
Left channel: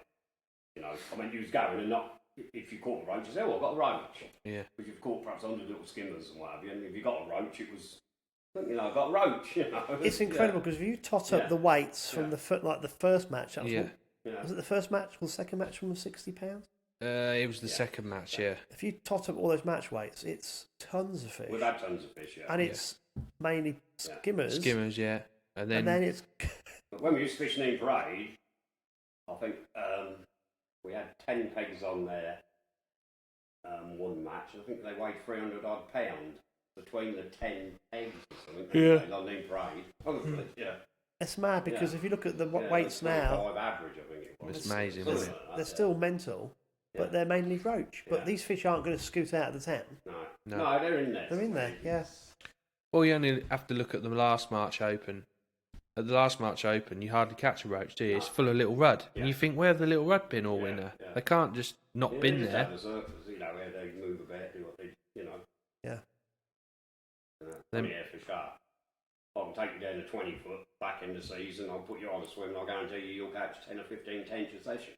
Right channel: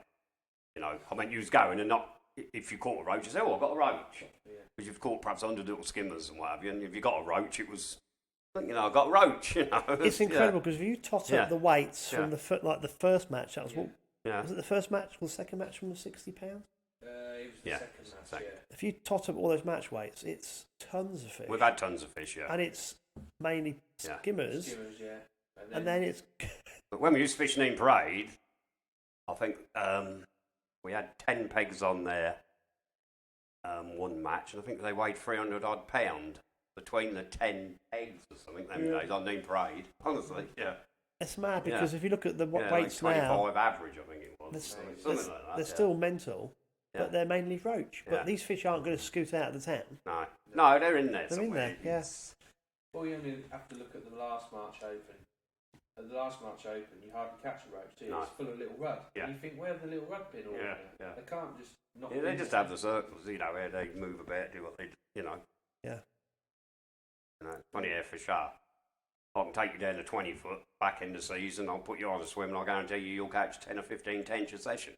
You know, I mean, you was going and not, if you caught a roach, you say, oh, I've got a roach. Yeah. Because you've caught perhaps 100 little skimmers and what have you, and if you got a roach, it was, you know, I got a roach, you know. It's incredible because if you tot up the weights from the first match, that was was it the first match or the second match from the £60? It was the second match, If you tot up all those match weights, it's tons of fish. We've had tons of fish, and it's mainly skimmers. Skimmers, yeah. And then it's... But when we used to fish Nene Parade, I think we had 10 pegs on there one match, and I think they weighed 300 odd pound between the 10 pegs or something days on Nene Parade. Honestly, It's mad because if you look at the weights like now... 25 average, I think it was. It's amazing. They're still mental, but they're mainly roach. But these fish aren't going to scoot out of the town. No, they're in there. They're in there, yes. Well, you only have to look at the last March Open. At the last March Open, you hardly catch a roach, do you? It's full of little rudd. And you think, where have the little rudd been all winter? They can't just not been there. They just have the circles, you know, where they move about, do what they, you know. Yeah. You know, plenty there for sharp. I can take you down to 20 foot back in the season, I'll put you on a swim and I'll guarantee you'll catch 10 or 15 tench a session.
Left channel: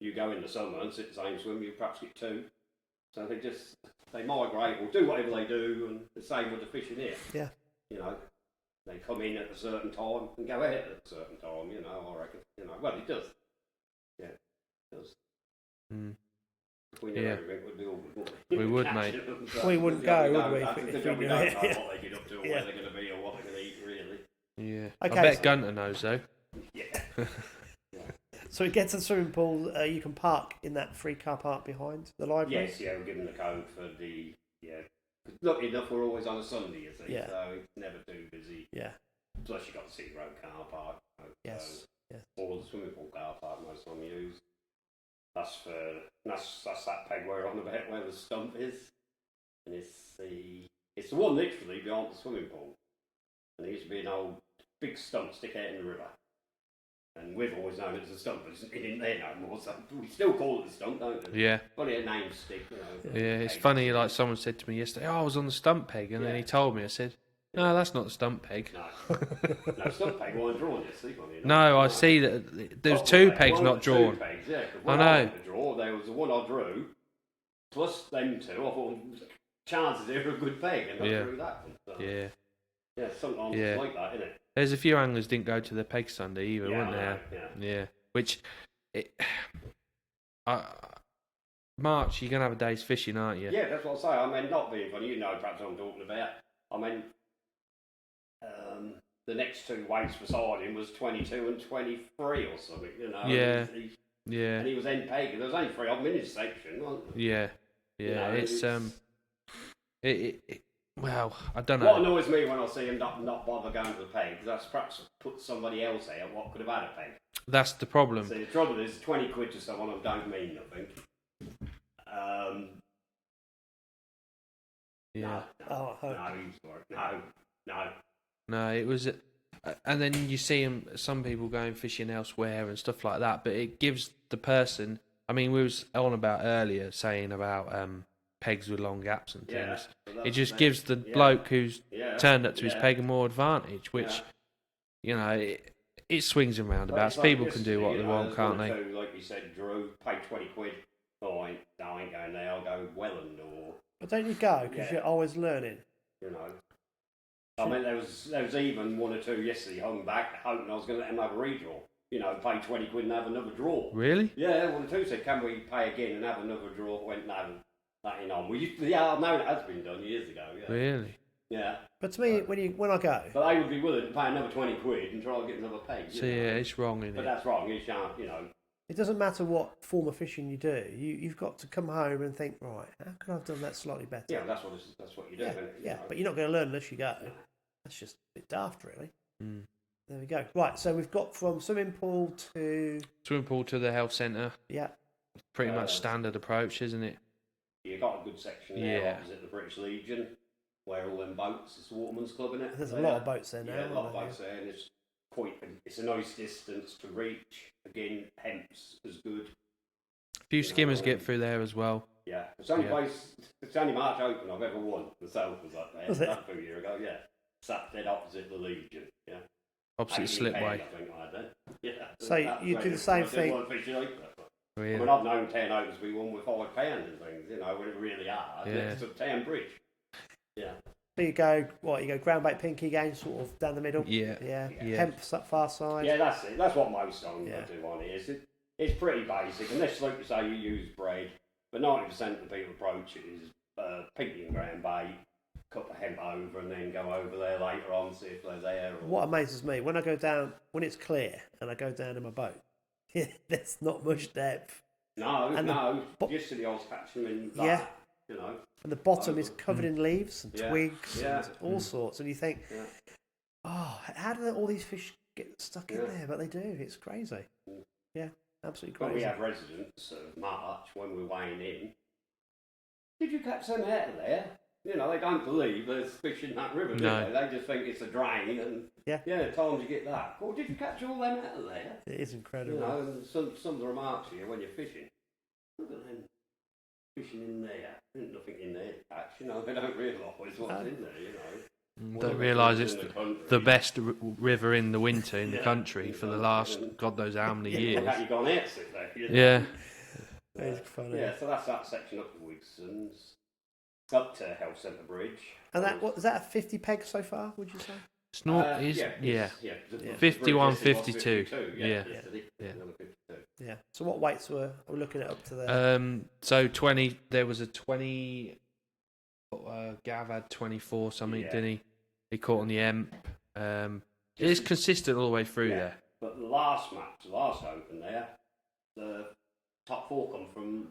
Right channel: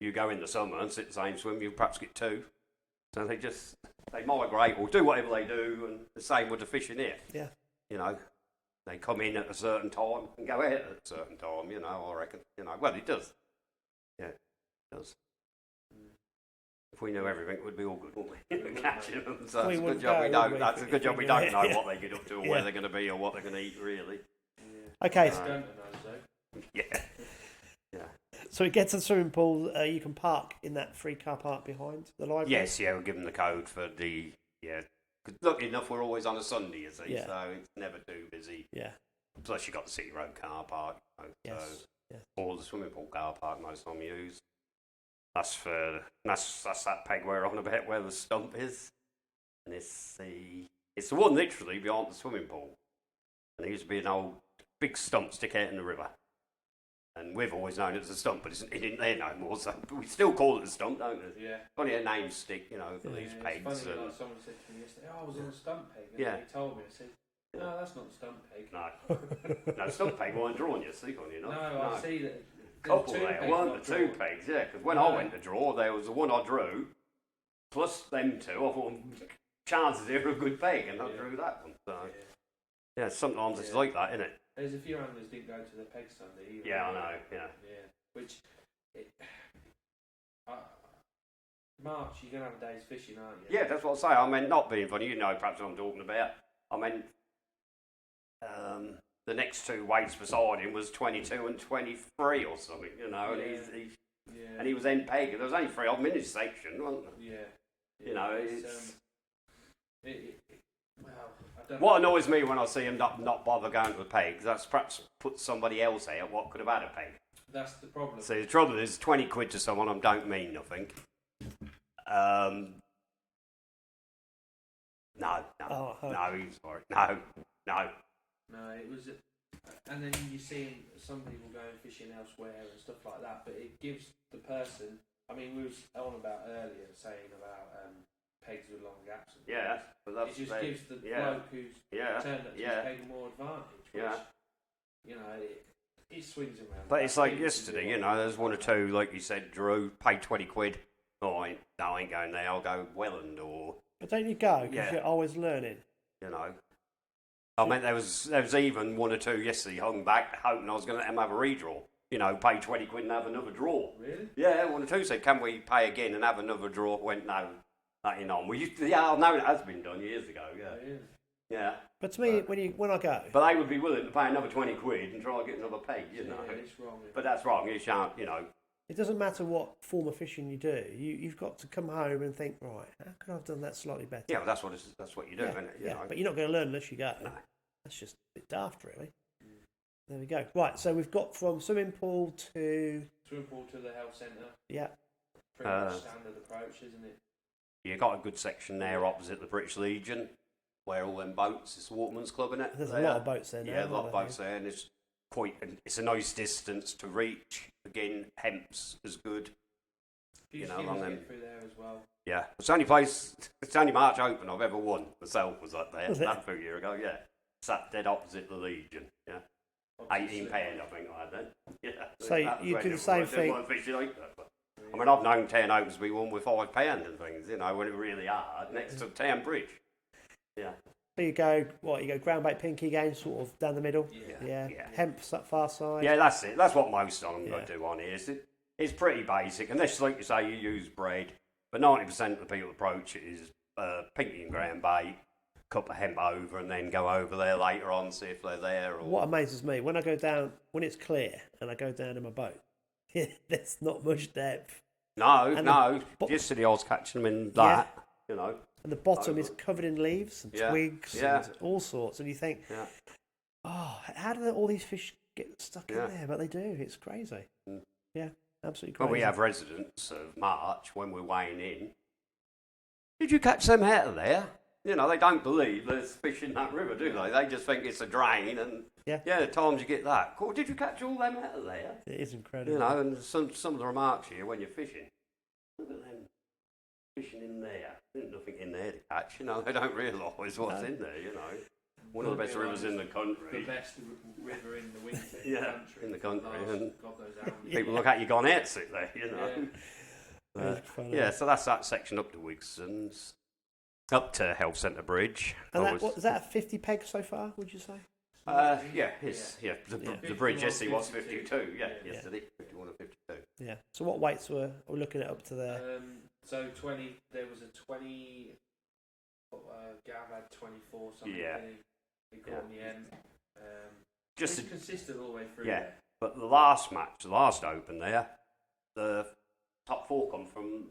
You go in the summer and sit the same swim, you'll perhaps get 2. So they migrate or do whatever they do, and the same with the fishing here. Yeah. You know, they come in at a certain time and go out at a certain time, you know, I reckon. You know, well, it does. Yeah, it does. If we knew everything, it would be all good, wouldn't we? We would, mate. So we wouldn't go, would we? That's a good job we don't know what they get up to or where they're going to be or what they're going to eat, really. Yeah. Okay. I bet Gunter knows, though. Yeah. So it gets to the swimming pool. You can park in that free car park behind the library. Yes, we'll give them the code for the Cause luckily enough, we're always on a Sunday, you see, so it's never too busy. Yeah. Plus, you've got the City Road car park. Yes. Or the swimming pool car park. Most of them use. That's that peg we're on about where the stump is, and it's the one literally beyond the swimming pool. And there used to be an old big stump stick out in the river. And we've always known it as a stump, but it isn't there no more, so we still call it a stump, don't we? Yeah. Funny a name stick, you know. Yeah, it's funny, like someone said to me yesterday, I was on the stump peg, and then he told me, I said, no, that's not the stump peg. No, stump peg weren't drawn, you see, funny enough. No, I see that there's 2 pegs not drawn. 2 pegs, yeah, because when I went to draw, there was the one I drew, plus them 2, I thought, chances here are a good peg, and I drew that one. So. Yeah, sometimes it's like that, isn't it? There's a few anglers didn't go to the peg Sunday either, weren't there? Yeah. Which, March, you're going to have a day's fishing, aren't you? Yeah, that's what I say. I mean, not being funny, you know perhaps what I'm talking about. I mean, the next 2 weights beside him was 22 and 23 or something, you know. Yeah. And he was end peg. There was only 3 of them in his section, wasn't there? Yeah. You know, it's well, I don't know. What annoys me when I see him not bother going to the pegs, that's perhaps put somebody else out what could have had a peg. That's the problem. See, the trouble is 20 quid to someone I don't mean nothing. No, it was, and then you see some people going fishing elsewhere and stuff like that. But it gives the person. I mean, we was on about earlier saying about pegs with long gaps and things. It just gives the bloke who's turned up to his peg a more advantage, which you know it swings and roundabouts. People can do what they want, can't they? Like you said, Drew paid 20 quid Oh, I ain't going there. I'll go Welland or. But don't you go because you're always learning? You know. I mean, there was even one or two yesterday hung back, hoping I was going to let them have a redraw. You know, pay 20 quid and have another draw. Really? Yeah, one or two said, "Can we pay again and have another draw?" Went no, nothing on. We used to, I know that has been done years ago. Yeah. Really? Yeah. But to me, when I go, but they would be willing to pay another 20 quid and try and get another peg. So yeah, it's wrong, isn't it? But that's wrong. You shan't, you know. It doesn't matter what form of fishing you do. You've got to come home and think, right, how could I have done that slightly better? Yeah, that's what you do, isn't it? Yeah, but you're not going to learn unless you go. No. That's just a bit daft, really. Mm. There we go. Right, so we've got from swimming pool to the health centre. Yeah. Pretty much standard approach, isn't it? You got a good section there opposite the British Legion, where all them boats. It's the Waterman's Club, isn't it? There's a lot of boats there now. Yeah, a lot of boats there, and it's a nice distance to reach. Again, hemp's as good. A few skimmers get through there as well. Yeah, it's the only place. It's the only March Open I've ever won. Myself was up there. Was it? A few years ago. Yeah, sat dead opposite the Legion. Yeah, opposite slipway. I think I had then. Yeah. So you do the same thing. Really? I mean, I've known 10 opens we won with £5 and things. You know, when it really hard next to Town Bridge. Yeah. So you go ground bait pinky again, sort of down the middle. Yeah. Hemp far side. Yeah, that's it. That's what most of them do on here. It's pretty basic, unless, like you say, you use bread. But 90% of the people approach it is pinky and ground bait, cup of hemp over, and then go over there later on, see if they're there. Or... What amazes me when I go down when it's clear and I go down in my boat, there's not much depth. No, just to the odds catching them in that, you know. And the bottom is covered in leaves and twigs and all sorts. And you think, oh, how do all these fish get stuck in there? But they do. It's crazy. Mm. Yeah, absolutely crazy. But we have residents of March when we're weighing in. Did you catch them out of there? You know, they don't believe there's fish in that river, do they? They just think it's a drain and, at times you get that. Oh, did you catch all them out of there? It is incredible. You know, and some of the remarks here when you're fishing, look at them fishing in there. There's nothing in there to catch, you know, they don't realise what's in there, you know. Don't realise it's the best river in the winter in the country for the last, God knows how many years. Look at you gone out sit there, you know. Yeah. So that's that section up to Wigson's. Up to Health Centre Bridge. And was that a 50 peg so far, would you say? It's not, 51, 52. Yeah. So what weights were we looking at up to there? So 20, there was a 20, Gav had 24 something, didn't he? He caught on the Emp. It's consistent all the way through there. But the last Open there, the top four come from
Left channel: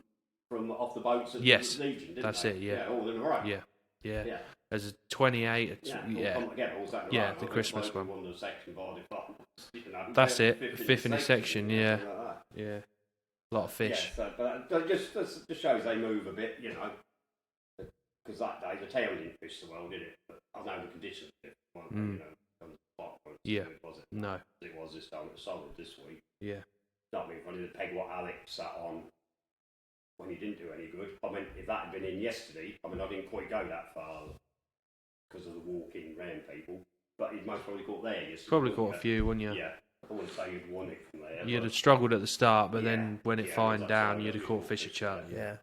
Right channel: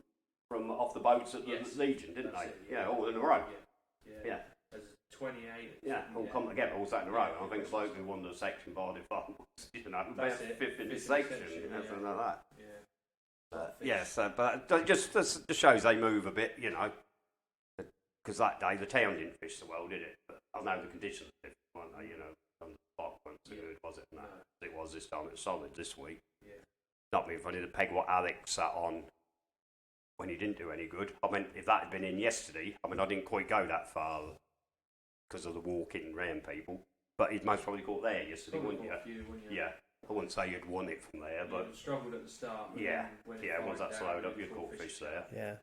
off the boats at the Legion, didn't that's they? It, yeah. All in a row. Yeah. There's a 28. All come together, all that in a row. The Christmas one. Won the section by default. You know, that's it. Fifth in the section, yeah. A lot of fish. But it just shows they move a bit, you know. Because that day the town didn't fish so well, did it? But I know the conditions weren't they, you know. Good, was it? No. It was this time. It was solid this week. Yeah. Not being funny, the peg what Alex sat on when he didn't do any good. I mean, if that had been in yesterday, I didn't quite go that far because of the walking round people. But he'd most probably caught there yesterday. Probably caught a few, wouldn't you? Yeah. I wouldn't say you'd won it from there. You'd have struggled at the start, but then when it fined down, you'd have caught fish a chat. Yeah.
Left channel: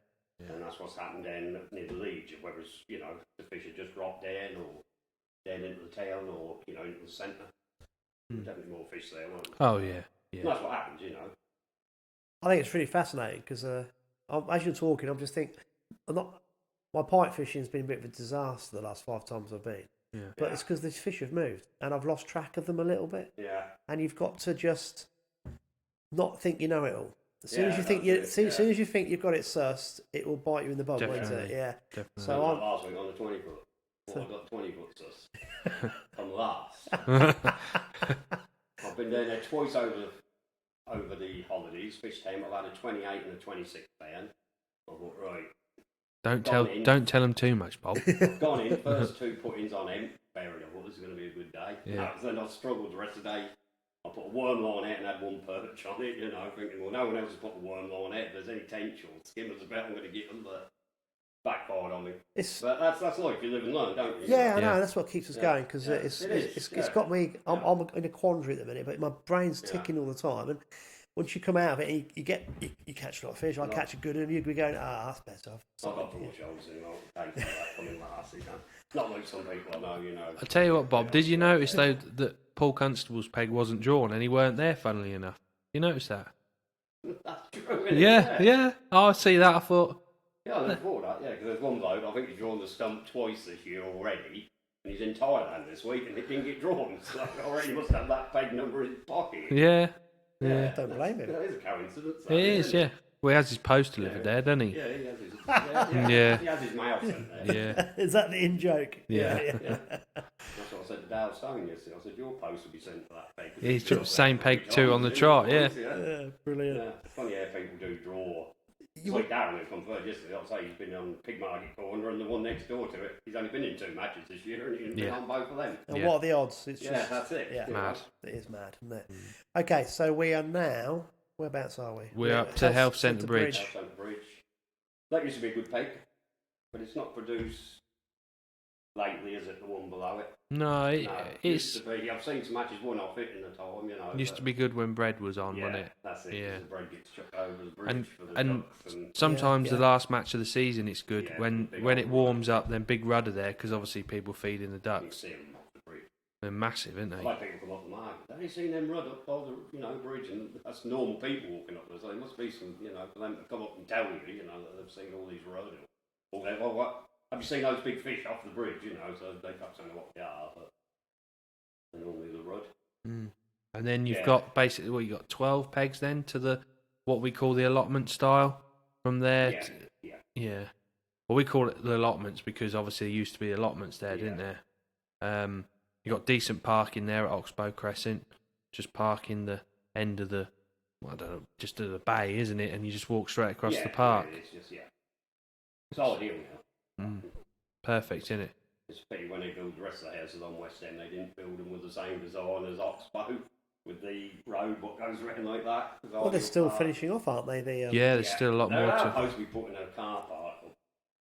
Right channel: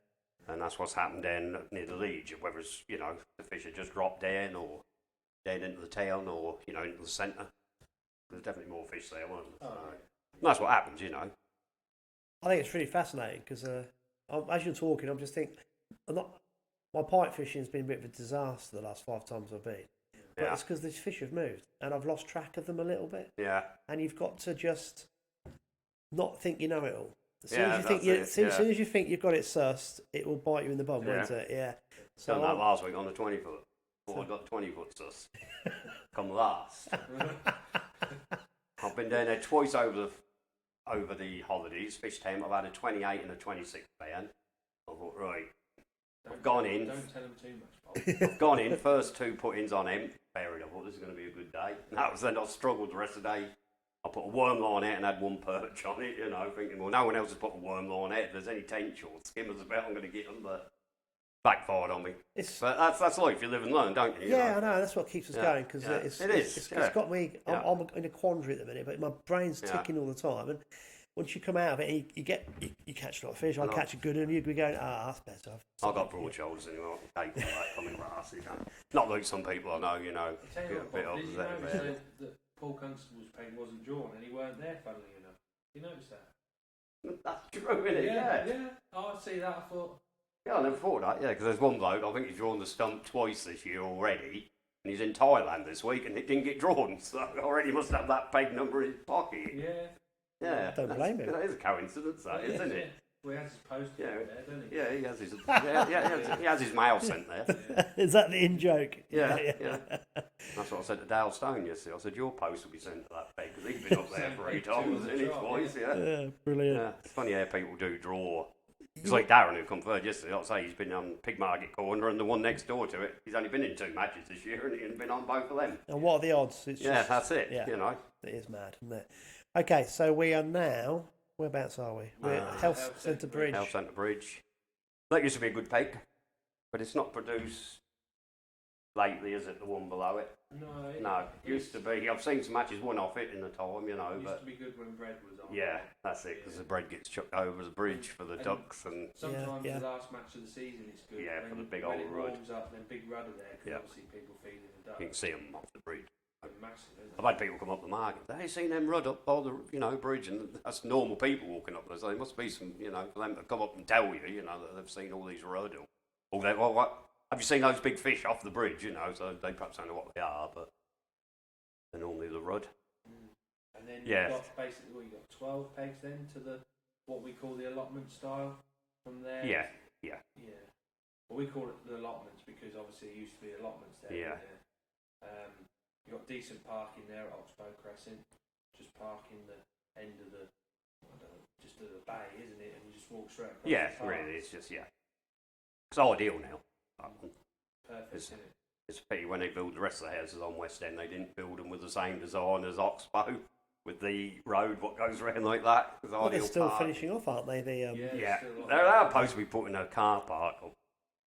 And that's what's happened down near the Legion, whether it's, you know, the fish had just dropped down or down into the town or, you know, into the centre. There's definitely more fish there, wasn't there? Oh, yeah. And that's what happens, you know. I think it's really fascinating because as you're talking, I'm just thinking, my pike fishing's been a bit of a disaster the last 5 times I've been. Yeah. But it's because these fish have moved and I've lost track of them a little bit. Yeah. And you've got to just not think you know it all. As soon as you think you've got it sussed, it will bite you in the bum, won't it? Yeah. Definitely. So last week on the 20 foot, I got 20 foot sussed. Come last. I've been down there twice over the holidays. Fish time, I've had a 28 and a 26 band. I thought, right. Don't tell them too much, Bob. Gone in, first 2 put-ins on him. Fair enough. Well, this is going to be a good day. Yeah. Then I struggled the rest of the day. I put a worm line out and had 1 perch on it, you know, thinking, well, no one else has put a worm line out. If there's any tench or skimmers about, I'm going to get them, but backfired on me. But that's life. You live and learn, don't you? Yeah, I know. That's what keeps us going because it's got me. I'm in a quandary at the minute, but my brain's ticking all the time. And once you come out of it, you catch a lot of fish. I catch a good one, you'd be going, that's better. I've got broad shoulders anymore. Not like some people I know, I tell you what, Bob, did you notice though that Paul Constable's peg wasn't drawn and he weren't there, funnily enough? You noticed that? That's true, isn't it? Yeah. Oh, I see that. I thought. Yeah, I never thought that. Yeah, because there's one bloke, I think he's drawn the stump twice this year already, and he's in Thailand this week, and it didn't get drawn. So I already must have that peg number in his pocket. Yeah. Don't blame him. That is a coincidence. It is, yeah. Well, he has his post delivered there, doesn't he? Yeah, he has his. He has his mail sent there. Yeah. Is that the in-joke? Yeah. That's what I said to Dale Stone yesterday. I said, your post will be sent to that peg. He's got the same peg too on the trot, yeah. Brilliant. Yeah. It's funny how people do draw. It's like Darren who come third yesterday. Like I say, he's been on Pig Market Corner and the one next door to it. He's only been in 2 matches this year and he's been on both of them. And what are the odds? It's just, that's it. Yeah, it is mad, isn't it? Okay, so we are now. Whereabouts are we? We're up to Health Centre Bridge. Health Centre Bridge. That used to be a good peg, but it's not produced lately, is it? The one below it? No, it used to be. I've seen some matches won off it in the time, Used to be good when bread was on, wasn't it? That's it. Yeah, the bread gets chucked over the bridge for the ducks. And sometimes the last match of the season, it's good when it warms up. Then big rudder there because obviously people feed in the ducks. You can see them off the bridge. They're massive, aren't they? I've had people come up the market. They ain't seen them rud up all the bridge, and that's normal people walking up there. So there must be some for them to come up and tell you that they've seen all these rud. Or they, what? Have you seen those big fish off the bridge? So they perhaps don't know what they are, but they're normally the rud. And then you've got basically you got 12 pegs then to the what we call the allotment style from there. Yeah. Well, we call it the allotments because obviously there used to be allotments there, didn't there? You got decent parking there at Oxbow Crescent. Just park in the end of the, just to the bay, isn't it? And you just walk straight across the park. Yeah, it's just it's ideal now. Perfect, isn't it? It's a pity when they build the rest of the houses on West End, they didn't build them with the same design as Oxbow, with the road what goes around like that. Well, they're still finishing off, aren't they? There's still a lot more. They're supposed to be putting a car park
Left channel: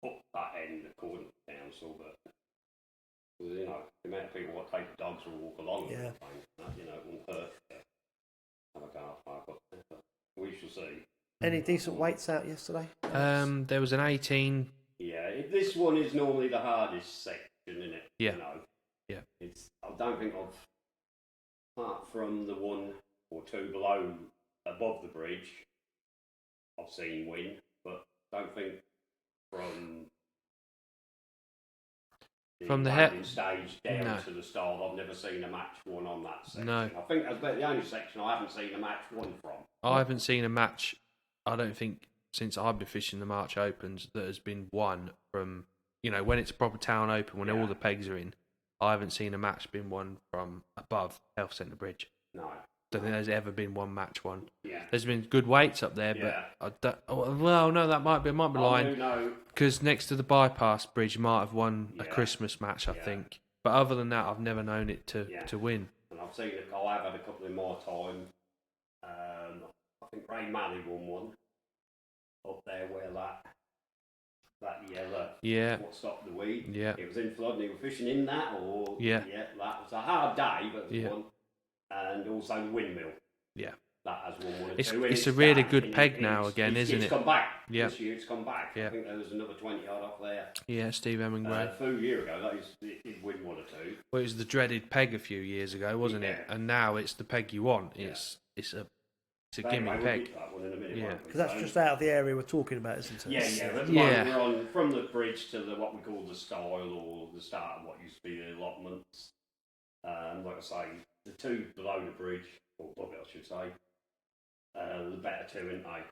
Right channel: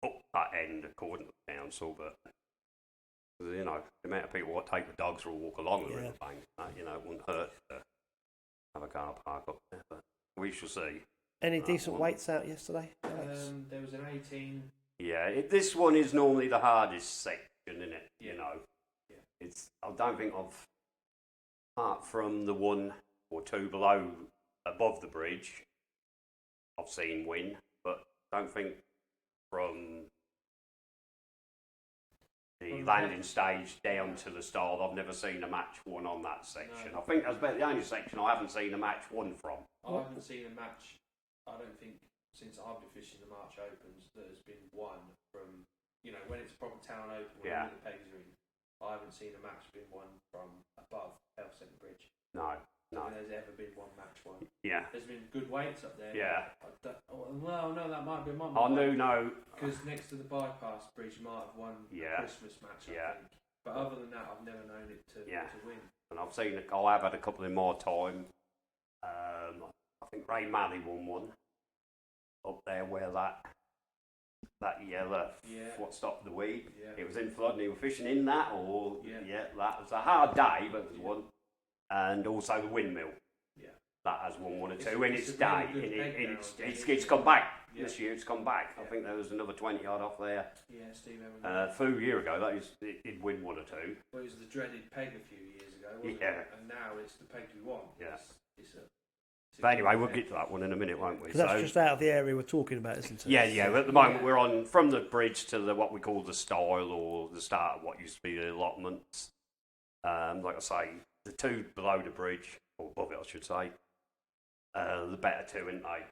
up that end according to the council, but the amount of people what take the dogs for a walk along the river bank, it wouldn't hurt to have a car park up there, but we shall see. Any decent weights out yesterday? There was an 18. Yeah, this one is normally the hardest section, isn't it? Yeah. Yeah. I don't think apart from the 1 or 2 above the bridge, I've seen win, but I don't think from the landing stage down to the start, I've never seen a match won on that section. No. I think that's about the only section I haven't seen a match won from. I haven't seen a match, I don't think, since I've been fishing the March Opens that has been won from, when it's a proper town open, when all the pegs are in, I haven't seen a match been won from above Health Centre Bridge. No. I don't think there's ever been one match won. Yeah. There's been good weights up there, but that might be lying. No. Because next to the bypass bridge, you might have won a Christmas match, I think. But other than that, I've never known it to win. And I've seen I have had a couple in my time. I think Ray Malley won one up there where that yellow what stopped the weed. Yeah. It was in flood and he was fishing in that that was a hard day, but it was one. And also the windmill. Yeah. That has won 1 or 2. It's a really good peg now again, isn't it? It's come back. This year it's come back. I think there was another 20 yard off there. Yeah, Steve Hemingway. A few years ago, it did win 1 or 2. Well, it was the dreaded peg a few years ago, wasn't it? And now it's the peg you want. It's a anyway, we'll get to that one in a minute, won't we? Because that's just out of the area we're talking about, isn't it? Yeah. At the moment, we're on from the bridge to what we call the stile or the start of what used to be the allotments. Like I say, the 2 below the bridge, or above it, I should say, the better 2, aren't they?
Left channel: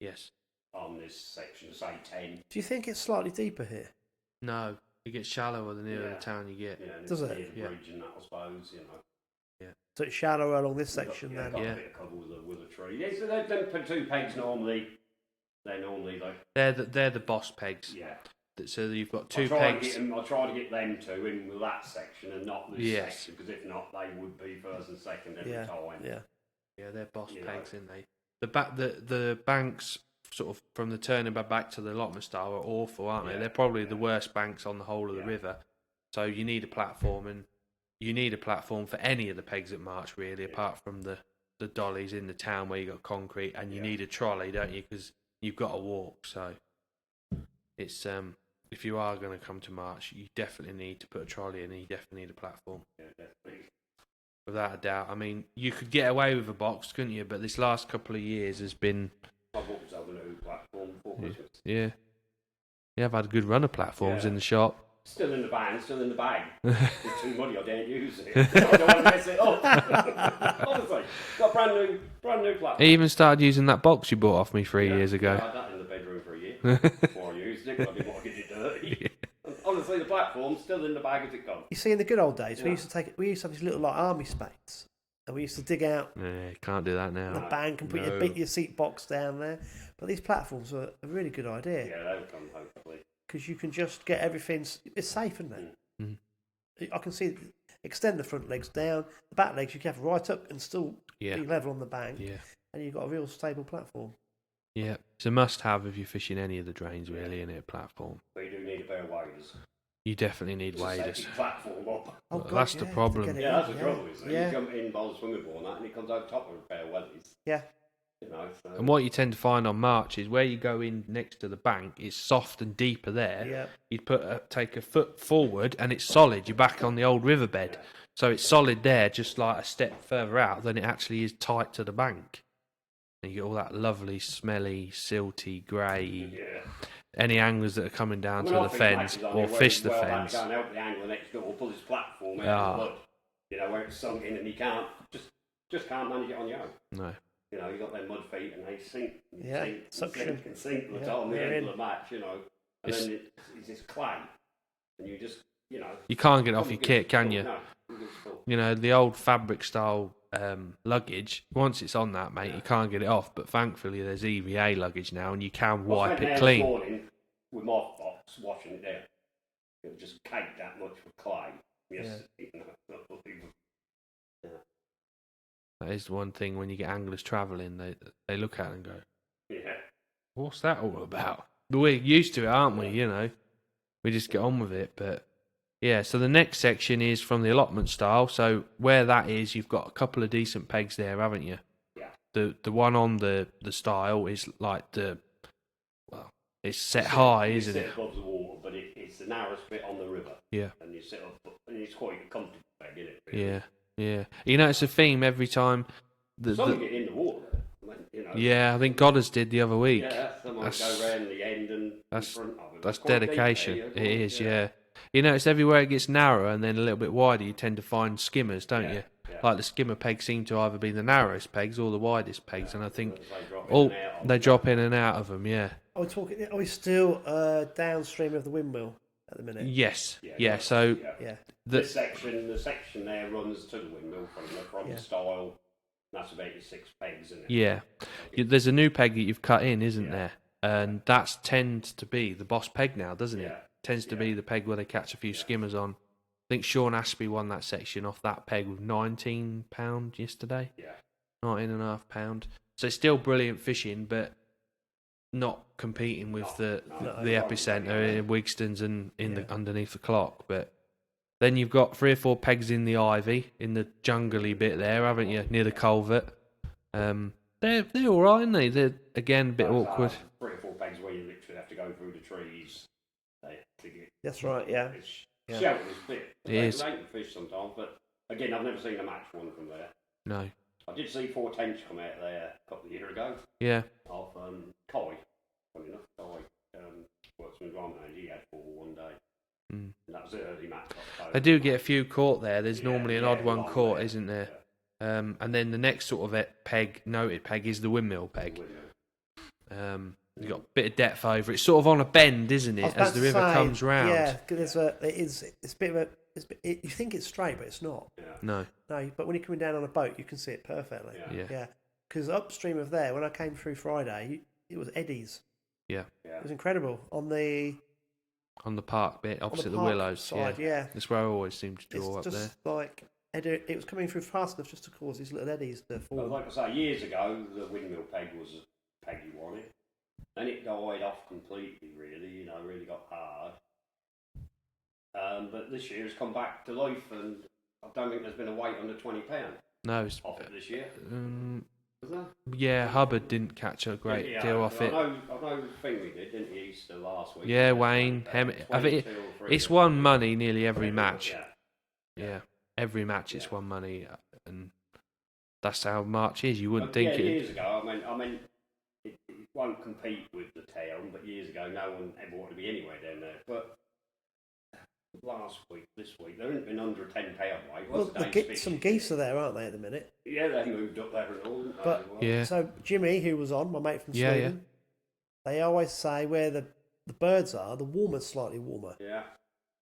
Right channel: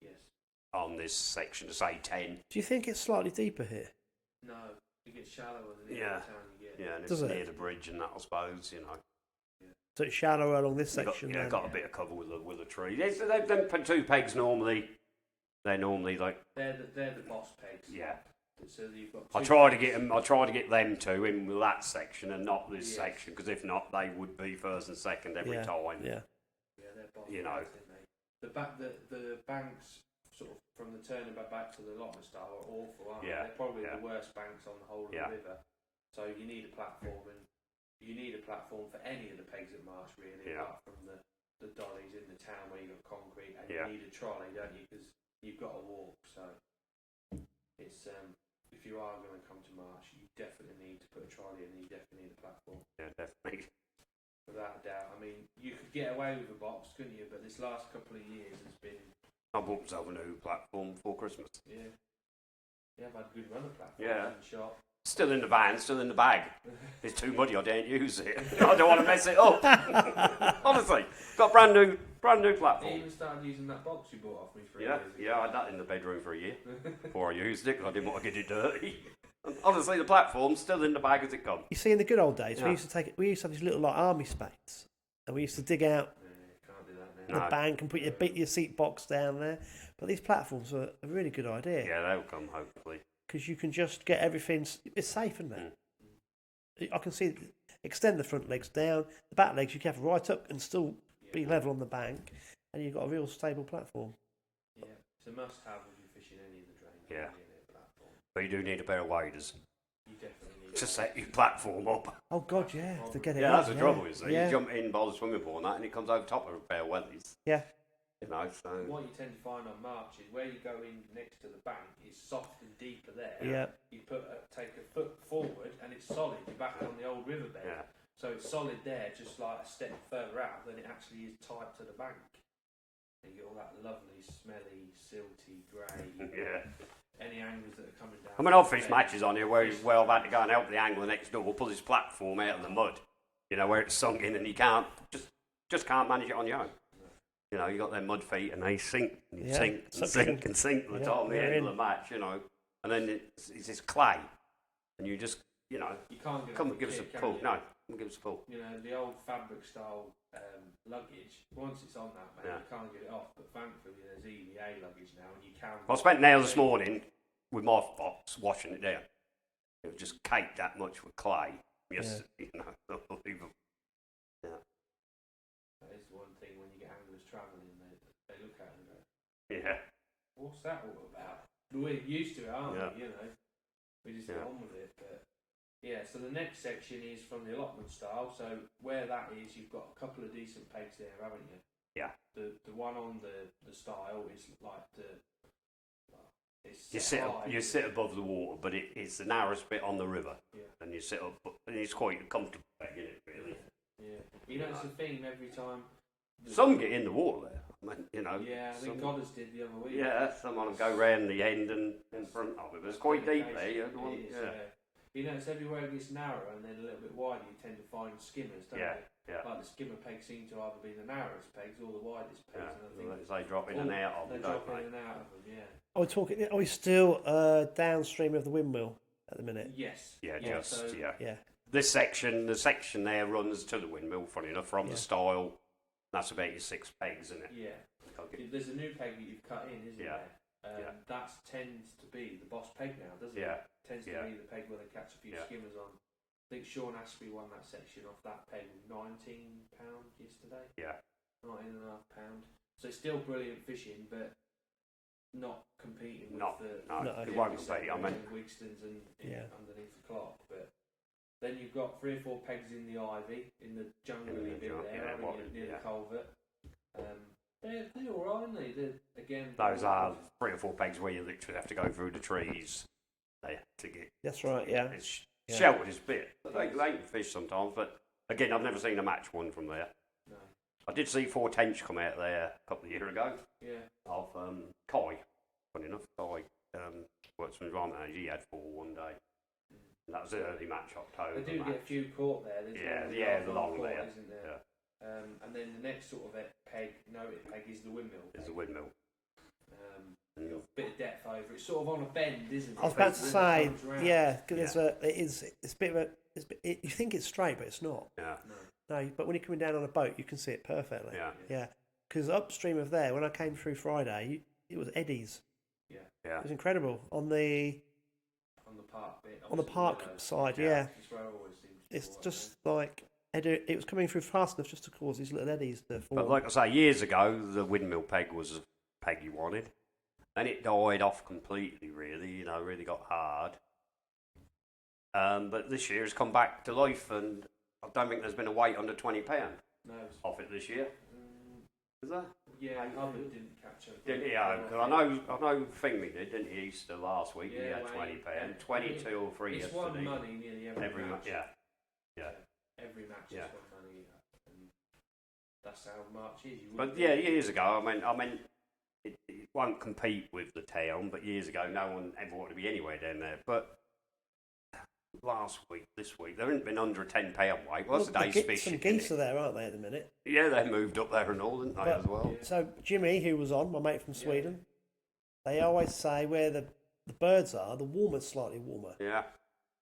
Yes. On this section, say 10. Do you think it's slightly deeper here? No, it gets shallower the nearer the town you get. Yeah, and it's Does it? near the bridge and that, I suppose, Yeah. So it's shallower along this section then? Got a bit of cover with a tree. Yeah, so them 2 pegs normally, they're normally like... They're the boss pegs. Yeah. So you've got 2 I try to get them 2 in that section and not this section, because if not, they would be first and second every time. Yeah, they're boss pegs, aren't they? The banks, sort of from the turning back to the allotment style, are awful, aren't they? They're probably the worst banks on the whole of the river. So you need a platform, and you need a platform for any of the pegs at March, really, apart from the the dollies in the town where you got concrete, and you need a trolley, don't you? Because you've got to walk. So it's if you are going to come to March, you definitely need to put a trolley in, and you definitely need a platform. Yeah, definitely. Without a doubt. I mean, you could get away with a box, couldn't you? But this last couple of years has been. I bought myself a new platform before Christmas. Yeah. Yeah, I've had a good run of platforms in the shop. Still in the van, still in the bag. It's too muddy, I don't use it. I don't want to mess it up. Honestly, got brand new platform. I even started using that box you bought off me 3 years ago. Yeah, I had that in the bedroom for a year before I used it, because I didn't want to get it dirty. Honestly, the platform's still in the bag as it comes. You see, in the good old days, we used to have these little like army spades, and we used to dig out can't do that now. the bank and put your seat box down there. But these platforms are a really good idea. Yeah, they'll come hopefully. Because you can just get everything. It's safe, isn't it? Mm. I can see extend the front legs down, the back legs you can have right up and still be level on the bank, and you've got a real stable platform. Yeah, it's a must-have if you're fishing any of the drains, really, in a platform. But you do need a pair of waders. You definitely need waders. To set your platform up. Oh God, that's the problem. That's the trouble. You jump in by the swimming pool and that, and it comes over top of a pair of wellies. Yeah. You know, so. And what you tend to find on March is where you go in next to the bank, it's soft and deeper there. Yeah. You'd take a foot forward and it's solid. You're back on the old riverbed. Yeah. So it's solid there, just like a step further out than it actually is tight to the bank. And you get all that lovely, smelly, silty, grey. Yeah. Any anglers that are coming down to the fence matches on or where fish he's the well fence. back to go and help the angler next door pull his platform out of the mud. You know, where it's sunk in and he can't, just can't manage it on your own. No. You know, you got their mud feet and they sink and sink and sink by the time the end of the match, you know. And then it's this clay. And you just, you know. You can't get it off your kit, can you? No. You know, the old fabric style luggage, once it's on that, mate, you can't get it off. But thankfully, there's EVA luggage now and you can wipe it clean. I spent nails this morning with my box washing it down. It was just caked that much with clay. Yes, you know, That is the one thing when you get anglers travelling, they look at it and go, yeah, what's that all about? But we're used to it, aren't we? You know, we just get on with it. But yeah, so the next section is from the allotment style. So where that is, you've got a couple of decent pegs there, haven't you? Yeah. The one on the style is like it's set high, isn't it? You sit above the water, but it's the narrowest bit on the river. Yeah. And you sit up, and it's quite a comfortable peg, isn't it? Really? Yeah. Yeah, you know, it's a theme every time. Some get in the water there. I mean, you know, yeah, I think Goddard's did the other week. Yeah, some go round the end and in front of it. That's dedication. It is, yeah. You know, it's everywhere it gets narrower and then a little bit wider, you tend to find skimmers, don't you? Yeah. Like the skimmer pegs seem to either be the narrowest pegs or the widest pegs, and I think they drop in and out of them, yeah. Are we still downstream of the windmill at the minute? Yes. Yeah. So the section there runs to the windmill, funny enough, from the style. That's about your 6 pegs, isn't it? Yeah. There's a new peg that you've cut in, isn't there? And that tends to be the boss peg now, doesn't it? Tends to be the peg where they catch a few skimmers on. I think Sean Ashby won that section off that peg with £19 yesterday. Yeah. £19.5. So it's still brilliant fishing, but not competing with the epicenter in Wigston's and underneath the clock. But then you've got 3 or 4 pegs in the ivy, in the jungly bit there, haven't you, near the culvert. They're all right, aren't they? They're, again, a bit awkward. 3 or 4 pegs where you literally have to go through the trees. To get. That's right, yeah. It's sheltered as bit. They can fish sometimes, but again, I've never seen a match one from there. No. I did see 4 tench come out there a couple of years ago. Yeah. Of Kai. Funny enough, Kai works from Drama. He had 4 one day. And that was an early match. They do get a few caught there. There's normally an odd one caught, isn't there? Yeah. And then the next sort of noted peg is the windmill peg. You've got a bit of depth over it. It's sort of on a bend, isn't it, as the river comes round? Yeah, because it's a bit of a... you think it's straight, but it's not. Yeah. No, but when you're coming down on a boat, you can see it perfectly. Yeah. Because upstream of there, when I came through Friday, it was eddies. Yeah. It was incredible. On the park bit, opposite the willows. Side, That's where I always seem to draw up there. It's just like... it was coming through fast enough just to cause these little eddies to form. But like I say, years ago, the windmill peg was a peg you wanted. And it died off completely, really. You know, really got hard. But this year has come back to life, and I don't think there's been a weight under £20. No, it's off it this year. Is there? Yeah, Hubbard didn't catch a great deal off it. I know Fingley did, didn't he, Easter last week? Yeah, Wayne. It's won money nearly every match. Yeah. Every match it's won money, and that's how March is. You wouldn't think it. Years ago, I mean, it won't compete with the town, but years ago, no one ever wanted to be anywhere down there. But last week, this week, there hasn't been under a £10 weight. What's the day's fish? Some geese are there, aren't they, at the minute? Yeah, they moved up there and all, didn't they, as well? Yeah. So Jimmy, who was on, my mate from Sweden, they always say where the birds are, the water's slightly warmer. Yeah.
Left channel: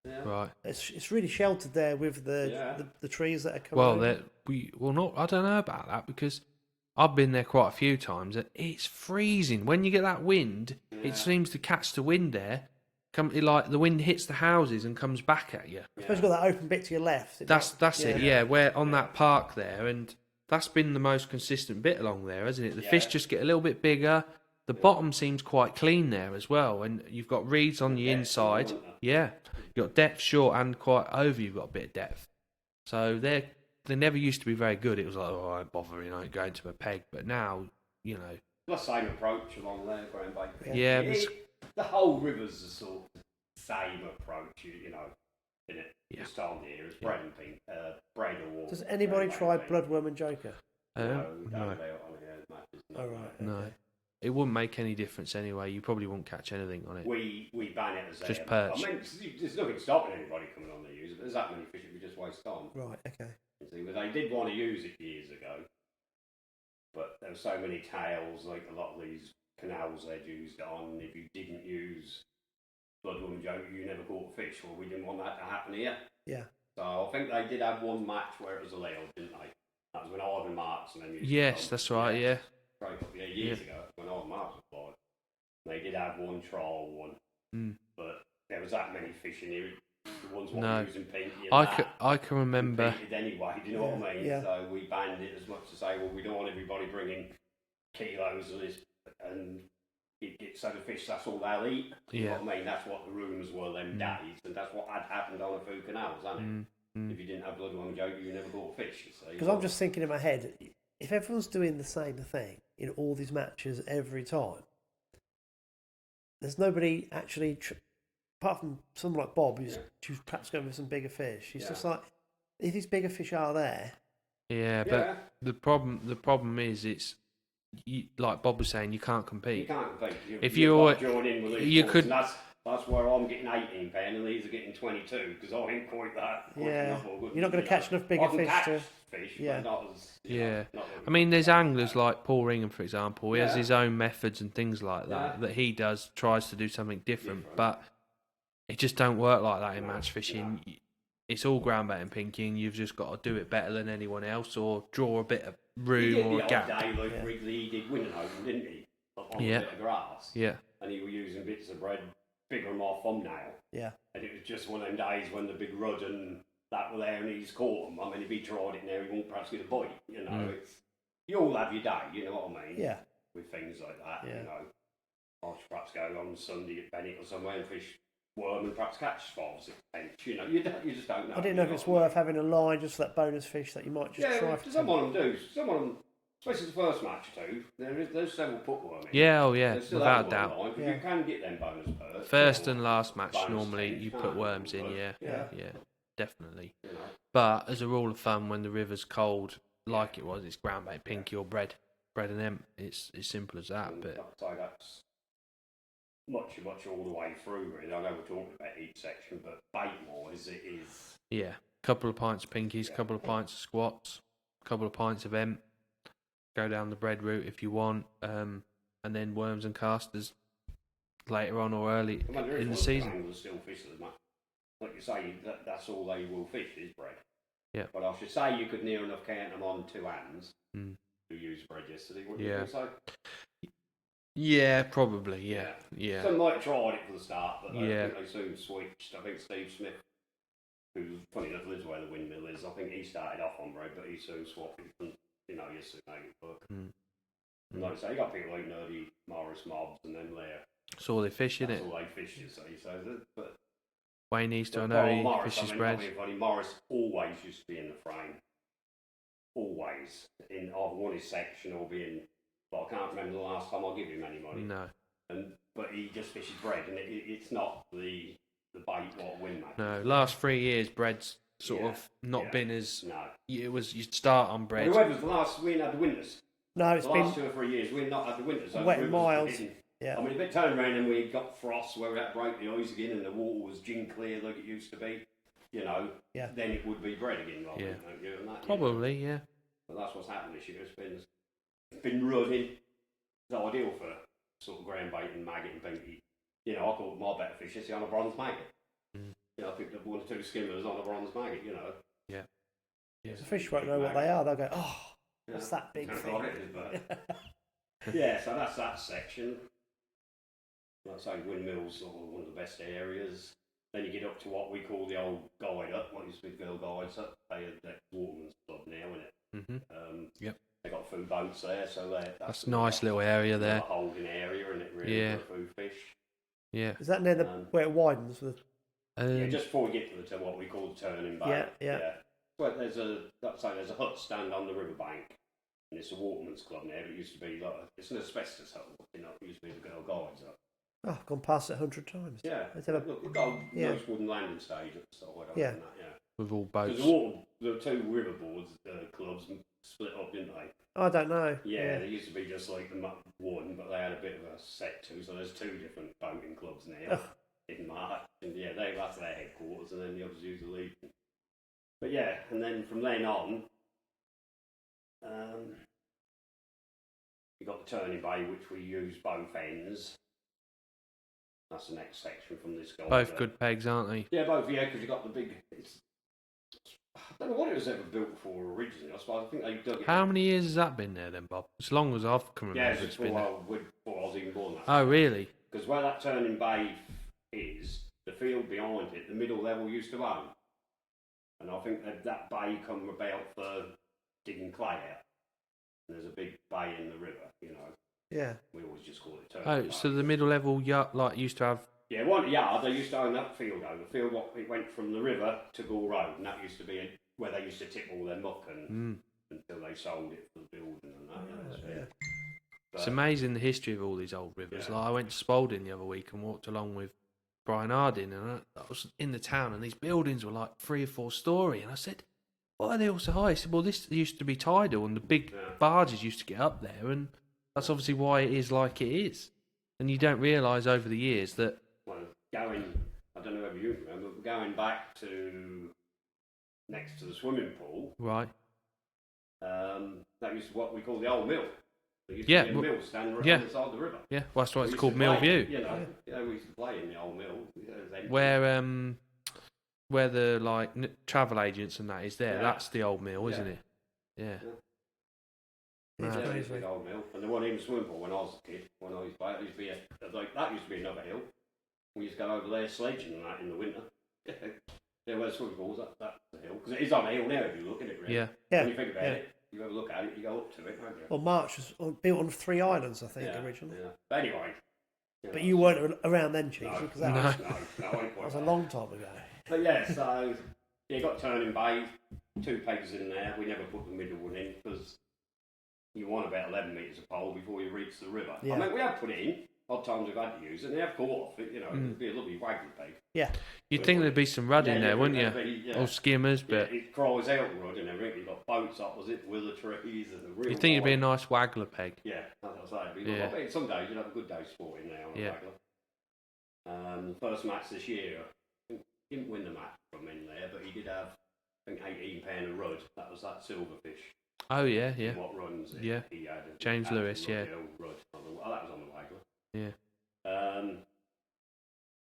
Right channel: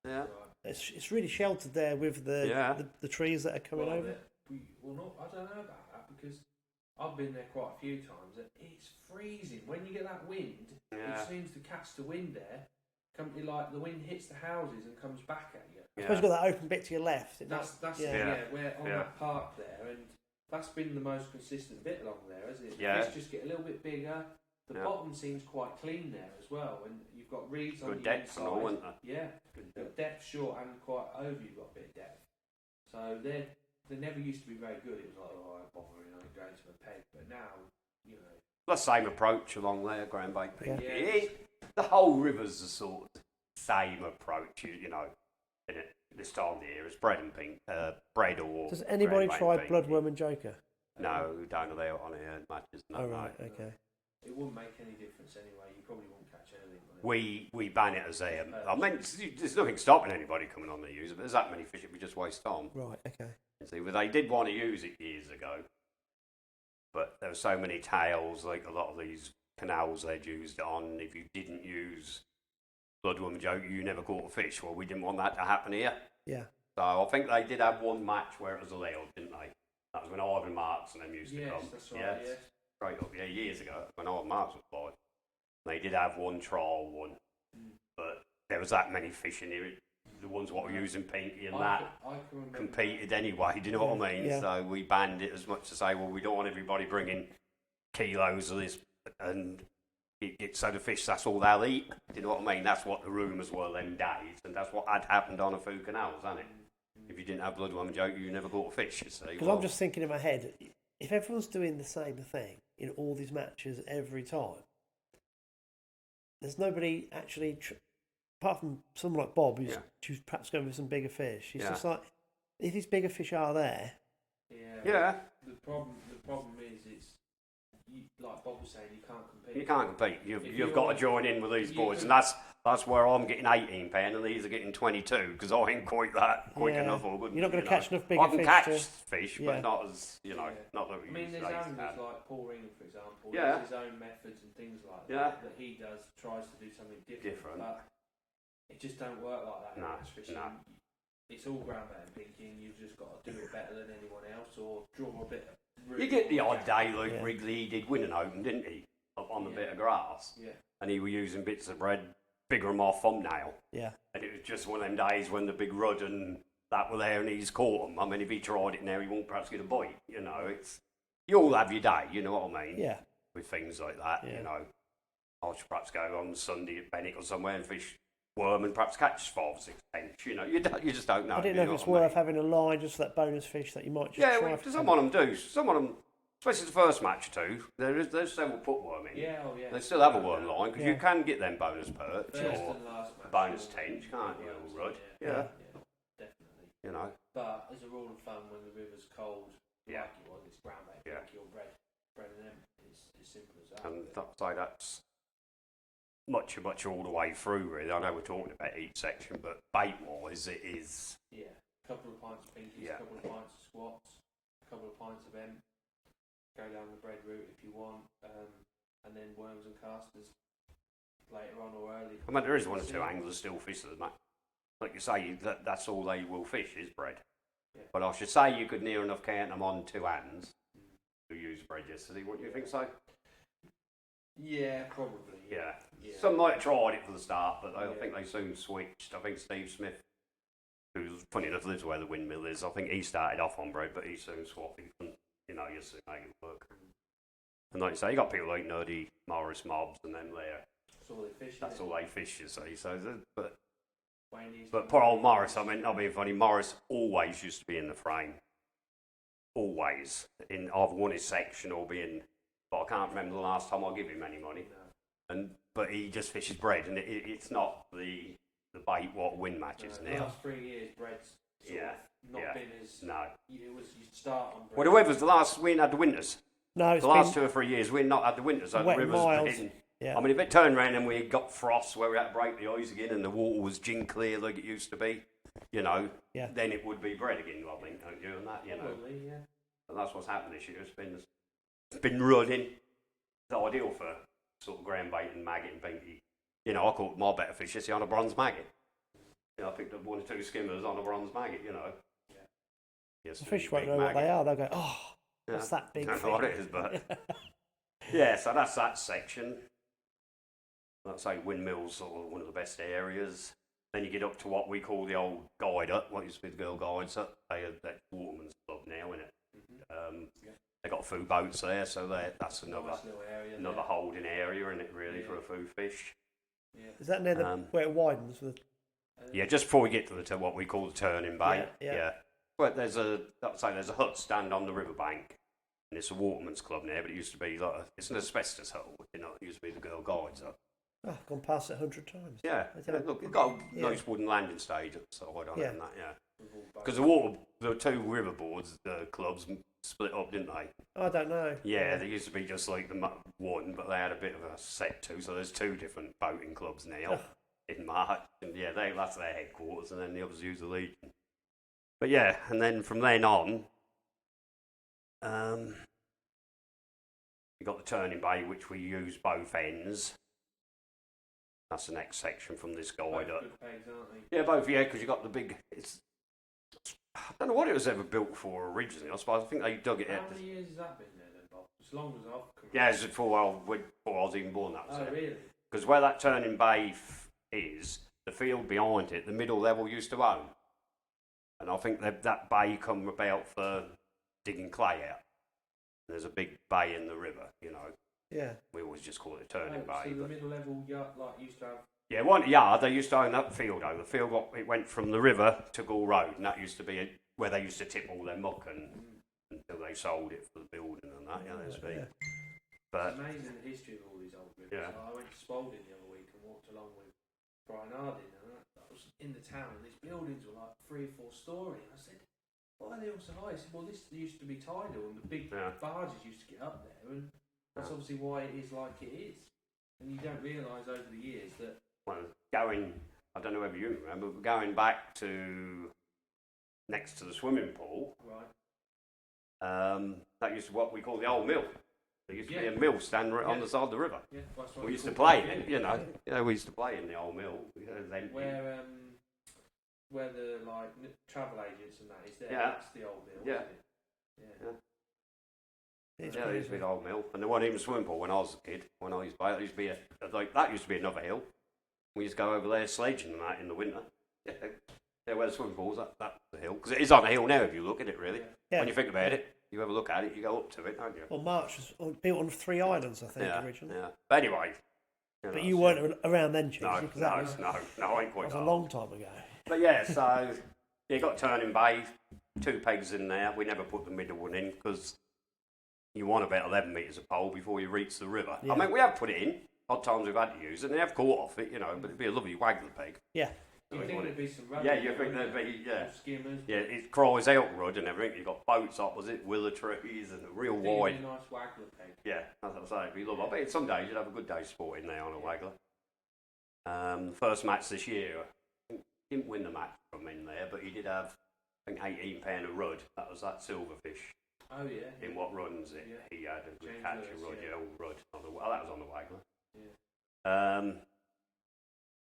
Yeah. Right. It's really sheltered there with the trees that are coming over. I don't know about that because I've been there quite a few times. It's freezing. When you get that wind, it seems to catch the wind there. Like the wind hits the houses and comes back at you. I suppose you've got that open bit to your left. That's it. Where on that park there, and that's been the most consistent bit along there, hasn't it? The fish just get a little bit bigger. The bottom seems quite clean there as well, and you've got reeds on the inside. You've got depth short and quite over. You've got a bit of depth. So they never used to be very good. It was like, I won't bother, going to a peg. But now, the same approach along there, Graham Baker. Yeah. The whole river's the sort of same approach, isn't it? This time of the year, it's bread and pink, bread or. Does anybody try Bloodworm and Joker? No, don't allow it on here matches. No, oh right, okay. No. It wouldn't make any difference anyway. You probably won't catch anything on it. We ban it as just perch. I mean, there's nothing stopping anybody coming on there use it. But there's that many fish, we just waste time. Right, okay. See, but they did want to use it years ago, but there were so many tails, like a lot of these canals they'd used it on. If you didn't use Bloodworm Joke, you never caught a fish. Well, we didn't want that to happen here. Yeah. So I think they did have one match where it was allowed, didn't they? That was when Ivan Marks and them used to come. That's right, yeah. Straight up, years ago, when Ivan Marks was alive. They did have one trial one, but there was that many fish in here. The ones what were using pinky and I can remember. Competed anyway, do you know what I mean? Yeah. So we banned it as much to say, well, we don't want everybody bringing kilos of this and so the fish, that's all they'll eat. You know what I mean? That's what the rumours were them days, and that's what had happened on a few canals, hasn't it? If you didn't have Bloodworm and Joke, you never caught a fish, you see. Because I'm just thinking in my head, if everyone's doing the same thing in all these matches every time, there's nobody actually, apart from someone like Bob, who's perhaps going with some bigger fish. He's just like, if these bigger fish are there. Yeah, but the problem is like Bob was saying, you can't compete. You can't compete. You've got to join in with these boys, and that's where I'm getting £18 and these are getting 22 because I ain't quite that quick enough. You're not going to catch enough bigger fish. I can catch fish, but not as I mean, there's anglers like Paul Ringham, for example. He has his own methods and things like that that he tries to do something different, but it just don't work like that in match fishing. No. It's all ground bait and pinky, and you've just got to do it better than anyone else, or draw a bit of room. He did the odd day like Wrigley, he did Winning Open, didn't he? On a bit of grass. Yeah. And he was using bits of bread, figure them off thumbnail. Yeah. And it was just one of them days when the big rudd and that were there and he's caught them. I mean, if he tried it now, he won't perhaps get a bite. It's you all have your day, you know what I mean? Yeah. With things like that, I should perhaps go on Sunday at Bennett or somewhere and fish worm and perhaps catch 5 or 6 tench. You just don't know. I didn't know if it's worth having a line just for that bonus fish that you might just try. Yeah, some of them do. Some of them, especially the first match or two, there's several put worm in. Yeah, They still have a worm line because you can get them bonus perks. First and last match, normally you put worms in, yeah, definitely. But as a rule of thumb, when the river's cold, like it was, it's ground bait, pinky or bread and them. It's as simple as that. And but that's much all the way through, really. I know we're talking about each section, but bait-wise, it is... Yeah, couple of pints of pinkies, couple of pints of squats, couple of pints of emp. Go down the bread route if you want, and then worms and casters later on or early. I mean, there is in one the or two season. anglers still fish the match. Like you say, that's all they will fish is bread. Yeah. But I should say you could near enough count them on 2 hands who used bread yesterday, wouldn't you think so? Yeah, probably, yeah. Some might have tried it for the start, but I think they soon switched. I think Steve Smith, who's funny enough lives where the windmill is, I think he started off on bread, but he soon swapped it and, you see make it work. And like you say, you got people like Nerdy, Morris Mobs and them there. That's all they fish, isn't it? That's all they fish, you see. So, but Wayne Easter, poor old Morris, I mean, not being funny, Morris always used to be in the frame. always in either won his section or being. But I can't remember the last time I give him any money. No. But he just fishes bread, and it's not the bait what win matches. No, last 3 years, bread's sort of not been as. No. It was, you'd start on bread. Well, the weather's we ain't had the winters. No, it's the last 2 or 3 years we've not had the winters. So wet the miles. Yeah. I mean, if it turned around and we got frost where we had to break the ice again and the water was gin clear like it used to be, then it would be bread again. Like and that, probably, yeah. And that's what's happened this year. It's been running. It's ideal for sort of ground bait and maggot and pinky. I caught my better fish this year on a bronze maggot. I picked up 1 or 2 skimmers on a bronze maggot. Yeah. Yes, the fish won't know what they are. They'll go, oh, what's that big I don't thing? know what it is, but yeah. So that's that section. Like I say, windmills are one of the best areas. Then you get up to what we call the old guide up, what used to be the girl guides up. That's Waterman's Club now, isn't it? Mm-hmm. Yep. They got food boats there, so that's a nice little area there. A holding area, isn't it? Really for food fish. Yeah. Is that near where it widens? Just before we get to what we call the turning bay. Yeah. But there's a hut stand on the riverbank, and it's a Waterman's Club now. But it used to be it's an asbestos hut. It used to be the girl guides up. Oh, I've gone past it 100 times. Yeah. Look, you've got a nice wooden landing stage at the side. And that, with all boats. Because the 2 river boards, the clubs split up, didn't they? I don't know. Yeah, they used to be just like the one, but they had a bit of a set too. So there's 2 different boating clubs now in March, and that's their headquarters, and then the others use the lead. But and then from then on, you got the turning bay, which we use both ends. That's the next section from this guide. Both good pegs, aren't they? Yeah, both. Yeah, because you got the big. I don't know what it was ever built for originally. I suppose I think they dug it. How many years has that been there then, Bob? As long as I've come remember. Yeah, it's before I was even born. Oh, really? Because where that turning bay is, the field behind it, the middle level used to own, and I think that bay come about for digging clay out. There's a big bay in the river, Yeah. We always just call it a turning bay. So the middle level used to have. Yeah, they used to own that field. The field it went from the river to Gall Road, and that used to be where they used to tip all their muck until they sold it for the building and that. But it's amazing the history of all these old rivers. Yeah. Like I went to Spalding the other week and walked along with Brian Harding, and I was in the town, and these buildings were like 3 or 4 story, and I said, "Why are they all so high?" He said, "Well, this used to be tidal, and the big barges used to get up there, and that's obviously why it is like it is." And you don't realise over the years that. Well, I don't know whether you remember, but going back to next to the swimming pool, right? That used to what we call the old mill. There used to be a mill stand right on the side of the river. Yeah, well, that's why it's called Mill View. We used to play in the old mill. Where the travel agents and that is there. That's the old mill, isn't it? Yeah. It used to be the old mill, and there wasn't even a swimming pool when I was a kid. When I used to play, it used to be that used to be another hill. We used to go over there sledging and that in the winter. Where the swimming pool's, that's the hill. Because it is on a hill now if you look at it, really. Yeah. When you think about it, you ever look at it, you go up to it, don't you? Well, March was built on 3 islands, I think, originally. Yeah. But anyway. But you weren't around then, Cheesy. No, because that I ain't quite. That was a long time ago. But so you got turning bay, 2 pegs in there. We never put the middle one in because you want about 11 metres of pole before you reach the river. Yeah. I mean, we have put it in. Odd times we've had to use it, and they have caught off it, but it'd be a lovely waggler peg. Yeah. You'd think there'd be some rudd in there, wouldn't you? Or skimmers, but... Yeah, it cries out rudd and everything. You've got boats opposite, willow trees, and a real You'd think it'd be a nice waggler peg. Yeah, that's what I'm saying. I bet some days you'd have a good day sporting there on a waggler. The first match this year, I didn't win the match from in there, but he did have, I think, £18 a rudd. That was that silverfish. Oh, yeah. In what runs it? Yeah. He had James Lewis, rudd, the old rudd. That was on the waggler. Yeah.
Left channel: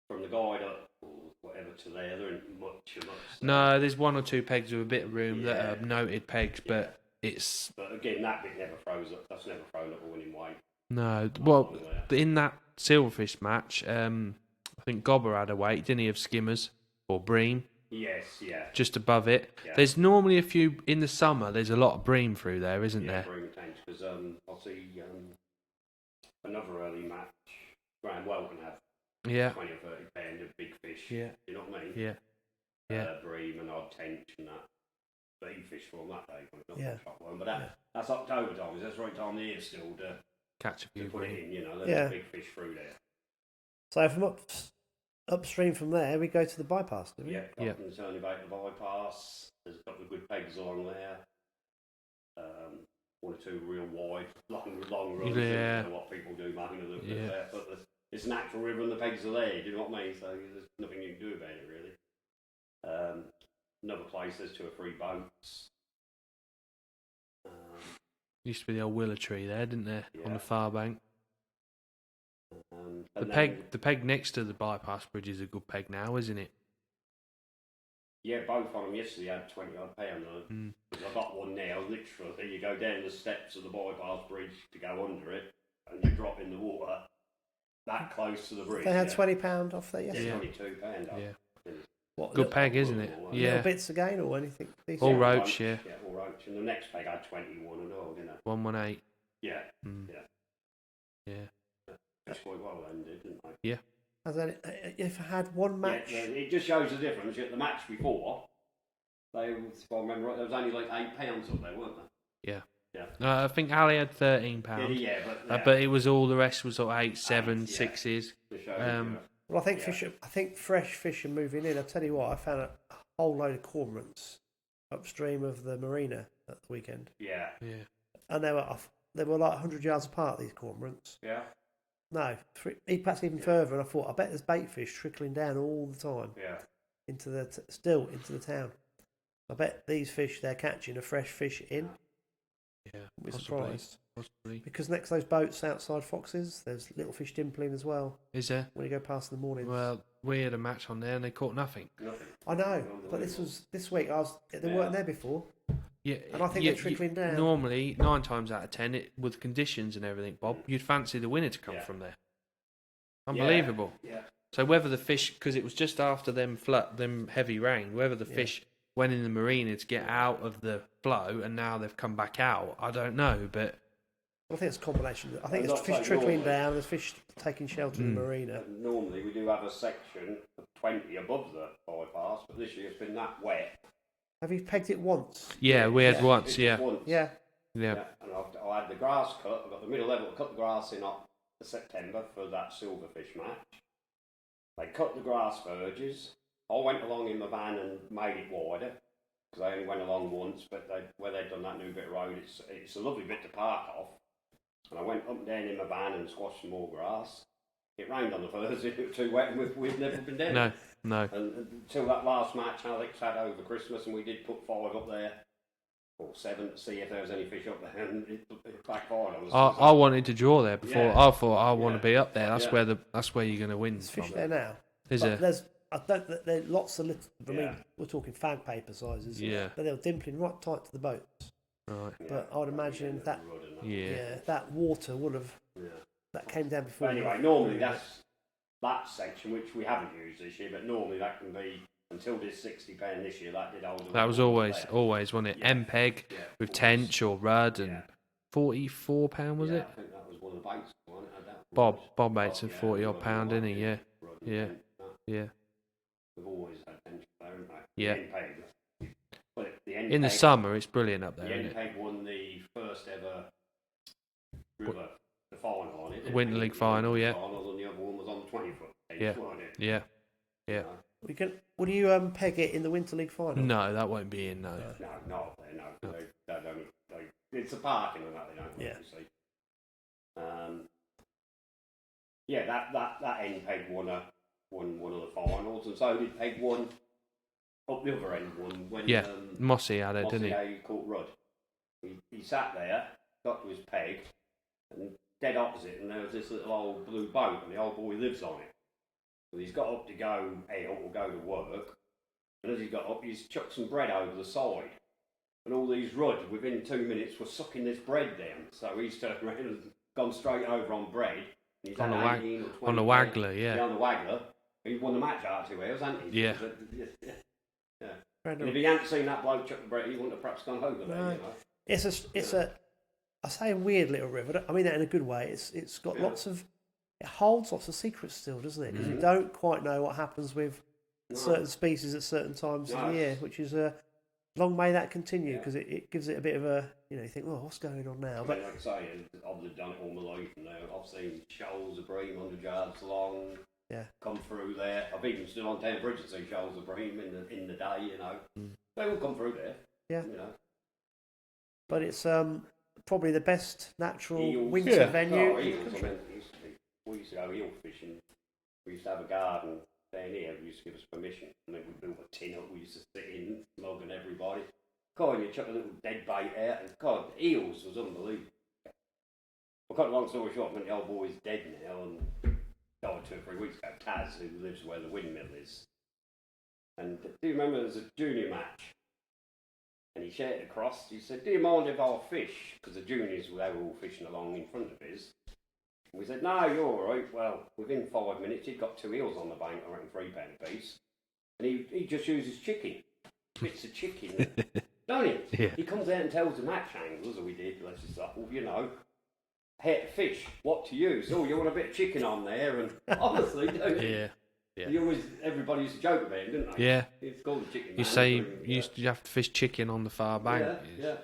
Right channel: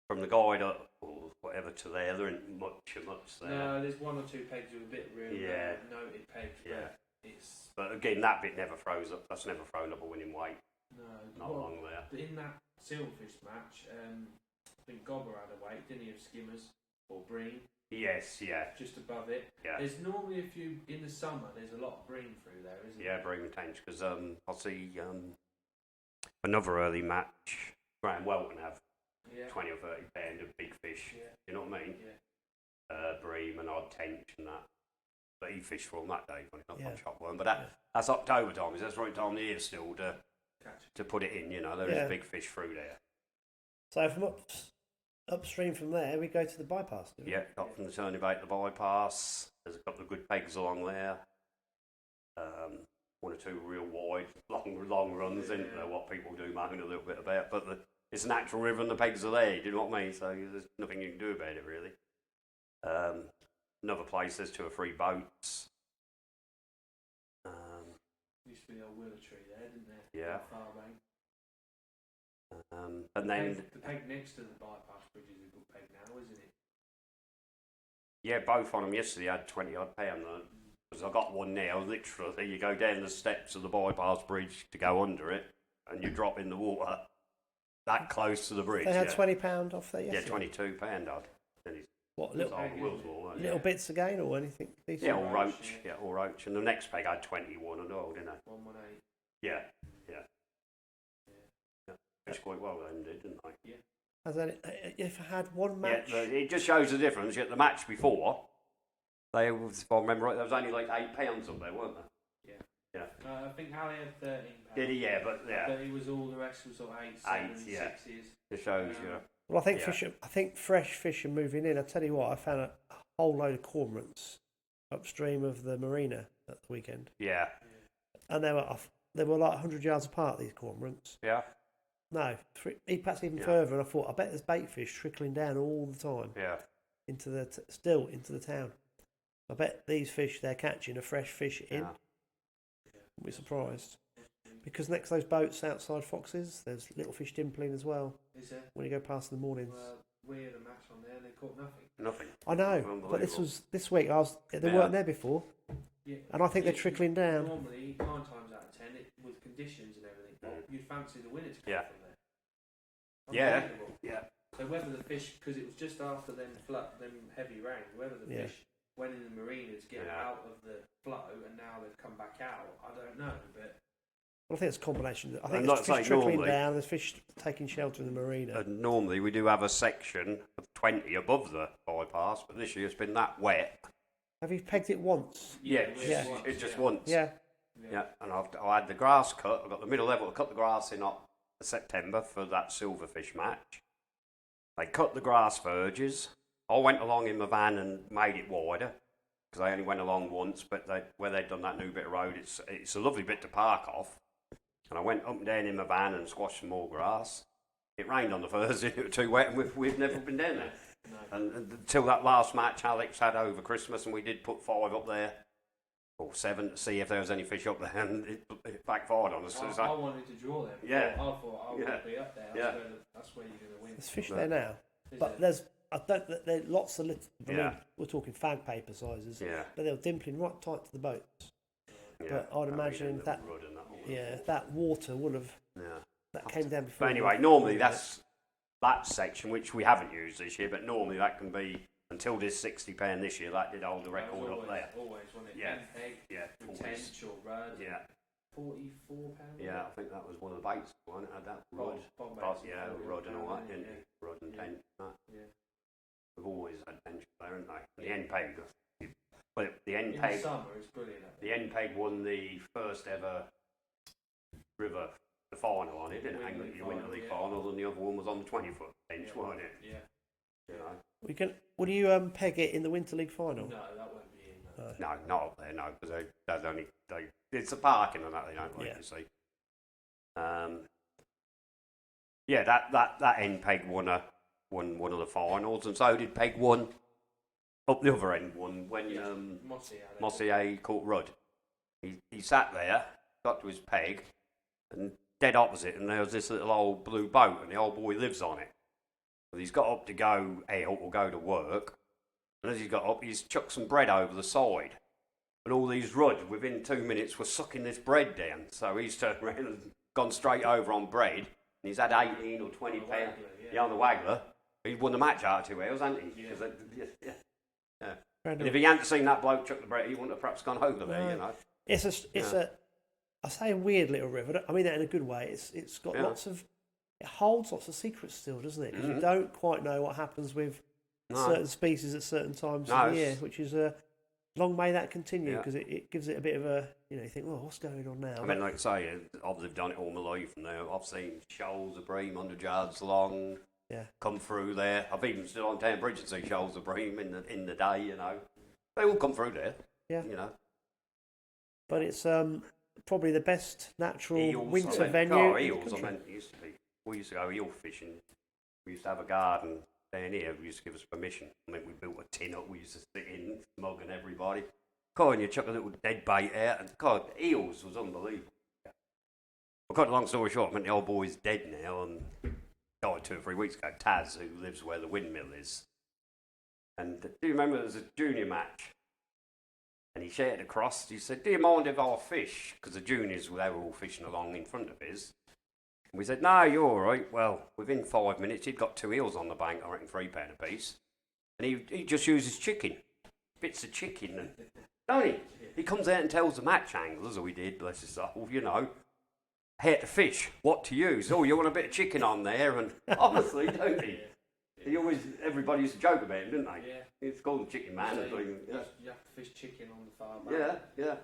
From the guide up or whatever to there ain't much there. No, there's 1 or 2 pegs with a bit of room that are noted pegs, but it's... But again, that bit never throws up. That's never thrown up a winning weight. No, well, in that silverfish match, I think Gobber had a weight, didn't he, of skimmers or bream? Yes, yeah. Just above it. Yeah. There's normally a few, in the summer, there's a lot of bream through there, isn't there? Yeah, bream tench, because I'll see another early match, Graham Well can have 20 or 30 pound of big fish. Yeah. You know what I mean? Yeah. Bream and odd tench and that. But he fished for them that day when he got on shotworm. But that's October time. That's the right time of the year still to put it in. You know, there's big fish through there. So from upstream from there, we go to the bypass. Do we? Yeah, up from the turning bait to the bypass. There's a couple of good pegs along there. One or two real wide, long runs. Yeah. What people do, moan a little bit about, but it's a natural river and the pegs are there. Do you know what I mean? So there's nothing you can do about it really. Another place, there's 2 or 3 boats. Used to be the old willow tree there, didn't there? On the far bank. The peg next to the bypass bridge is a good peg now, isn't it? Yeah, both on them yesterday had 20 odd pound on them. Because I got one now, literally, you go down the steps of the bypass bridge to go under it, and you drop in the water that close to the bridge. They had £20 off there yesterday. Yeah, £22 off. Yeah. What, good peg, isn't it? Little bits again or anything? All roach, Yeah, all roach. And the next peg had 21 and all, didn't it? 118. Yeah, yeah. That's quite well ended, didn't they? Yeah. Has if I had one match? Yeah, it just shows the difference. The match before, if I remember right, there was only like £8 up there, weren't there? Yeah. I think Ali had £13. But it was all the rest was sort of 8, 7, 6s. It shows, Well, I think fresh fish are moving in. I tell you what, I found a whole load of cormorants upstream of the marina at the weekend. Yeah. And they were like 100 yards apart. These cormorants. Yeah. No, perhaps even further. And I thought, I bet there's bait fish trickling down all the time. Yeah. Into the town. I bet these fish they're catching are fresh fish in. Yeah. We're surprised. Possibly. Because next to those boats outside Foxes, there's little fish dimpling as well. Is there? When you go past in the morning. Well, we had a match on there and they caught nothing. I know, but this week. They weren't there before. Yeah, and I think they're trickling down. Normally, 9 times out of 10, with conditions and everything, Bob, you'd fancy the winner to come from there. Unbelievable. Yeah. So whether the fish, because it was just after them heavy rain, whether the fish went in the marina to get out of the flow and now they've come back out, I don't know, but. Well, I think it's a combination. I think there's fish trickling down, there's fish taking shelter in the marina. And normally we do have a section of 20 above the bypass, but this year it's been that wet. Have you pegged it once? Yeah, we had once, once. Yeah. And I had the grass cut. I got the middle level, cut the grass in September for that silverfish match. They cut the grass verges. I went along in my van and made it wider because I only went along once. But where they'd done that new bit of road, it's a lovely bit to park off. And I went up and down in my van and squashed some more grass. It rained on the Thursday. It was too wet, and we've never been down. No. And until that last match Alex had over Christmas, and we did put 5 up there. Or 7 to see if there was any fish up there, and it backfired on us. I wanted to draw there before. I thought I want to be up there. That's where you're going to win. There's fish there now. Is there? There's lots of little. I mean, we're talking fag paper sizes. Yeah. But they're dimpling right tight to the boats. Right. But I would imagine that. That water would have. That came down before. But anyway, normally that's that section which we haven't used this year, but normally that can be. Until this £60 this year, that did hold the. That was always, wasn't it? MPEG with tench or rudd and £44 was it? I think that was one of the baits. Bob Bates and £40 didn't he? Yeah. We've always had tench there, haven't we? Yeah. The NPEG. But the NPEG, in the summer, it's brilliant up there. The NPEG won the first ever river, the final on it. Winter League final, Final, and the other one was on the 20-foot. Yeah. Would you peg it in the Winter League final? No, that won't be in. No, not up there. No, because it's a parking and that they don't let you see. That end Peg won one of the finals, and so did Peg one up the other end one when Mossy had it, didn't he? Caught Rudd. He sat there, got to his peg, and dead opposite, and there was this little old blue boat, and the old boy lives on it. Well, he's got up to go out or go to work, and as he's got up, he's chucked some bread over the side. And all these rudd, within 2 minutes, were sucking this bread down. So he's turned around and gone straight over on bread. And he's had 18 or 20. On the Waggler, Yeah, on the Waggler. He won the match out of 2 hours, hasn't he? Yeah. And if he hadn't seen that bloke chuck the bread, he wouldn't have perhaps gone over there, you know. It's I say a weird little river. I mean that in a good way. It's got it holds lots of secrets still, doesn't it? Because you don't quite know what happens with certain species at certain times of the year, which is long may that continue, because it gives it a bit of a, you think, well, what's going on now? I mean, like I say, I've done it all my life now. I've seen shoals of bream 100 yards long come through there. I've even stood on Town Bridge and seen shoals of bream in the day, They all come through there, But it's probably the best natural eels, winter venue. Eels, we used to go eel fishing. We used to have a garden down here. We used to give us permission. I mean, we built a tin up. We used to sit in, smoking everybody. God, and you chuck a little dead bait out, and God, eels was unbelievable. I've got a long story short. I mean, the old boy's dead now, and died 2 or 3 weeks ago. Taz, who lives where the windmill is. And do you remember there was a junior match? And he shouted across. He said, "Do you mind if I fish?" Because the juniors, they were all fishing along in front of his. And we said, "No, you're all right." Well, within 5 minutes, he'd got 2 eels on the bank, I reckon £3 a piece. And he just uses chicken. Bits of chicken. Don't he? Yeah. He comes out and tells the match anglers, or we did, bless his soul, how to fish, what to use. Oh, you want a bit of chicken on there? And honestly, don't you? Yeah. Everybody used to joke about him, didn't they? Yeah. It's called the chicken man. You say you have to fish chicken on the far bank. Yeah.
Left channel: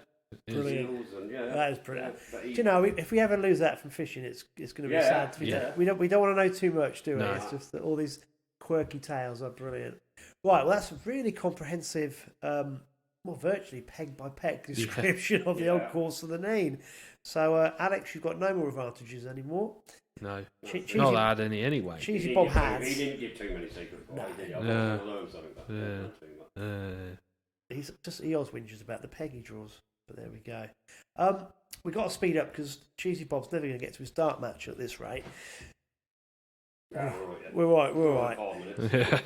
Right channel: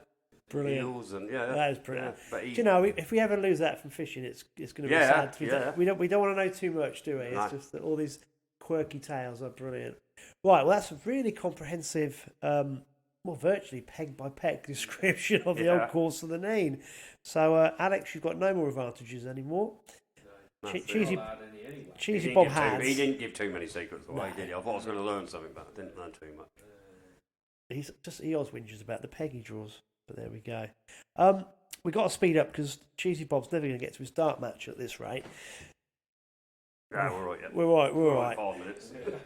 Brilliant. That is brilliant. Yeah, do you know, if we ever lose that from fishing, it's going to be sad. We don't want to know too much, do we? No. It's just that all these quirky tales are brilliant. Right, well, that's a really comprehensive, virtually peg by peg description of the old course of the Nene. So, Alex, you've got no more advantages anymore. No, Cheesy, not had any anyway. Cheesy Bob has. He didn't give too many secrets away, did he? I was going to learn something, but I didn't learn too much. He always whinges about the peg he draws, but there we go. We got to speed up because Cheesy Bob's never going to get to his dart match at this rate. Yeah, we're all right.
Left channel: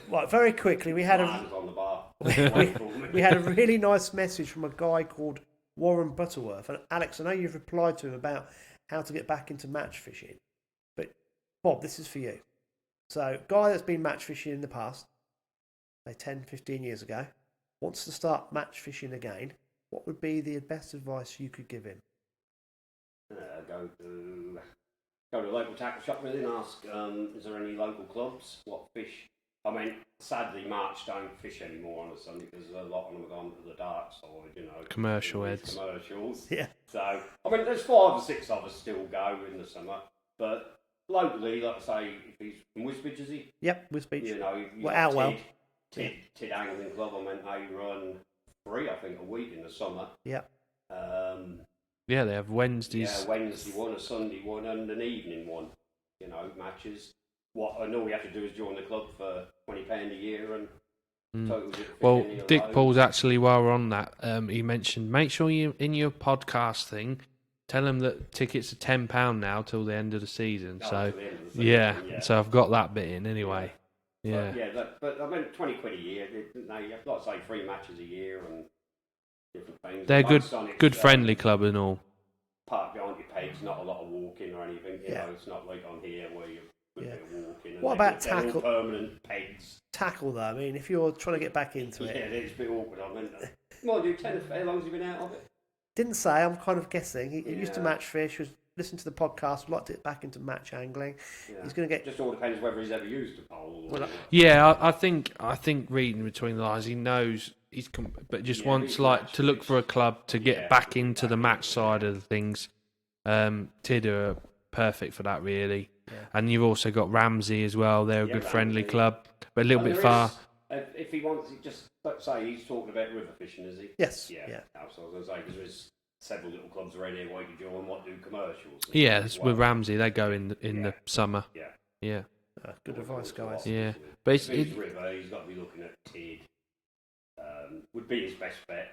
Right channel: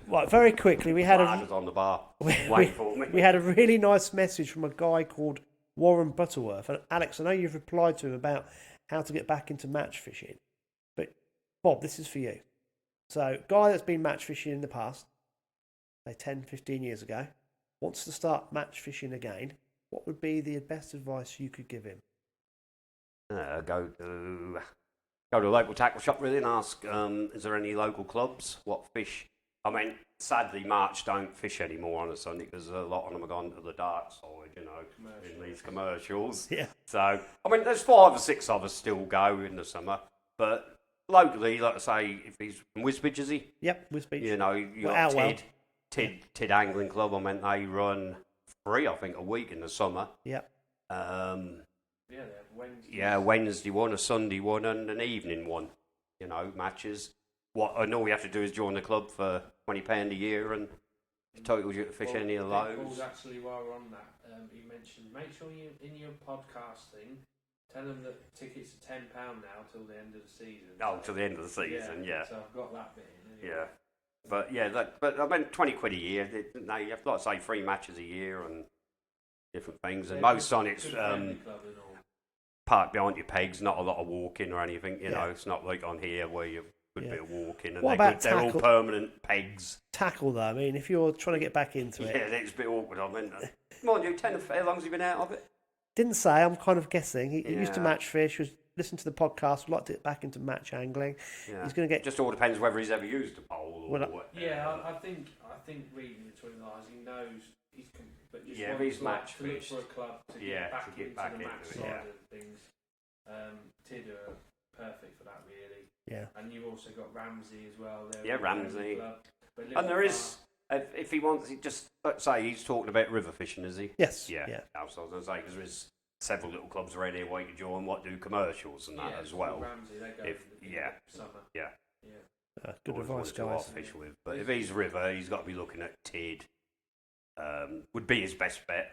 Right, very quickly, we had on the bar. we had a really nice message from a guy called Warren Butterworth. And Alex, I know you've replied to him about how to get back into match fishing, but Bob, this is for you. So, guy that's been match fishing in the past, say 10, 15 years ago, wants to start match fishing again. What would be the best advice you could give him? Go to a local tackle shop really and ask, is there any local clubs? What fish? I mean, sadly, March don't fish anymore on a Sunday because a lot of them have gone to the dark side, Commercial heads. Commercials. Yeah. So, I mean, there's 5 or 6 of us still go in the summer, but locally, like I say, if he's from Wisbech, is he? Yep, Wisbech. You well, Outwell. Tid Angling Club. I mean, they run 3, I think, a week in the summer. Yep. Yeah, they have Wednesdays. Yeah, Wednesday one, a Sunday one, and an evening one. Matches. What I know we have to do is join the club for £20 a year and total you fish any of Dick those. Paul's actually, while we're on that, he mentioned make sure you in your podcast thing tell them that tickets are £10 now till the end of the season. Till the end of the season. Yeah. So I've got that bit in anyway. Yeah. But I mean, £20 a year. You have to, like I say, 3 matches a year and different things. They're good friendly club and all. Park behind your pegs, not a lot of walking or anything. It's not like on here where you're a bit of walking. And what about tackle? They're all permanent pegs. Tackle though. I mean, if you're trying to get back into it. Yeah, it's a bit awkward. I mean, mind you, how long has he been out of it? Didn't say. I'm kind of guessing. He used to match fish. Was listening to the podcast. Would like to get back into match angling. Yeah. He's going to get. Just all depends whether he's ever used a pole. I think reading between the lines, he knows but just wants to look for a club to get back into the match side of the things. Tid are perfect for that, really. Yeah. And you've also got Ramsey as well. They're a good Ramsey. friendly club, but a little bit far. If he wants, let's say he's talking about river fishing, is he? Yes. Yeah. I was going to say because there's several little clubs around here where you can join what do commercials. With Ramsey, they go in the summer. Yeah. Good advice, guys. Yeah. But if he's river, he's got to be looking at Tid. Would be his best bet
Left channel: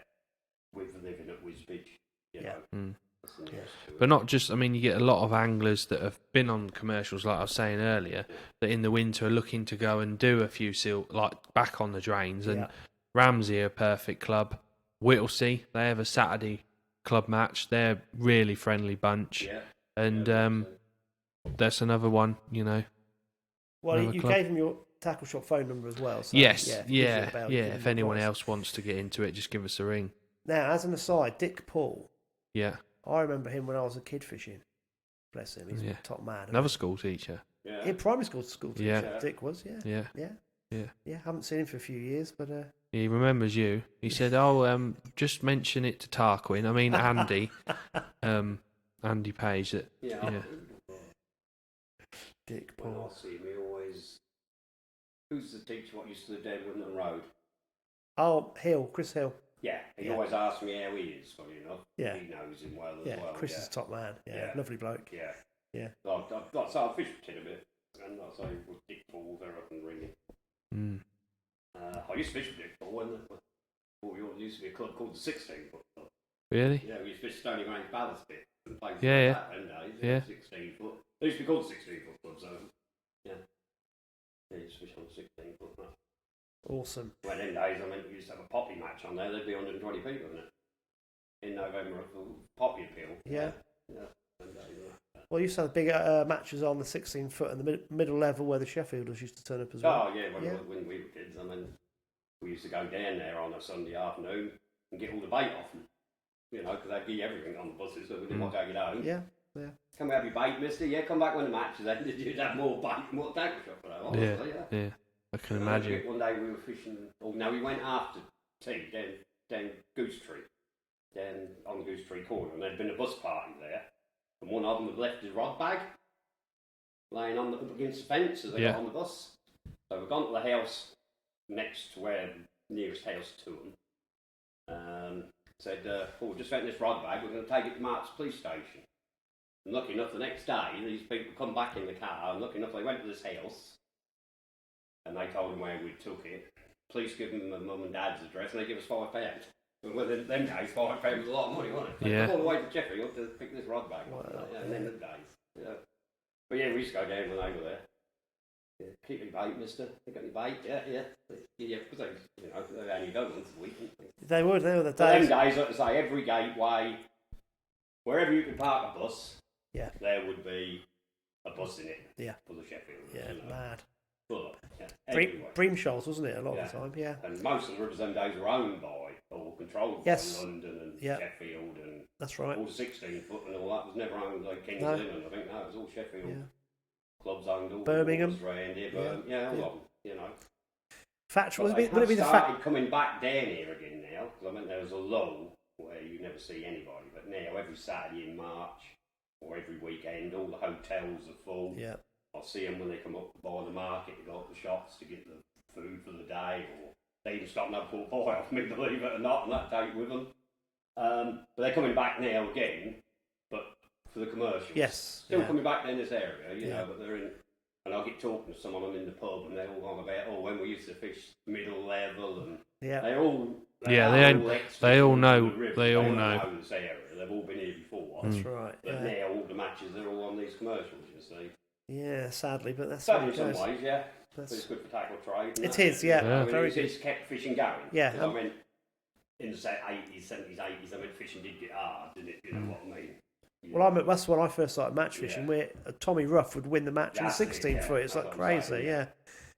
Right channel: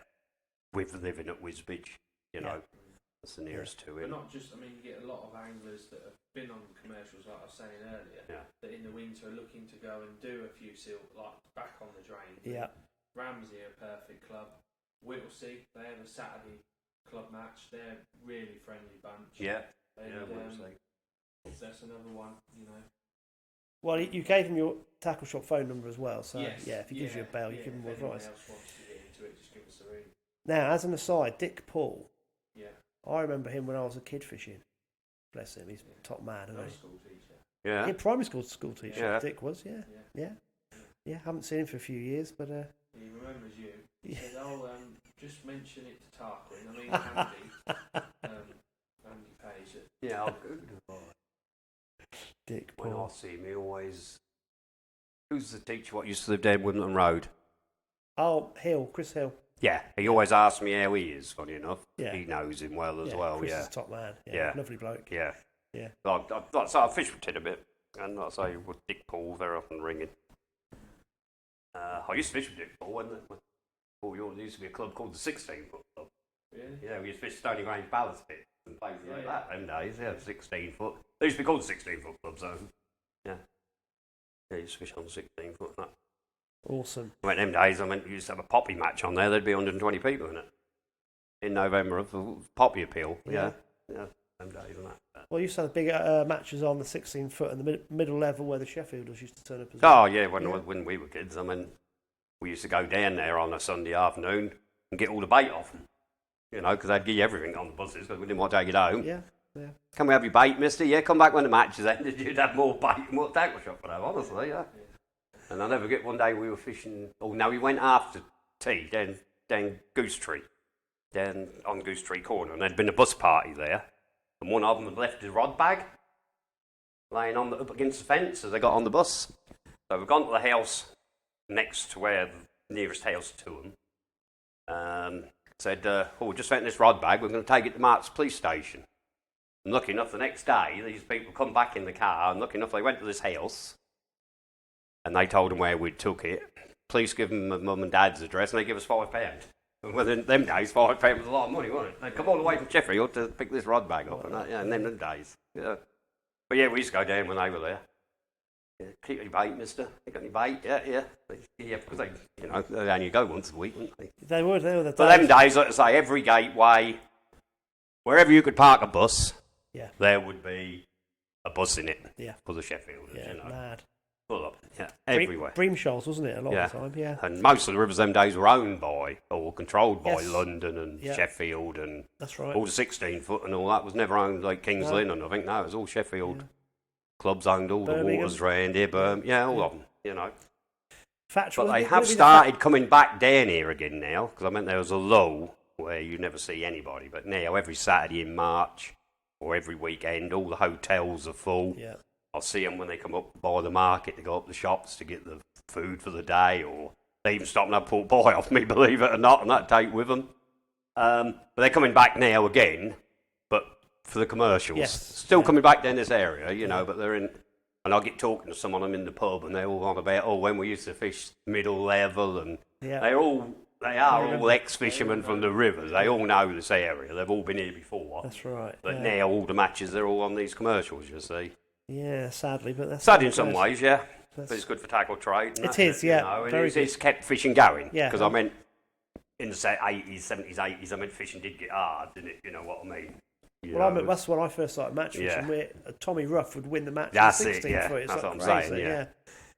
with living at Wisbech. That's the nearest to it. But not just, I mean, you get a lot of anglers that have been on commercials, like I was saying earlier, that in the winter are looking to go and do a few back on the drains. And Ramsey are a perfect club. Whittlesea, they have a Saturday club match. They're a really friendly bunch. Yeah. And that's another one, Well, you gave him your tackle shop phone number as well. So, yes. If anyone else wants to get into it, just give us a ring. Now, as an aside, Dick Paul. Yeah. I remember him when I was a kid fishing. Bless him, he's a top man. Another school teacher. Yeah. In primary school teacher, Dick was, Yeah. Haven't seen him for a few years, but He remembers you. He said, "Oh, just mention it to Tarquin. I mean Andy, Andy Page." That Yeah. Dick When Paul. I see him, he always. Who's the teacher? What used to live down Wimbledon Road? Oh, Hill, Chris Hill. Yeah, he always asks me how he is. Funny enough, Yeah. he knows him well as Yeah, well. Chris yeah, is top man. Yeah, Yeah. lovely bloke. yeah. Yeah. I fish with Ted a bit, and I say with Dick Paul very often ringing. Mm. I used to fish with Dick Paul when there used to be a club called the 16 Foot Club. Really? Yeah, we used to fish Stony Grange ballast pit and places Yeah, like that them days. Yeah, Yeah. 16 foot. They used to be called the 16 Foot Club, so yeah. Yeah, used to fish on 16 foot. And that. Awesome. When them days, we used to have a poppy match on there. There'd be 120 people in it in November of the poppy appeal. Yeah. Yeah. Them days and that. Well, you used to have big matches on the 16 foot and the middle level where the Sheffielders used to turn up as well. Oh yeah, when we were kids, we used to go down there on a Sunday afternoon and get all the bait off them. You know, because they'd give you everything on the buses, because we didn't want to take it home. Yeah. Can we have your bait, mister? Yeah, come back when the match is ended. You'd have more bait and more tackle shop for that, honestly, yeah. Yeah. I can And I never imagine. forget one day we were fishing. Oh, no, we went after tea down Goose Tree, down on Goose Tree Corner, and there'd been a bus party there, and one of them had left his rod bag laying up against the fence as they got on the bus. So we've gone to the house next to where the nearest house to them. Said, we just found this rod bag. We're going to take it to Mark's police station. And lucky enough, the next day, these people come back in the car, and lucky enough, they went to this house. And they told them where we took it. Police give them my mum and dad's address, and they give us £5. And within them days, £5 was a lot of money, wasn't it? They come all the way from Sheffield to pick this rod bag up, and that, in them days. Yeah. But yeah, we used to go down when they were there. Yeah, keep your bait, mister. You got any bait? Yeah. Yeah, because they only go once a week, wouldn't they? They were the But them days, like I say, every gateway, wherever you could park a bus, there would be a bus in it for the Sheffield. Yeah, mad. Full up, everywhere. Bream Shoals, wasn't it, a lot of the time? Yeah. And most of the rivers them days were owned by, or controlled by London and Yeah. Sheffield and That's right. all the 16 foot and all that was never owned like King's Lynn and I think, no, it was all Sheffield. Yeah. Clubs owned all Birmingham. the waters round here, all of them, you know. Factual. But they have started coming back down here again now, because there was a lull where you never see anybody, but now every Saturday in March or every weekend, all the hotels are full. Yeah. I'll see them when they come up by the market to go up the shops to get the food for the day, or they even stop and have pork pie off me, believe it or not, and that take with them. But they're coming back now again, but for the commercials. Yes. Still coming back down this area, you know, but they're in... And I get talking to someone, I'm in the pub, and they're all on about, when we used to fish middle level, and they're all... They are all ex-fishermen from the river. They all know this area. They've all been here before. That's right. But now all the matches, they're all on these commercials, you see. Yeah, sadly, but that's sad in some ways, yeah. That's... But it's good for tackle trade. It is, yeah. Very good. It's kept fishing going. Yeah. Because in the 80s, 70s, 80s, fishing did get hard, didn't it? You know what I mean? That's when I first started match fishing. Where Tommy Ruff would win the match in 16 foot. It's like crazy, yeah.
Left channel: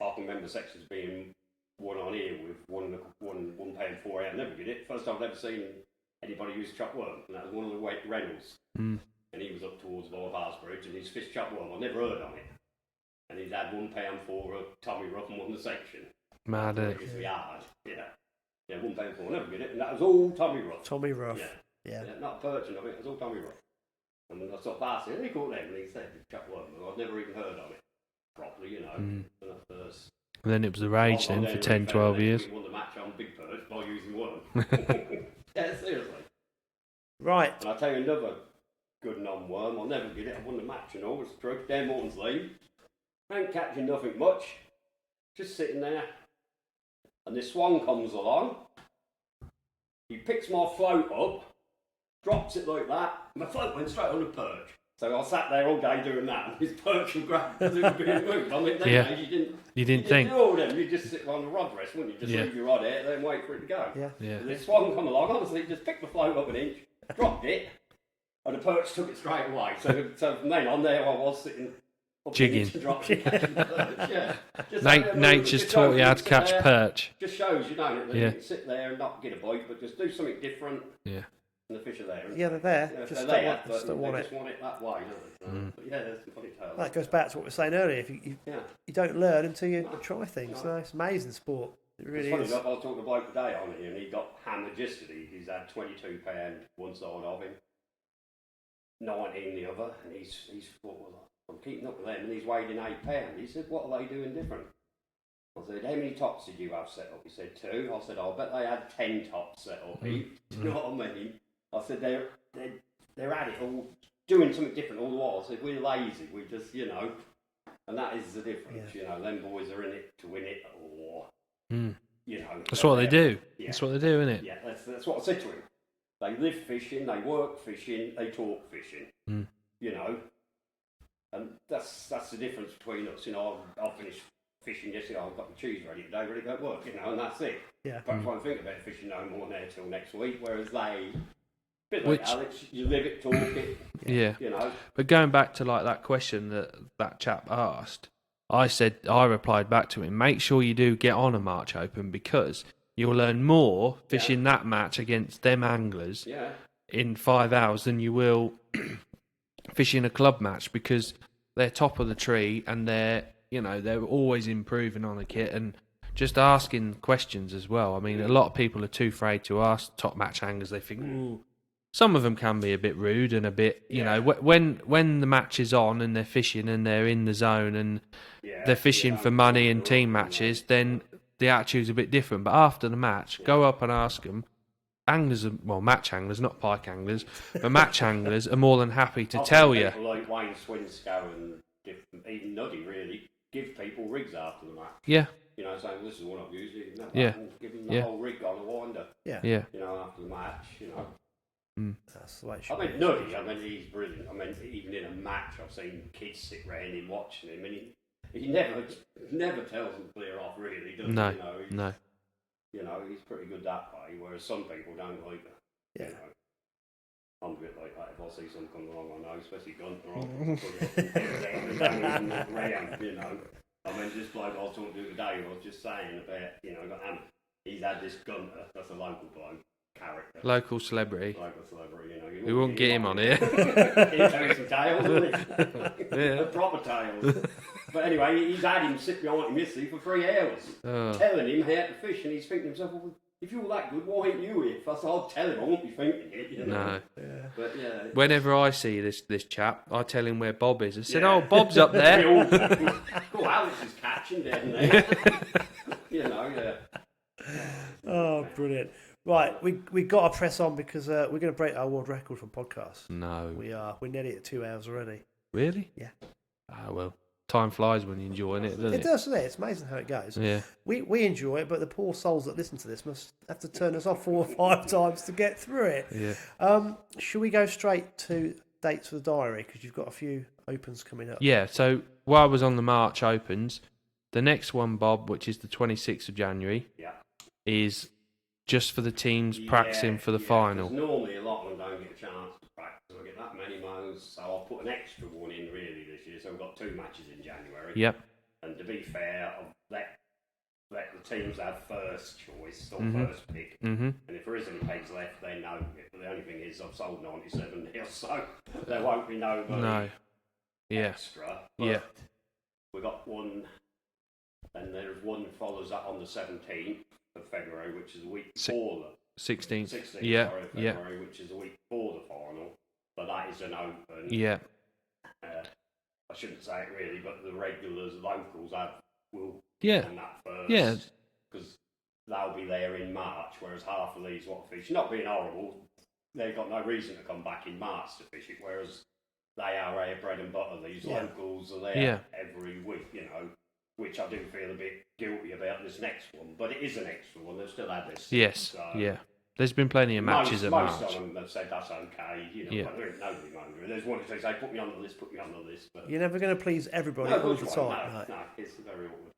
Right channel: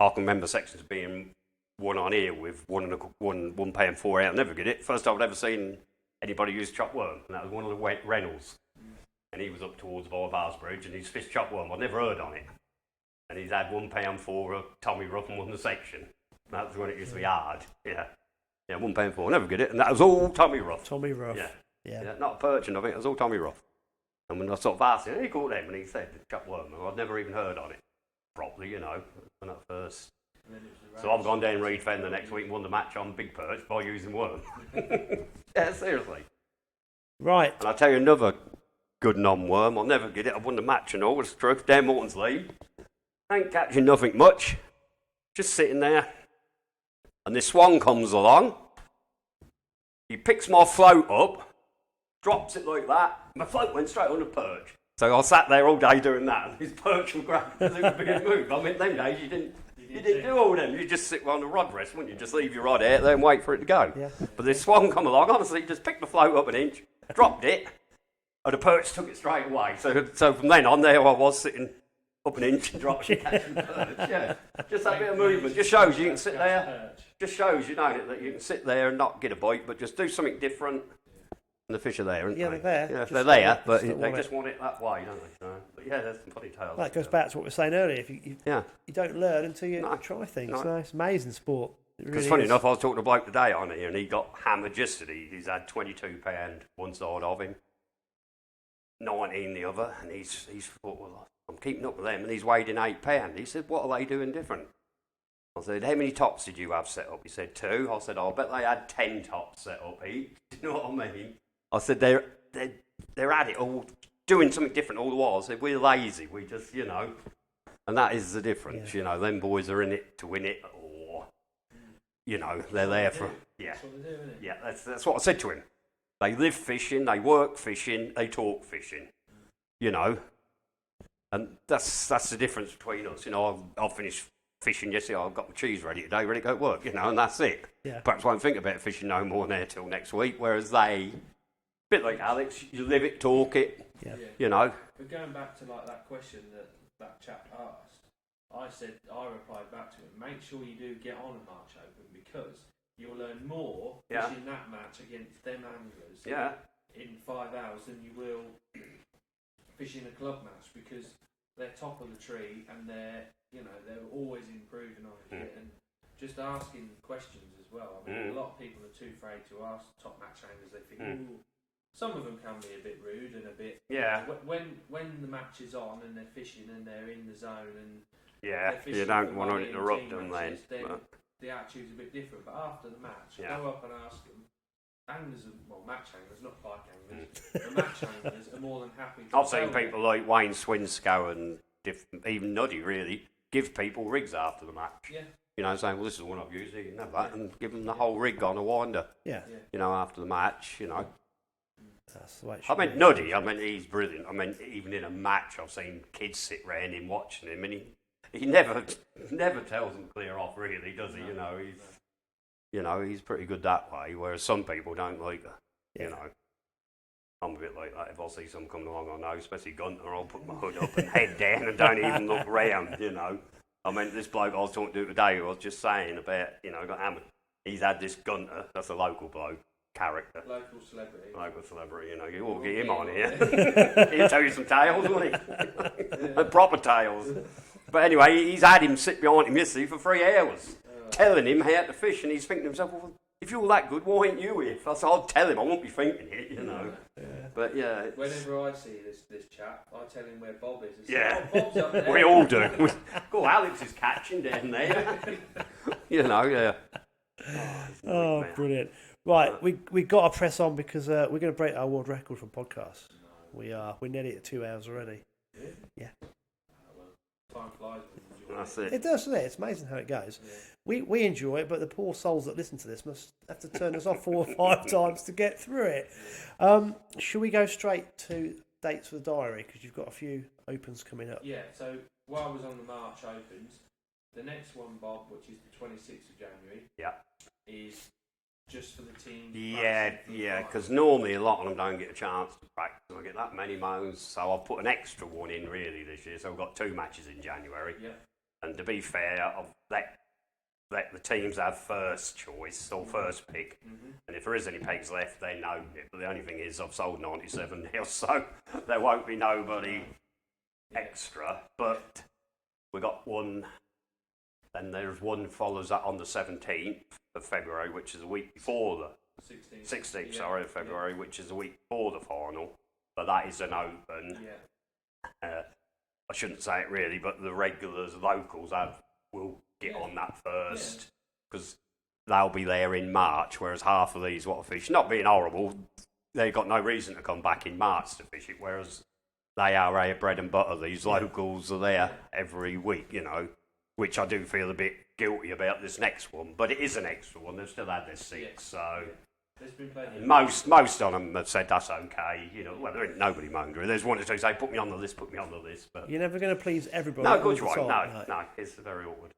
I can remember sections being one on here with £1 and 4 out. Never get it. First time I'd ever seen anybody use chop worm, and that was one of the Reynolds. And he was up towards Bars Bridge, and he's fished chop worm. I'd never heard on it. And he's had £1 for Tommy Ruff and won the section. Mad. It was hard. Yeah, £1 for. Never get it. And that was all Tommy Ruff. Tommy Ruff. Yeah. Not perch and I think it was all Tommy Ruff. And when I sort of asked him, he called him and he said, chop worm. And I'd never even heard on it properly, you know, when I first. And then it was the rage then for 10, 12 years. We won the match on big perch by using worm. Yeah, seriously. Right. And I'll tell you another good non-worm. I'll never get it. I won the match and all. It's the truth. Dan Morton's lead. Ain't catching nothing much. Just sitting there. And this swan comes along. He picks my float up. Drops it like that. My float went straight on the perch. So I sat there all day doing that. And his perch was grabbed because it was being moved. I mean, days you didn't think. Do all them. You just sit on the rod rest, wouldn't you? Just leave your rod out there and wait for it to go. Yeah. But this swan come along. Honestly, he just picked the float up an inch. Dropped it. And the perch took it straight away. So from then on, there I was sitting up an inch and dropping perch. Nature's taught you how to catch perch. Just shows, you know, that you can sit there and not get a bite, but just do something different. Yeah. And the fish are there, aren't they're there. Yeah, they're there, but they just want it that way, don't they? But yeah, there's some funny tales. That goes back to what we were saying earlier. If you don't learn until you try things. No, it's amazing sport. Because funny enough, I was talking to a bloke today on here, and he got hammered yesterday. He's had £22 one side of him, 19 the other, and he's thought, well, I'm keeping up with them, and he's weighed in £8. He said, what are they doing different? I said, how many tops did you have set up? He said, 2. I said, I bet they had 10 tops set up each. You know what I mean? I said, they're at it all, doing something different all the while. I said, we're lazy. We just, you know, and that is the difference. You know, them boys are in it to win it, or, you know. That's what they do. That's what they do, isn't it? Yeah, that's what I said to him. They live fishing, they work fishing, they talk fishing, you know. And that's the difference between us. You know, I'll finish fishing yesterday, I've got the cheese ready today, ready to go to work, you know, and that's it. Yeah. Perhaps won't think about fishing no more there till next week, whereas they, a bit like Alex, you live it, talk it, you know. But going back to like that question that chap asked, I replied back to him, make sure you do get on a March Open, because you'll learn more fishing that match against them anglers in 5 hours than you will fishing a club match, because they're top of the tree and they're always improving on the kit and just asking questions as well. I mean, a lot of people are too afraid to ask top match anglers. They think, some of them can be a bit rude and a bit, you know, when the match is on and they're fishing and they're in the zone and they're fishing for money and team matches, then the attitude's a bit different. But after the match, go up and ask them. Anglers, match anglers, not pike anglers, but match anglers are more than happy to tell you. People like Wayne Swinscoe and even Nuddy really give people rigs after the match. Yeah. You know, saying, well, this is the one I've used. You can have that and give them the whole rig on a winder. Yeah. Yeah. You know, after the match, you know. That's the way it should be. Nuddy, he's brilliant. I mean, even in a match, I've seen kids sit round him watching him, and he never tells them clear off, really, does he? You know, you know, he's pretty good that way, whereas some people don't like it. You know. I'm a bit like that. If I see someone come along, I know, especially Gunter, I'll put my hood up and head down and don't even look round, you know. I mean, this bloke I was talking to today, I was just saying about, you know, got hammered. He's had this Gunter, that's a local bloke, character. Local celebrity, you know. We won't get him on here. He'll tell you some tales, won't he? Proper tales. But anyway, he's had him sit behind him yesterday for 3 hours, telling him how to fish, and he's thinking to himself, well, if you're that good, why ain't you here? So I'll tell him, I won't be thinking it, you know. No. Yeah. But whenever I see this chap, I tell him where Bob is. I said, oh, Bob's up there. We all do. Cool, Alex is catching down there. You know, Oh, brilliant. Right, we got to press on because we're going to break our world record for podcasts. No. We are. We're nearly at 2 hours already. Really? Yeah. Ah, well. Time flies when you're enjoying it, doesn't it? It does, doesn't it? It's amazing how it goes. Yeah. We enjoy it, but the poor souls that listen to this must have to turn us off 4 or 5 times to get through it. Yeah. Should we go straight to dates for the diary? Because you've got a few opens coming up. Yeah, so while I was on the March Opens, the next one, Bob, which is the 26th of January, is just for the teams practicing for the final. Because normally a lot of them don't get a chance to practice. I get that many mows, so I'll put an extra one in really this year. So I've got 2 matches in January. Yep. And to be fair, I've let the teams have first choice or first pick. Mm-hmm. And if there is any pegs left, they know. The only thing is I've sold 97 now, so there won't be nobody extra. But we got one. Then there's one follows that on the 17th of February, which is a week before the 16th. Of February, which is a week before the final. But that is an open. Yeah. I shouldn't say it really, but the regulars, locals, will get on that first. Yeah. Because they'll be there in March, whereas half of these what fish, not being horrible, they've got no reason to come back in March to fish it, whereas they are our bread and butter. These locals are there every week, you know, which I do feel a bit guilty about this next one, but it is an extra one. They've still had this. There's been plenty of matches. Most of them have said that's okay. You know, there ain't nobody moaned. There's one or two say, put me on the list. But you're never going to please everybody. No, good right. No, it's very awkward.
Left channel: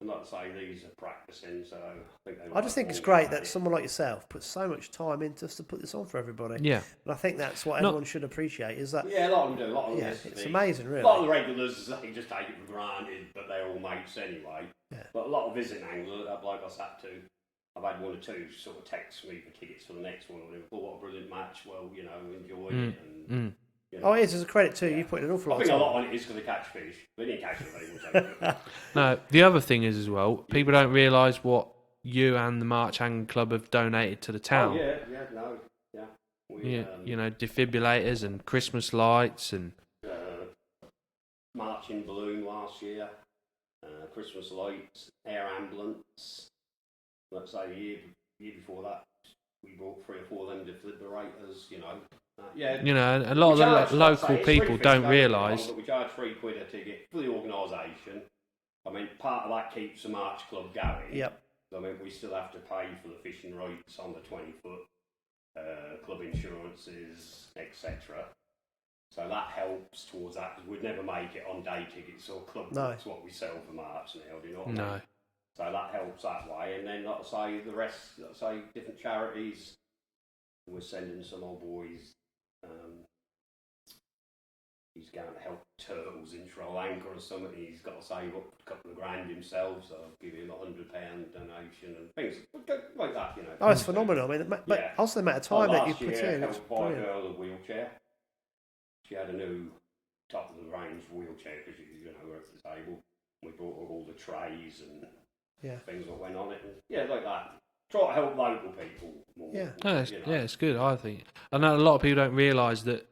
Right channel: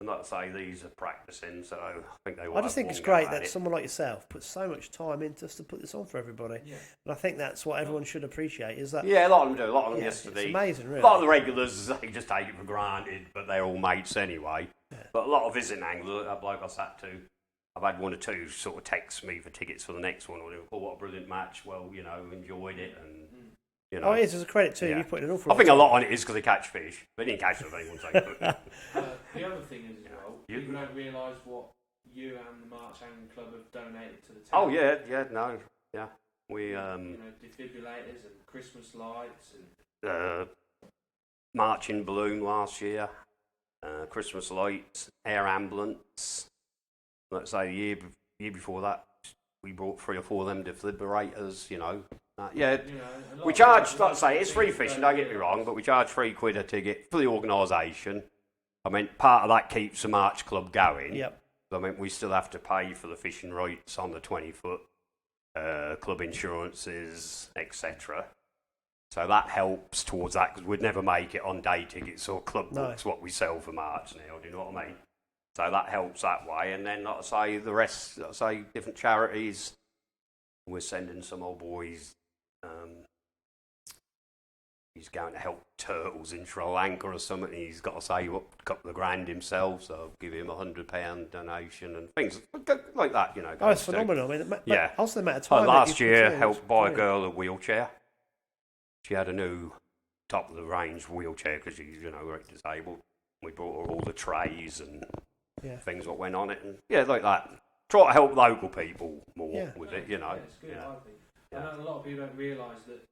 I'm not to say these are practicing, so I think they. I just think it's great that someone like yourself puts so much time in just to put this on for everybody. Yeah, and I think that's what everyone should appreciate. Is that? Yeah, a lot of them do. A lot of them. It's amazing, really. A lot of the regulars, they just take it for granted, but they're all mates anyway. Yeah. But a lot of visiting anglers, that bloke I sat to, I've had 1 or 2 sort of text me for tickets for the next one, or what a brilliant match. Well, you know, enjoyed it, and You know? Oh, it is. As a credit too. You put in an awful lot. I think a lot on it is because they catch fish. They didn't catch them. They won't take it. No, the other thing is as well, people don't realise what you and the March Angling Club have donated to the town. Oh yeah, we you know, defibrillators and Christmas lights and marching balloon last year, Christmas lights, air ambulance. Let's say the year before that, we brought 3 or 4 of them defibrillators. You know, you know, a lot of local people don't realise. But we charge £3 a ticket for the organisation. I mean, part of that keeps the March Club going. Yep. I mean, we still have to pay for the fishing rights on the 20-foot, club insurances, etc. So that helps towards that, because we'd never make it on day tickets or club books what we sell for March now. Do you know what I mean? So that helps that way. And then, like I say, the rest, like I say, different charities. We're sending some old boys. He's going to help turtles in Sri Lanka or something. He's got to save up a couple of grand himself, so I'll give him £100 donation and things like that. You know. Oh, it's phenomenal. I mean, also the amount of time. Last year, helped buy a girl a wheelchair. She had a new top of the range wheelchair because she's very disabled. We brought her all the trays and things that went on it, and like that. Try to help local people more. Yeah, it's good. I think. I know a lot of people don't realise that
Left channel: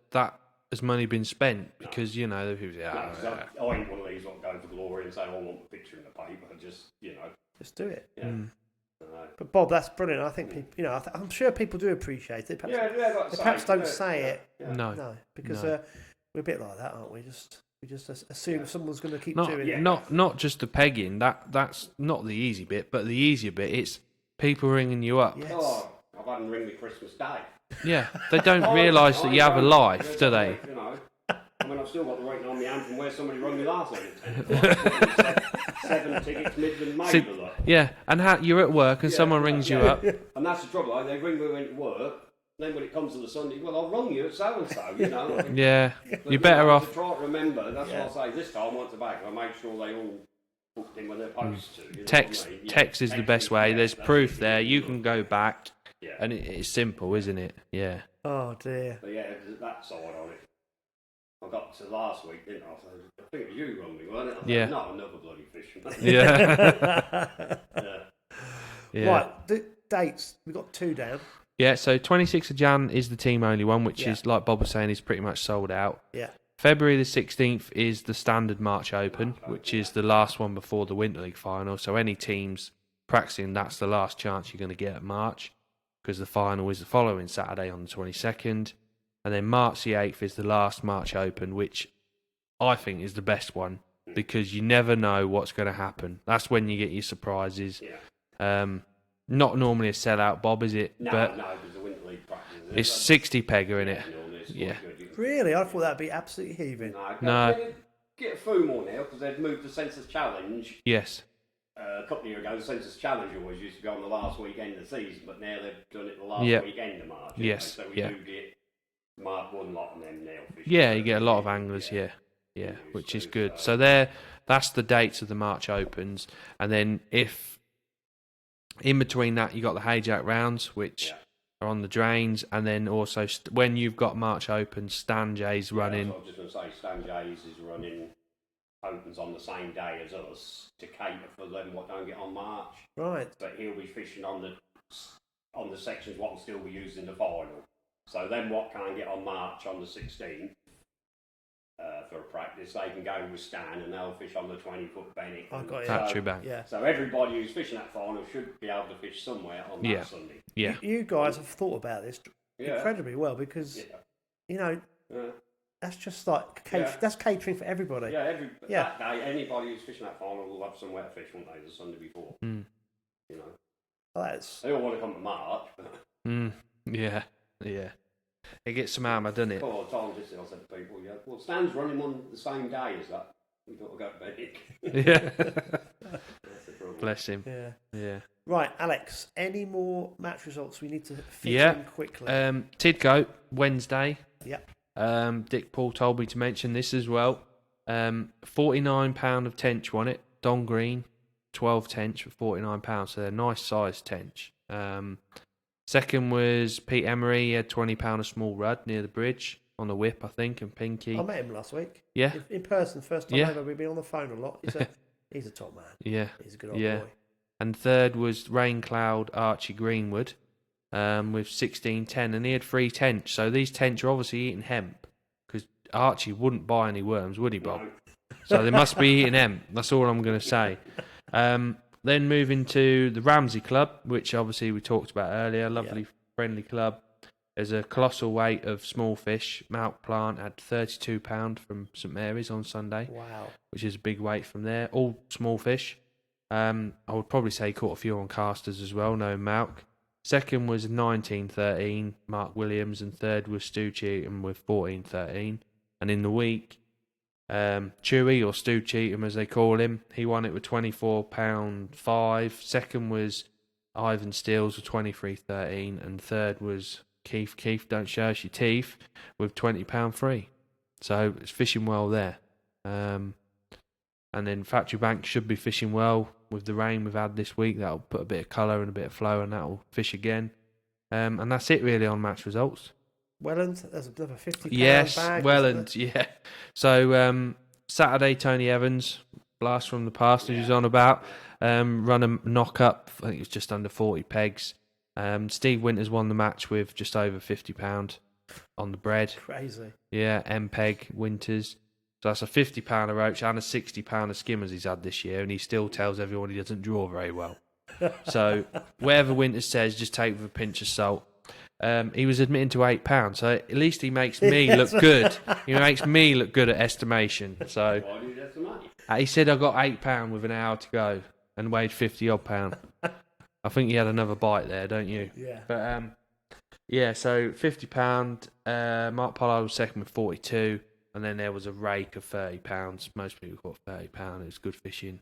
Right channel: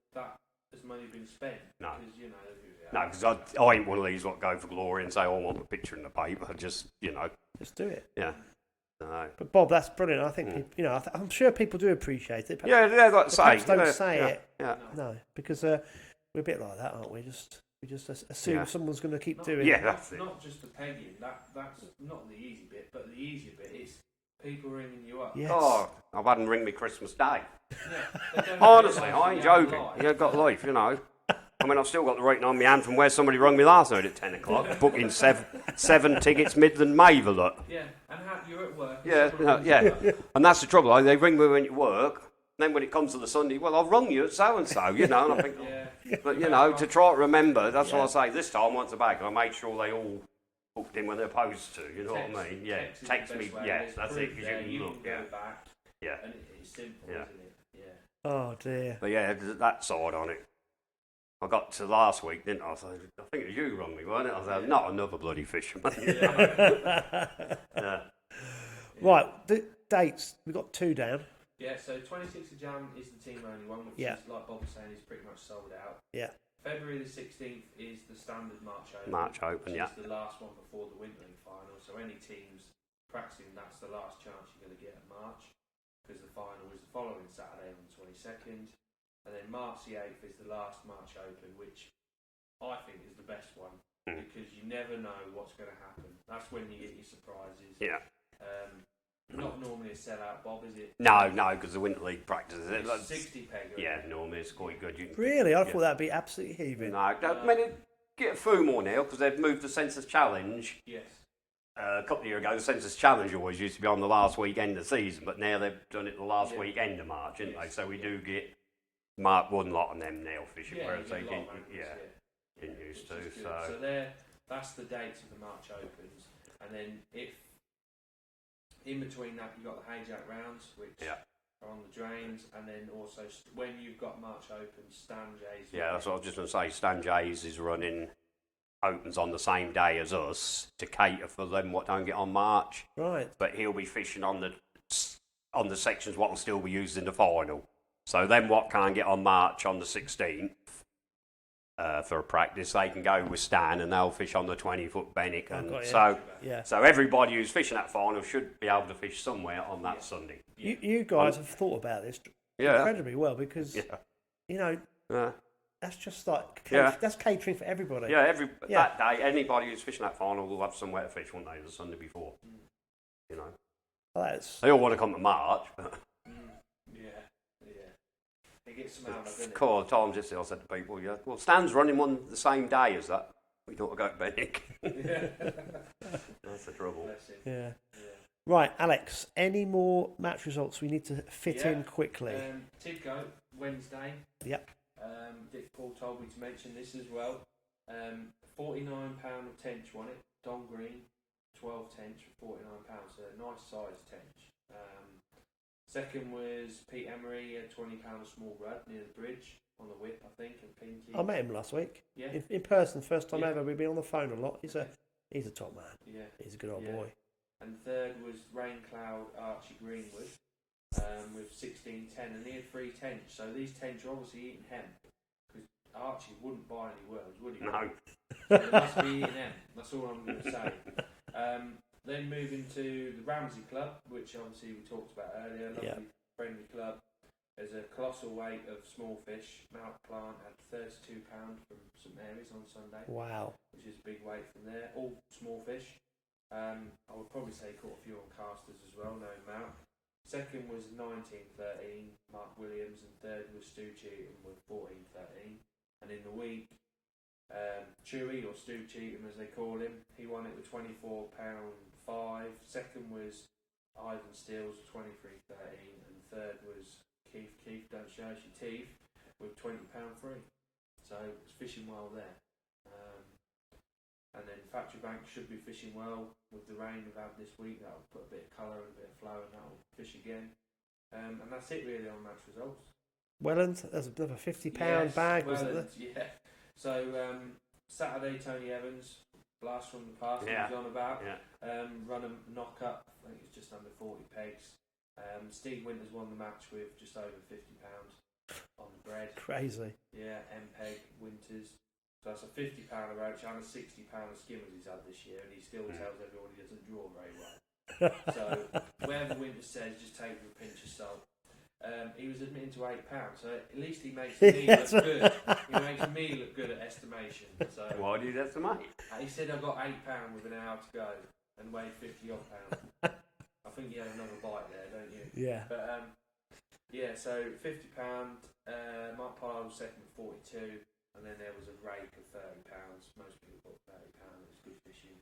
has money been spent because people. I ain't one of these what go for glory and say, "Oh, I want a picture in the paper." Just just do it. Yeah. But Bob, that's brilliant. I think people, I'm sure people do appreciate it. Perhaps, they perhaps don't say it. Yeah. No, because we're a bit like that, aren't we? We just assume someone's going to keep doing it. Not just the pegging. That's not the easy bit, but the easier bit. It's people ringing you up. Yes. Oh, I've had them ring me Christmas Day. Yeah, they don't realise that you have a life, do they? Life, I mean, I've still got the writing on my hand from where somebody rung me last night at 10 o'clock. Booking 7 tickets Midland Maverlock. Yeah, and you're at work and someone rings you up. And that's the trouble. They ring me when you work. Then when it comes to the Sunday, well, I've rung you at so-and-so, And I think, you're better off. To try to remember, that's what I say. This time, once a bag, I make sure they all booked in when they're supposed to. You know text, what I mean? text is the best way. There's proof there. You can go back. Yeah. And it's simple, isn't it? Yeah. Oh, dear. But that side on it. I got to last week, didn't I? I think it was you rung me, wasn't it? I thought, not another bloody fisherman. Right, the dates. We've got 2 down. Yeah, so 26th of Jan is the team-only one, which is, like Bob was saying, is pretty much sold out. Yeah. February the 16th is the standard March Open, which is the last one before the Winter League final. So any teams practicing, that's the last chance you're going to get at March, because the final is the following Saturday on the 22nd. And then March the 8th is the last March Open, which I think is the best one, because you never know what's going to happen. That's when you get your surprises. Yeah. Not normally a sellout, Bob, is it? No, because the Winter League practice. It's 60 pegger, isn't it? Normally it's quite good. Really? I thought that'd be absolutely heaving. No. Get a few more now, because they've moved the Census Challenge. Yes. A couple of years ago, the Census Challenge always used to be on the last weekend of the season, but now they've done it the last weekend of March. Yes. So we do get one lot on them now. Yeah, you get a lot of anglers, which is good. So that's the dates of the March Opens. And then if in between that, you got the Hayjack rounds, which are on the drains, and then also when you've got March Opens, Stan J's running. So I was just going to say, Stan J's is running Opens on the same day as us to cater for them what don't get on March. Right. But he'll be fishing on the sections what will still be used in the final. So then what can't get on March on the 16th for a practice, they can go with Stan and they'll fish on the 20-foot Bennick. So everybody who's fishing that final should be able to fish somewhere on that Sunday. Yeah. You guys have thought about this incredibly well, because that's just like that's catering for everybody. That day, anybody who's fishing that final will have somewhere to fish, won't they, the Sunday before? Well, they all want to come to March. Yeah. It gets some hammer, doesn't it? Cool. Tom just I said to people, well, Stan's running one the same day as that. We thought I'd go to Bennick. Yeah. That's the trouble. Bless him. Yeah. Right, Alex, any more match results we need to fit in quickly? Tidcoat, Wednesday. Yep. Dick Paul told me to mention this as well. £49 of tench won it. Don Green, 12 tench for £49. So they're a nice sized tench. Second was Pete Emery. He had £20 a small rud near the bridge on the whip, I think, and Pinky. I met him last week. Yeah. In person, first time ever. We've been on the phone a lot. He's a top man. Yeah. He's a good old boy. And third was Raincloud Archie Greenwood with 16-10, and he had 3 tench. So these tench are obviously eating hemp, because Archie wouldn't buy any worms, would he, Bob? No. So they must be eating hemp. That's all I'm going to say. Then moving to the Ramsey Club, which obviously we talked about earlier. Lovely, friendly club. There's a colossal weight of small fish. Mount Plant had £32 from St Mary's on Sunday. Wow. Which is a big weight from there. All small fish. I would probably say caught a few on casters as well, no Malk. Second was 1913, Mark Williams, and third was Stu Cheatham with 1413. And in the week, Chewy, or Stu Cheatham as they call him, he won it with £24.5. Second was Ivan Steels with 23.13, and third was Keith, don't show us your teeth, with £20 So it's fishing well there. And then Factory Bank should be fishing well with the rain we've had this week. That'll put a bit of colour and a bit of flow, and that'll fish again. And that's it really on match results. Welland, there's another £50 yes, bag. Welland, yeah. So Saturday, Tony Evans, blast from the past, he was on about. Run a knock up, I think it was just under 40 pegs. Steve Winters won the match with just over £50 on the bread. Crazy. Yeah, M-Peg Winters. So that's a £50 a roach and a £60 of skimmers he's had this year, and he still tells everyone he doesn't draw very well. So whatever Winters says, just take it with a pinch of salt. He was admitting to £8, so at least he makes me look good. He makes me look good at estimation. So why do you estimate? He said I got £8 with an hour to go and weighed 50 odd pound. I think he had another bite there, don't you? Yeah. But yeah, so £50. Mark Pollard was second with 42, and then there was a rake of £30. Most people got £30. It was good fishing.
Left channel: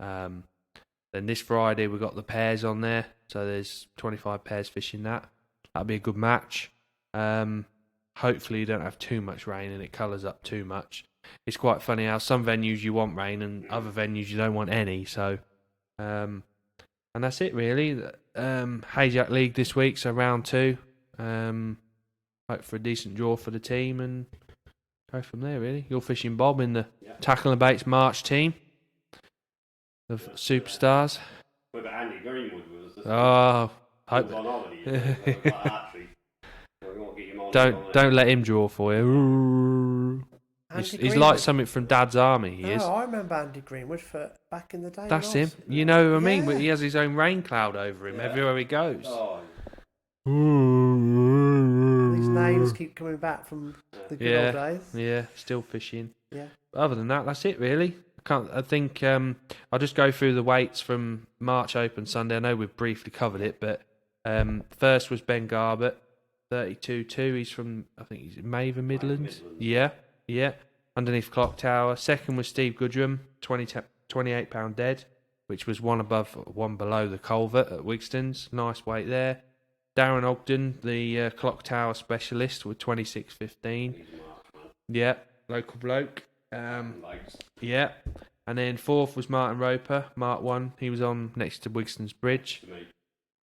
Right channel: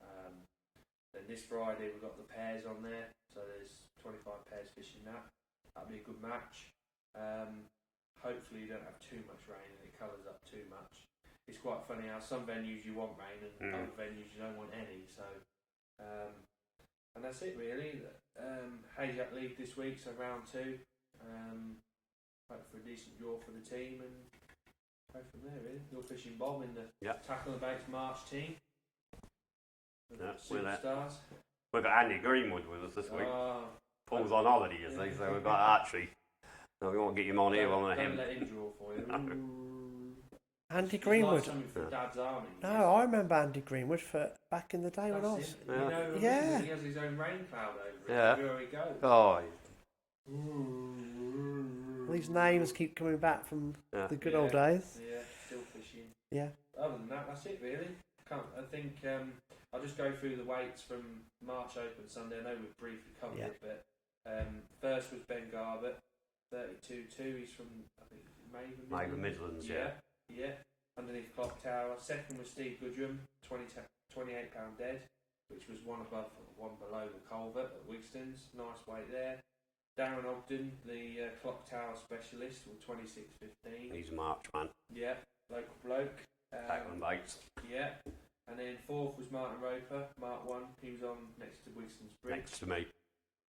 Then this Friday we got the pairs on there, so there's 25 pairs fishing that. That'll be a good match. Hopefully you don't have too much rain and it colours up too much. It's quite funny how some venues you want rain and other venues you don't want any. So, and that's it really. Hayjack League this week, so round 2. Hope for a decent draw for the team and go from there really. You're fishing Bob in the Tackle and Baits March team of superstars. We've got Andy Greenwood with us this week. Oh. He's on holiday, so actually, so we won't get him on. Don't let him draw for you. He's like something from Dad's Army. He is. I remember Andy Greenwood for back in the day. That's him. You know what I mean? He has his own rain cloud over him everywhere he goes. Oh. These names keep coming back from the good old days. Yeah, still fishing. Yeah. Other than that, that's it really. I think I'll just go through the weights from March Open Sunday. I know we've briefly covered it, but first was Ben Garbett, 32.2. He's from, I think he's Maven Midlands. Yeah. Underneath Clock Tower. Second was Steve Goodrum, £28 dead, which was one below the culvert at Wigston's. Nice weight there. Darren Ogden, the Clock Tower specialist, with 26.15. He's a March man. Yeah, local bloke. Yeah, and then fourth was Martin Roper, Mark 1. He was on next to Wigston's Bridge. To me.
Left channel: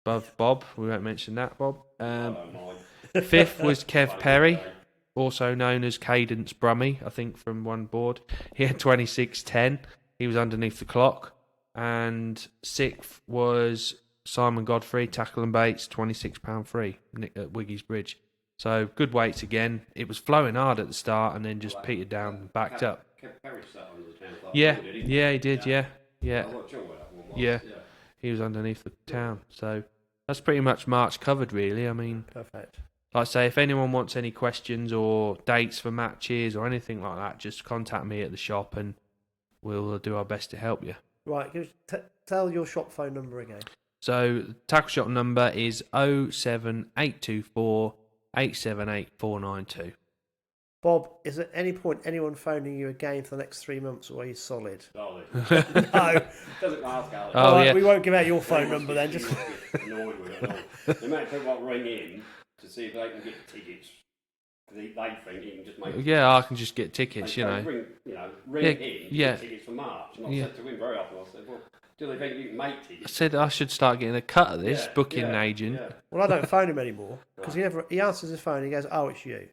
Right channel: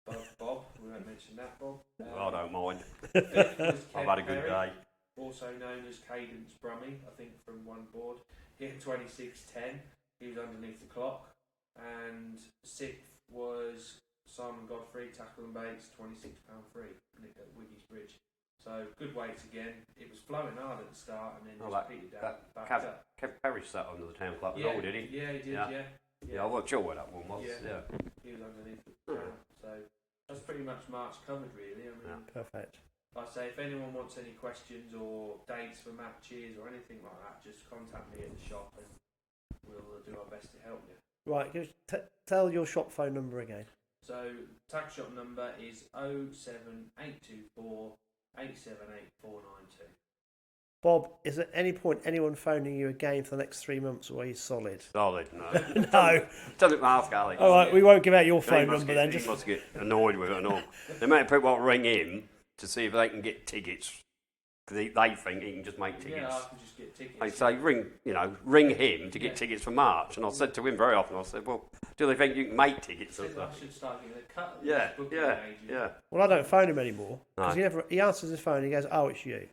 Above Bob, we won't mention that, Bob. I don't mind. Fifth was Kev Perry, also known as Cadence Brummy, I think, from one board. He had 26.10. He was underneath the clock. And sixth was Simon Godfrey, Tackle and Baits, £26 free at Wiggy's Bridge. So good weights again. It was flowing hard at the start and then just petered down and backed up. Kev Perry sat under the town club. Yeah, did he? Yeah, he did. Yeah. I'm not sure where that one was. Yeah. He was underneath the town. So that's pretty much March covered, really. I mean, perfect. Like I say, if anyone wants any questions or dates for matches or anything like that, just contact me at the shop and we'll do our best to help you. Right, tell your shop phone number again. So the tackle shop number is 07824 878 492. Bob, is at any point anyone phoning you again for the next 3 months, or are you solid? Solid. No. Doesn't ask Ali. All right, we won't give out your phone number then. He must get annoyed with it and all. The amount of people that ring in to see if they can get tickets. They think he can just make tickets. Yeah, I can just get tickets, ring him to get tickets for March. And I said to him very often, I said, well, do they think you can make tickets? I said I should start getting a cut of this, booking an agent. Yeah. Well, I don't phone him anymore, because he answers his phone, he goes, oh, it's you.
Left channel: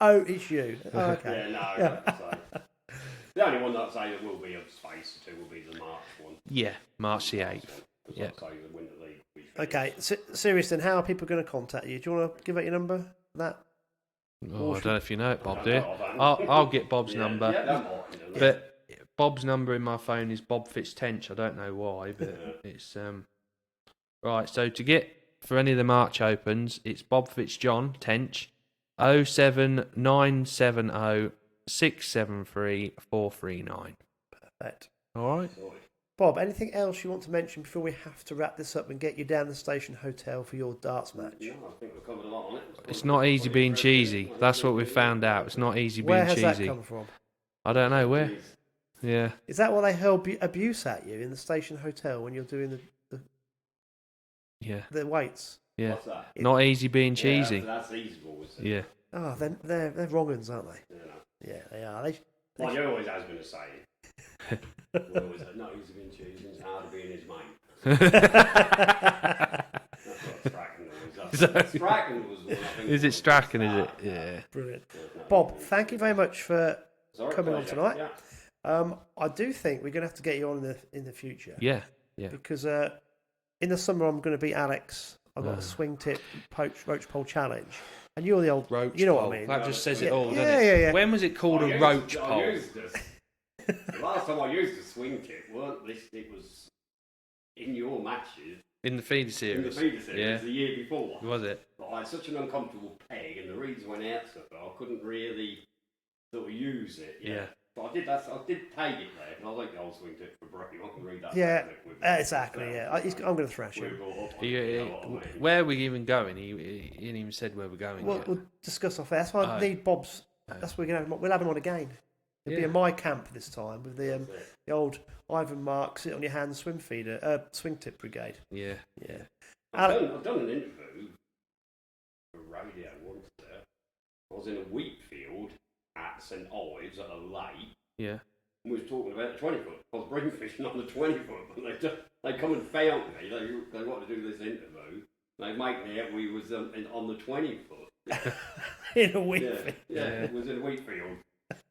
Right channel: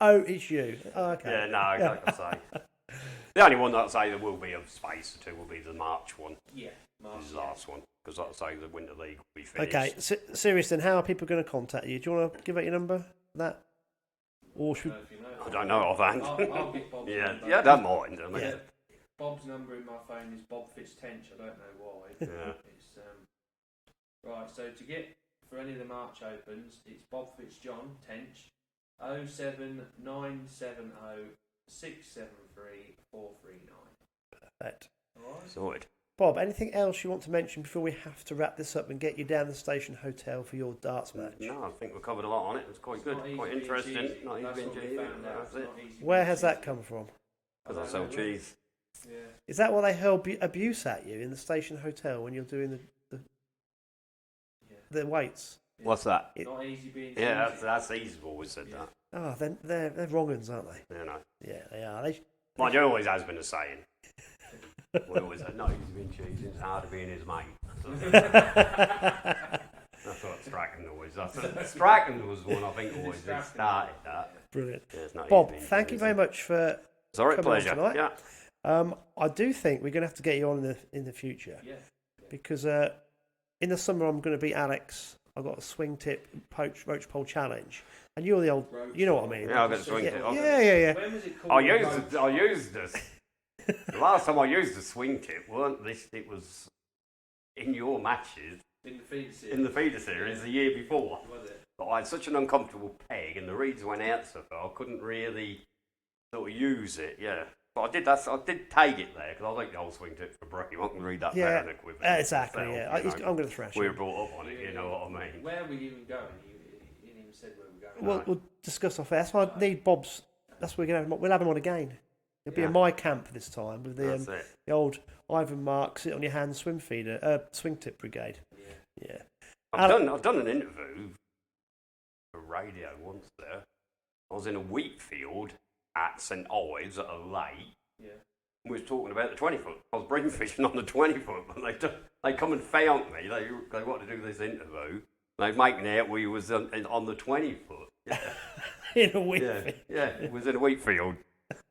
Oh, it's you. Oh, okay. Yeah, no, like I say. The only one that I'd say there will be of space to will be the March one. Yeah, March the 8th. Because I'd say the Winter League will be finished. Okay, serious then, how are people going to contact you? Do you want to give out your number for that? Oh, I don't know if you know it, Bob. I don't know offhand. I'll get Bob's number. Yeah, don't mind. But Bob's number in my phone is Bob Fitzjohn. I don't know why, but it's right. So to get for any of the March Opens, it's Bob Fitzjohn Tench 07970 673 439. Perfect. All right. Sorted. Bob, anything else you want to mention before we have to wrap this up and get you down the Station Hotel for your darts match? No, I think we've covered a lot on it. It's not easy being cheesy. That's what we found out. It's not easy being cheesy. Where has that come from? I don't know where. Yeah. Is that what they hurl abuse at you in the Station Hotel when you're doing the weights? Yeah. What's that? Not easy being cheesy. Yeah, that's easy always said that. Oh, they're wrong uns, aren't they? Yeah, no. Yeah, they are. Well, there always has been a saying. We always said, not easy being cheesy, it's hard to be in his mate. That's what Strachan always does. Strachan was the one I think. Is it Strachan? Is it? Yeah. Brilliant. Bob, thank you very much for coming on tonight. Yeah. I do think we're going to have to get you on in the future. Yeah. Because in the summer I'm going to beat Alex. I've got a swing tip roach pole challenge. And you're the old, roach you know pole. what I mean? Yeah. When was it called roach pole? I used this. The last time I used a swing tip, it was in your matches. In the feeder series. The year before. Was it? But I had such an uncomfortable peg and the reeds went out so far, I couldn't really sort of use it. Yeah. But I did tag it there because I like the old swing tip for Brooke. You can read that. Yeah, exactly. I'm going to thrash we him. were brought up on it, you know what I mean? Where are we even going? He didn't even said where we're going. We'll discuss off air. That's why I need Bob's. That's why we'll have him on again. It'll be in my camp this time with the old Ivan Mark sit on your hand swing tip brigade. Yeah. I've done an interview for radio once there. I was in a wheat field at St Ives at a lake. Yeah. We was talking about the 20 foot. I was bream fishing on the 20 foot, but they come and found me. They wanted to do this interview. They making out we was on the 20 foot. Yeah. In a wheat field. Yeah, it was in a wheat field.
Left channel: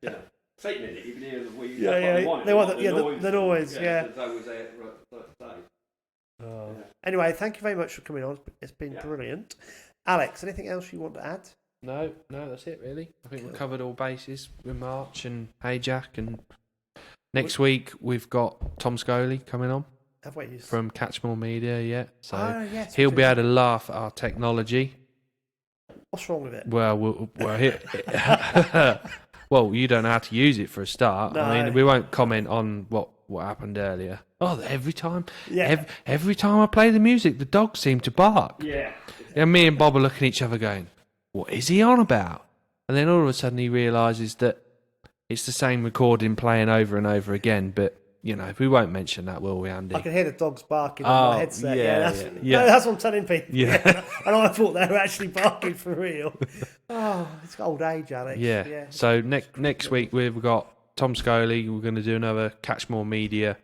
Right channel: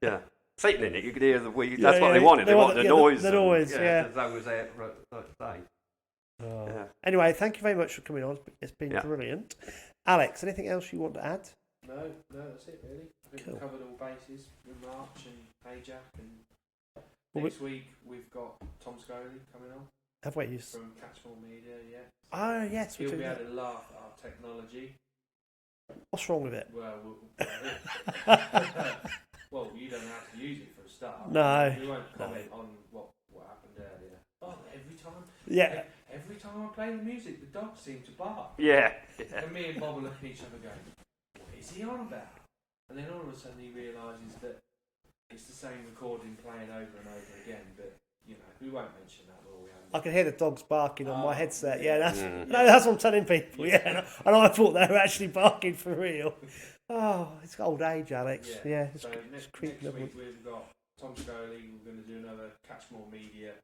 Yeah. Sitting in it, you could hear the wheat. That's what they wanted. They wanted the noise. The noise, That was it, Anyway, thank you very much for coming on. It's been brilliant. Alex, anything else you want to add? No, that's it really. I think we've covered all bases with March and Hey Jack, and next week we've got Tom Scully coming on. Have we? From Catchmore Media, So yes, he'll be able to laugh at our technology. What's wrong with it? Well, well, you don't know how to use it for a start. No. I mean, we won't comment on what happened earlier. Oh, every time I play the music, the dogs seem to bark. Yeah. And me and Bob are looking at each other going, what is he on about? And then all of a sudden he realises that it's the same recording playing over and over again, but, we won't mention that, will we, Andy? I can hear the dogs barking on my headset. That's what I'm telling people. Yeah. And I thought they were actually barking for real. Oh, it's old age, Alex. Yeah. So next week we've got Tom Scully. We're going to do another Catchmore Media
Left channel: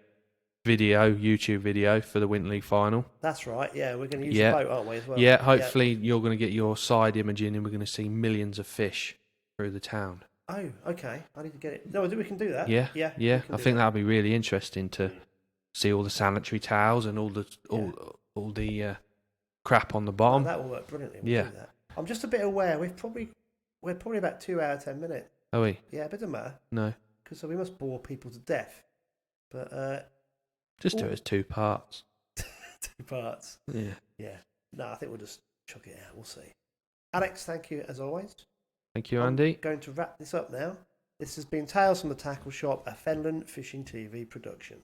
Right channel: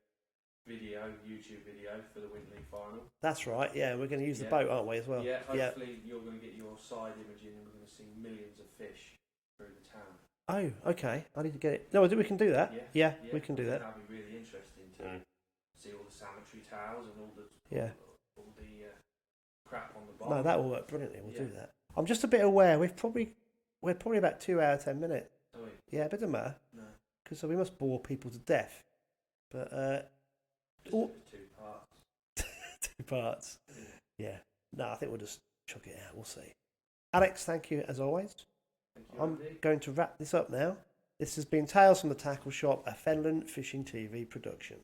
YouTube video for the Winter League final. That's right. Yeah, we're going to use the boat, aren't we, as well? Yeah, hopefully you're going to get your side imaging and we're going to see millions of fish through the town. Oh, okay. I need to get it. No, we can do that. Yeah. I think that'd be really interesting to see all the sanitary towels and all the crap on the bottom. That will work brilliantly. We'll do that. I'm just a bit aware. We're probably about 2 hours 10 minutes. Are we? Yeah, but it doesn't matter. No. Because we must bore people to death. But just do it as 2 parts. 2 parts. Yeah. No, I think we'll just chuck it out. We'll see. Alex, thank you as always. Thank you, Andy. I'm going to wrap this up now. This has been Tales from the Tackle Shop, a Fenland Fishing TV production.